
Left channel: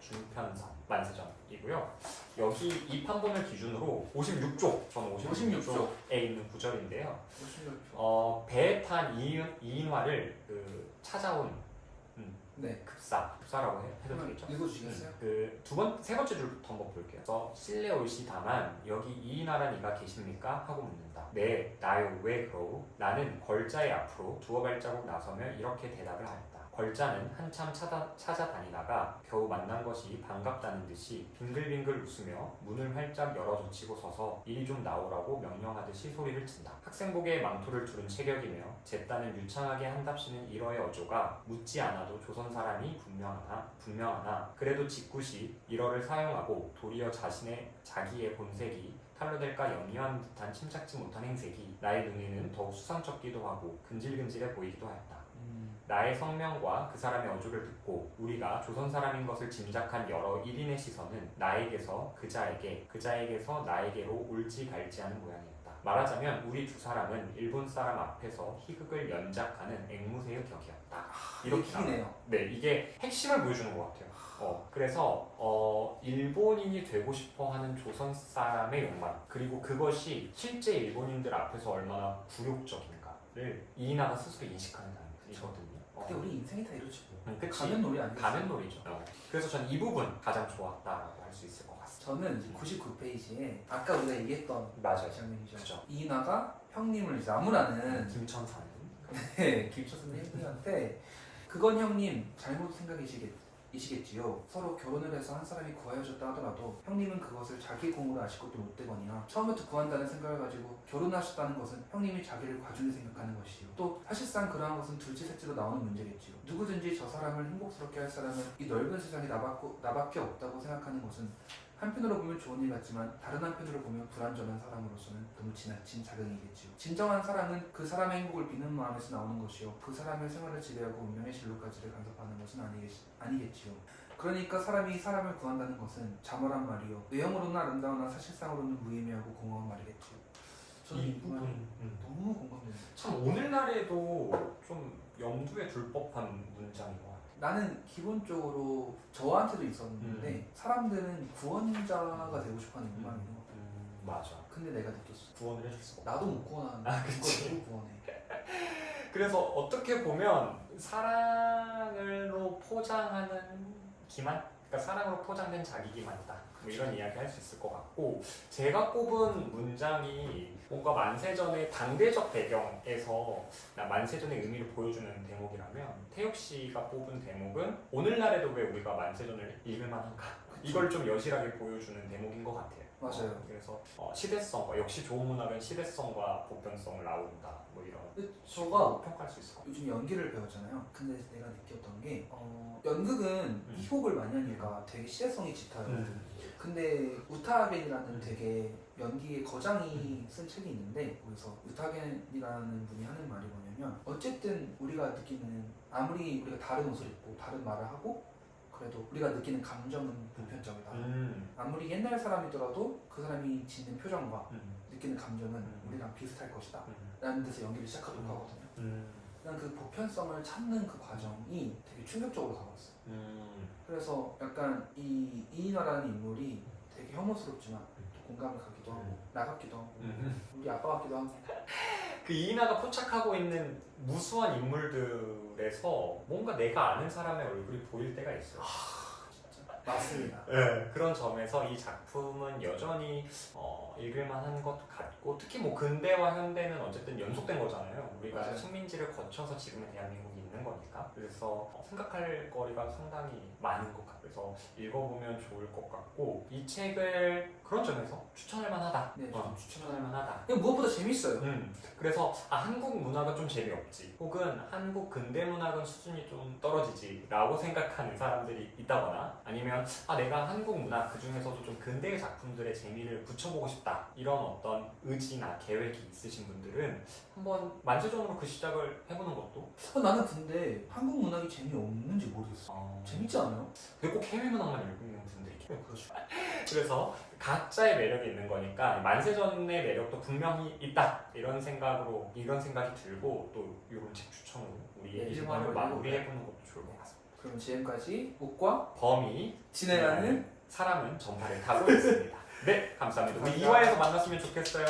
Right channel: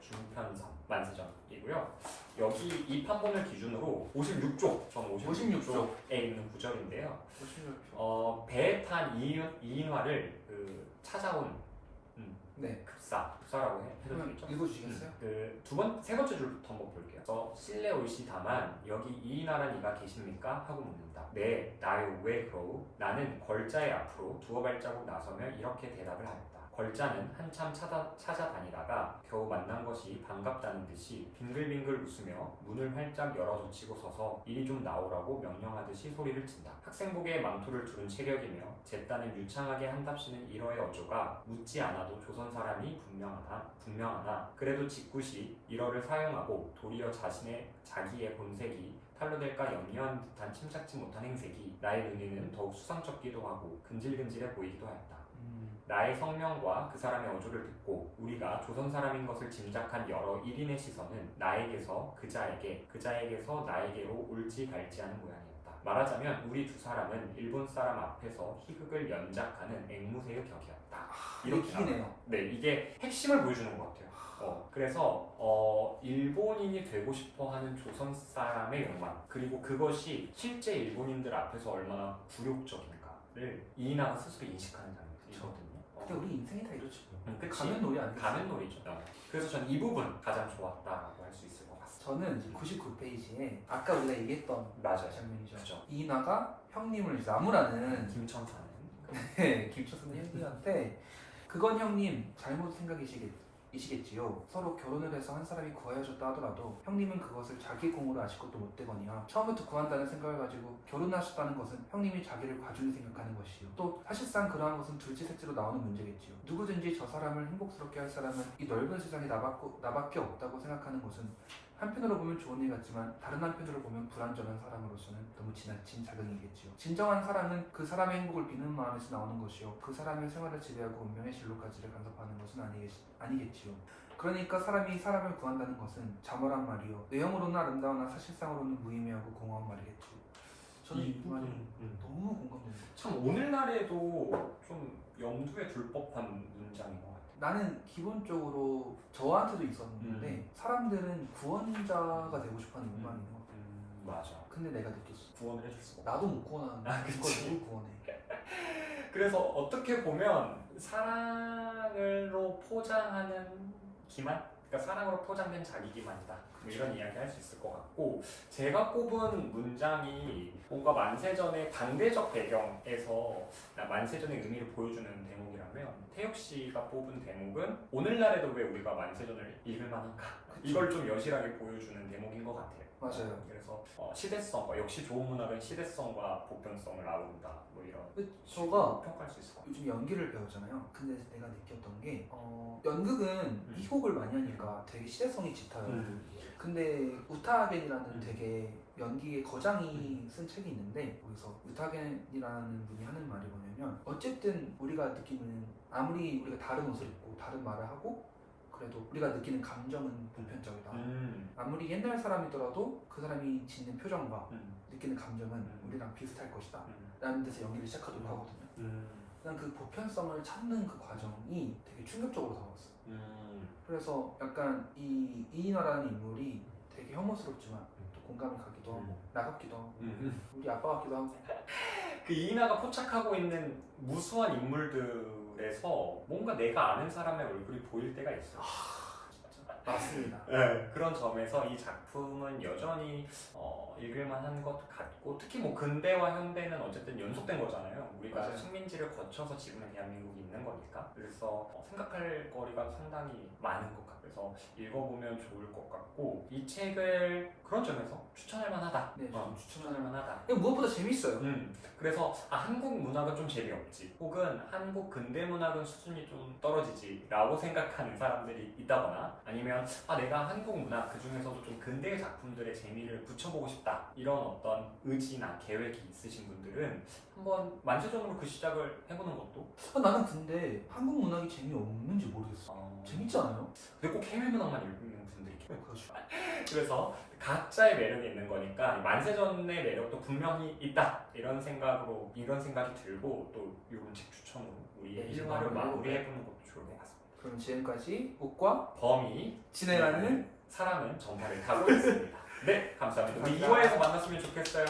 중편성 만세전이고요. 여기 이 판본을 기준으로 56쪽, 저는 56쪽에 있는 구절인데요. 56쪽. 배에 탄 이인화를 찾아온 급사라고 해도 되겠죠? 읽어주시겠어요? 세 번째 줄부터 한번 볼게요. 그래서 실내 올시 다만 여기 이인화란 이가 계십니까? 하고 묻는다. 네, 나요. 왜 그러우? 나는 걸자의 앞으로 두어 발자국 나서며 이렇게 대답을 하였다. 걸자는 한참 찾아다니다가 겨우 만난 것이 반갑다는 듯이 빙글빙글 웃으며 문을 활짝 열어젖히고 서서 이리 좀 나오라고 명령하듯이 소리를 친다. 학생복에 망토를 두른 체격이며 제 딴은 유창하게 한답시는 이러의 어조가 묻지 않아도 조선 사람이 분명하나 그래도 직굿이 이러를 사용하고 도리어 자기의 본색이 탈로 될까 염려한 듯한 침착지 못한 행색이 나의 눈에는 더욱 수상쩍기도 하고 근질근질해 보이기도 하였다. 나의 성명과 그 사람의 어조를 듣고 우리가 조선 사람인 것을 짐작한 여러 일인의 시선은 나에게서 그자에게서 나에게로 올지 갈지 하는 모양이었다. 말하자면 우리 두 사람은 일본 사람 앞에서 희극을 연작하는 앵무새의 격이었다. 이렇게 네요. 네, 이게 핵심을 보여주는 것 같아요. 그래서 일본인이 되고 싶어하는 조선 사람의 욕망 그리고 그것이 실제 일본인들 앞에서 얼마나 굴욕적인가를 이이나가 스스로 인식하는 장면이거든요. 근데 우리 인생이 다 이러지 뭐. 그치? 가면 놀이 아니겠어? 가면 놀이죠. 그래서 전 이 부분 가장 좋았다라고 할 수 있을 것 같습니다. 저는 99페이지에 아까 우리가 얘기했던 맞아요. 장면이죠. 그죠. 이이나가 형님을 나무라는 김천사님. 김초순 형님한테 그건 형님 잘못 생각이시겠지요. 서로 결혼을 해서 한 사람이 구하여줬다 하더라도 형님은 그것을 자기 공으로 아실 것도 못 되거니와 처음부터 구한다는 생각을 가지고 결혼하셨다는 것은 형님이 자기를 과중히 생각하는 것이요. 또 사실상 그러한 것은 둘째 셋째로 나오는 문제겠지요. 누구든지 저 사람을 행복스럽게 할 사람은 이 넓은 세상에 나밖에 없다고 생각하는 것은 한편으로 보면 좋은 일 같지만 다른 한편으로 보면 불완전한 사람으로서는 너무 지나친 자극이겠지요. 진정한 사랑은 그 사람의 행복을 비는 마음에서 나오는 것이요. 그 사람의 생활을 지배하고 운명의 진로까지를 간섭하는 것은 아니겠지요. 그러니까 사람이 사람을 구한다는 것은 자멸한 말이요. 외형으로는 아름다우나 사실상으로는 무의미하고 공허한 말이겠지요. 저는 이 말이 너무 공감되는 거예요. 참 오늘날에도 좀 염두에 둘 법한 문장인 것 같아요. 나는 기본적으로 저한테도 있었는데 사람들은 구원자가 되고 싶어하는 욕망이 있는 것 같아요. 맞아. 근데 내가 느꼈어. 구원을 해줄 수가 없어. 나도 못 구원하는데 이걸 누굴 구원해. 그래서 어떻게 보면 사랑으로 포장하는 기만? 그러니까 사랑으로 포장된 자기 기만이다. 뭐 이런 이야기 할 수 있을 것 같고 제가 꼽은 문장이 뭔가 만세전의 당대적 배경에서 만세전의 의미를 보여주는 대목이라면 태욱 씨가 뽑은 대목은 오늘날에도 왜 우리가 만세전을 읽을 만한가? 이걸 좀 여실하게 보여주는 대목인 것 같아요. 맞아요. 그래서 시대성과 역시 좋은 문학은 시대성과 보편성을 아우른다. 뭐 이런 저가 평가할 수 있을 것 같아요. 요즘 연기를 배웠잖아요. 근데 내가 느꼈던 게 연극은 희곡을 많이 하니까 되게 시대성이 짙어요. 근데 우타겐이라는 되게 연기의 거장이 쓴 책이 있는데 거기서 우타겐이라는 분이 하는 말이 뭐냐면 어쨌든 우리가 느끼는 아무리 우리가 다른 옷을 입고 다른 말을 하고 그래도 우리가 느끼는 감정은 보편적이다. 아무리 옛날 사람이더라도 그 사람이 짓는 표정과 느끼는 감정은 우리랑 비슷할 것이다. 라는 데서 연기를 시작하도록 하거든요. 난 그 보편성을 찾는 그 과정이 되게 충격적으로 다가왔어요. 그래서 약간 이인화라는 인물이 되게 혐오스럽지만 또 공감이 가기도 하고 나같기도 하고 우리 아빠 같기도 하고 그 이인화가 포착하고 있는 무수한 인물들에서 뭔가 내가 아는 사람의 얼굴이 보일 때가 있어요. 맞습니다. 네, 그런 점에서 이 작품은 여전히 읽을만한 것 같고 특히 뭐 근대와 현대는 어쨌든 연속된 거잖아요. 우리가 맞아요. 식민지를 거쳐서 지금의 대한민국이 있는 거니까 그래서 생각할 거리가 상당히 많은 것 같아요. 그래서 읽어보면 좋을 것 같고 이 책을 그런 점에서 추천할 만하다. 네, 좀 추천할 만하다. 만하다. 무엇보다 재밌어요. 그래서 한국 문학은 좀 재미없지 혹은 한국 근대 문학은 수준이 좀 떨어지지 라고 생각하는 사람들이 있다거나 아니면 내가 한국 문학 그 중에서도 좀 근대의 작품들의 재미를 붙여보고 싶다 이런 어떤 의지나 계획이 있으신 분들은 한번 만세전으로 그 시작을 해보는 것도 나는 근데 한국 문학이 재미없는지 모르겠어. 재밌지 않아요? 근데 꼭 해외 문학만 읽는 분들이 그렇죠. 그래서 각자의 매력이 있는 거니까 만세전의 매력도 분명히 있다 이런 생각이 들고 또 이런 책 추천으로 우리의 일과를 마무리해보는 것도 좋을 것 같습니다. 그럼 지금까지 옥과 범이 진행하는 사람은 전파를 타고 있습니다. 네, 감사합니다. 우리 2화에서 만났으면 좋겠어요.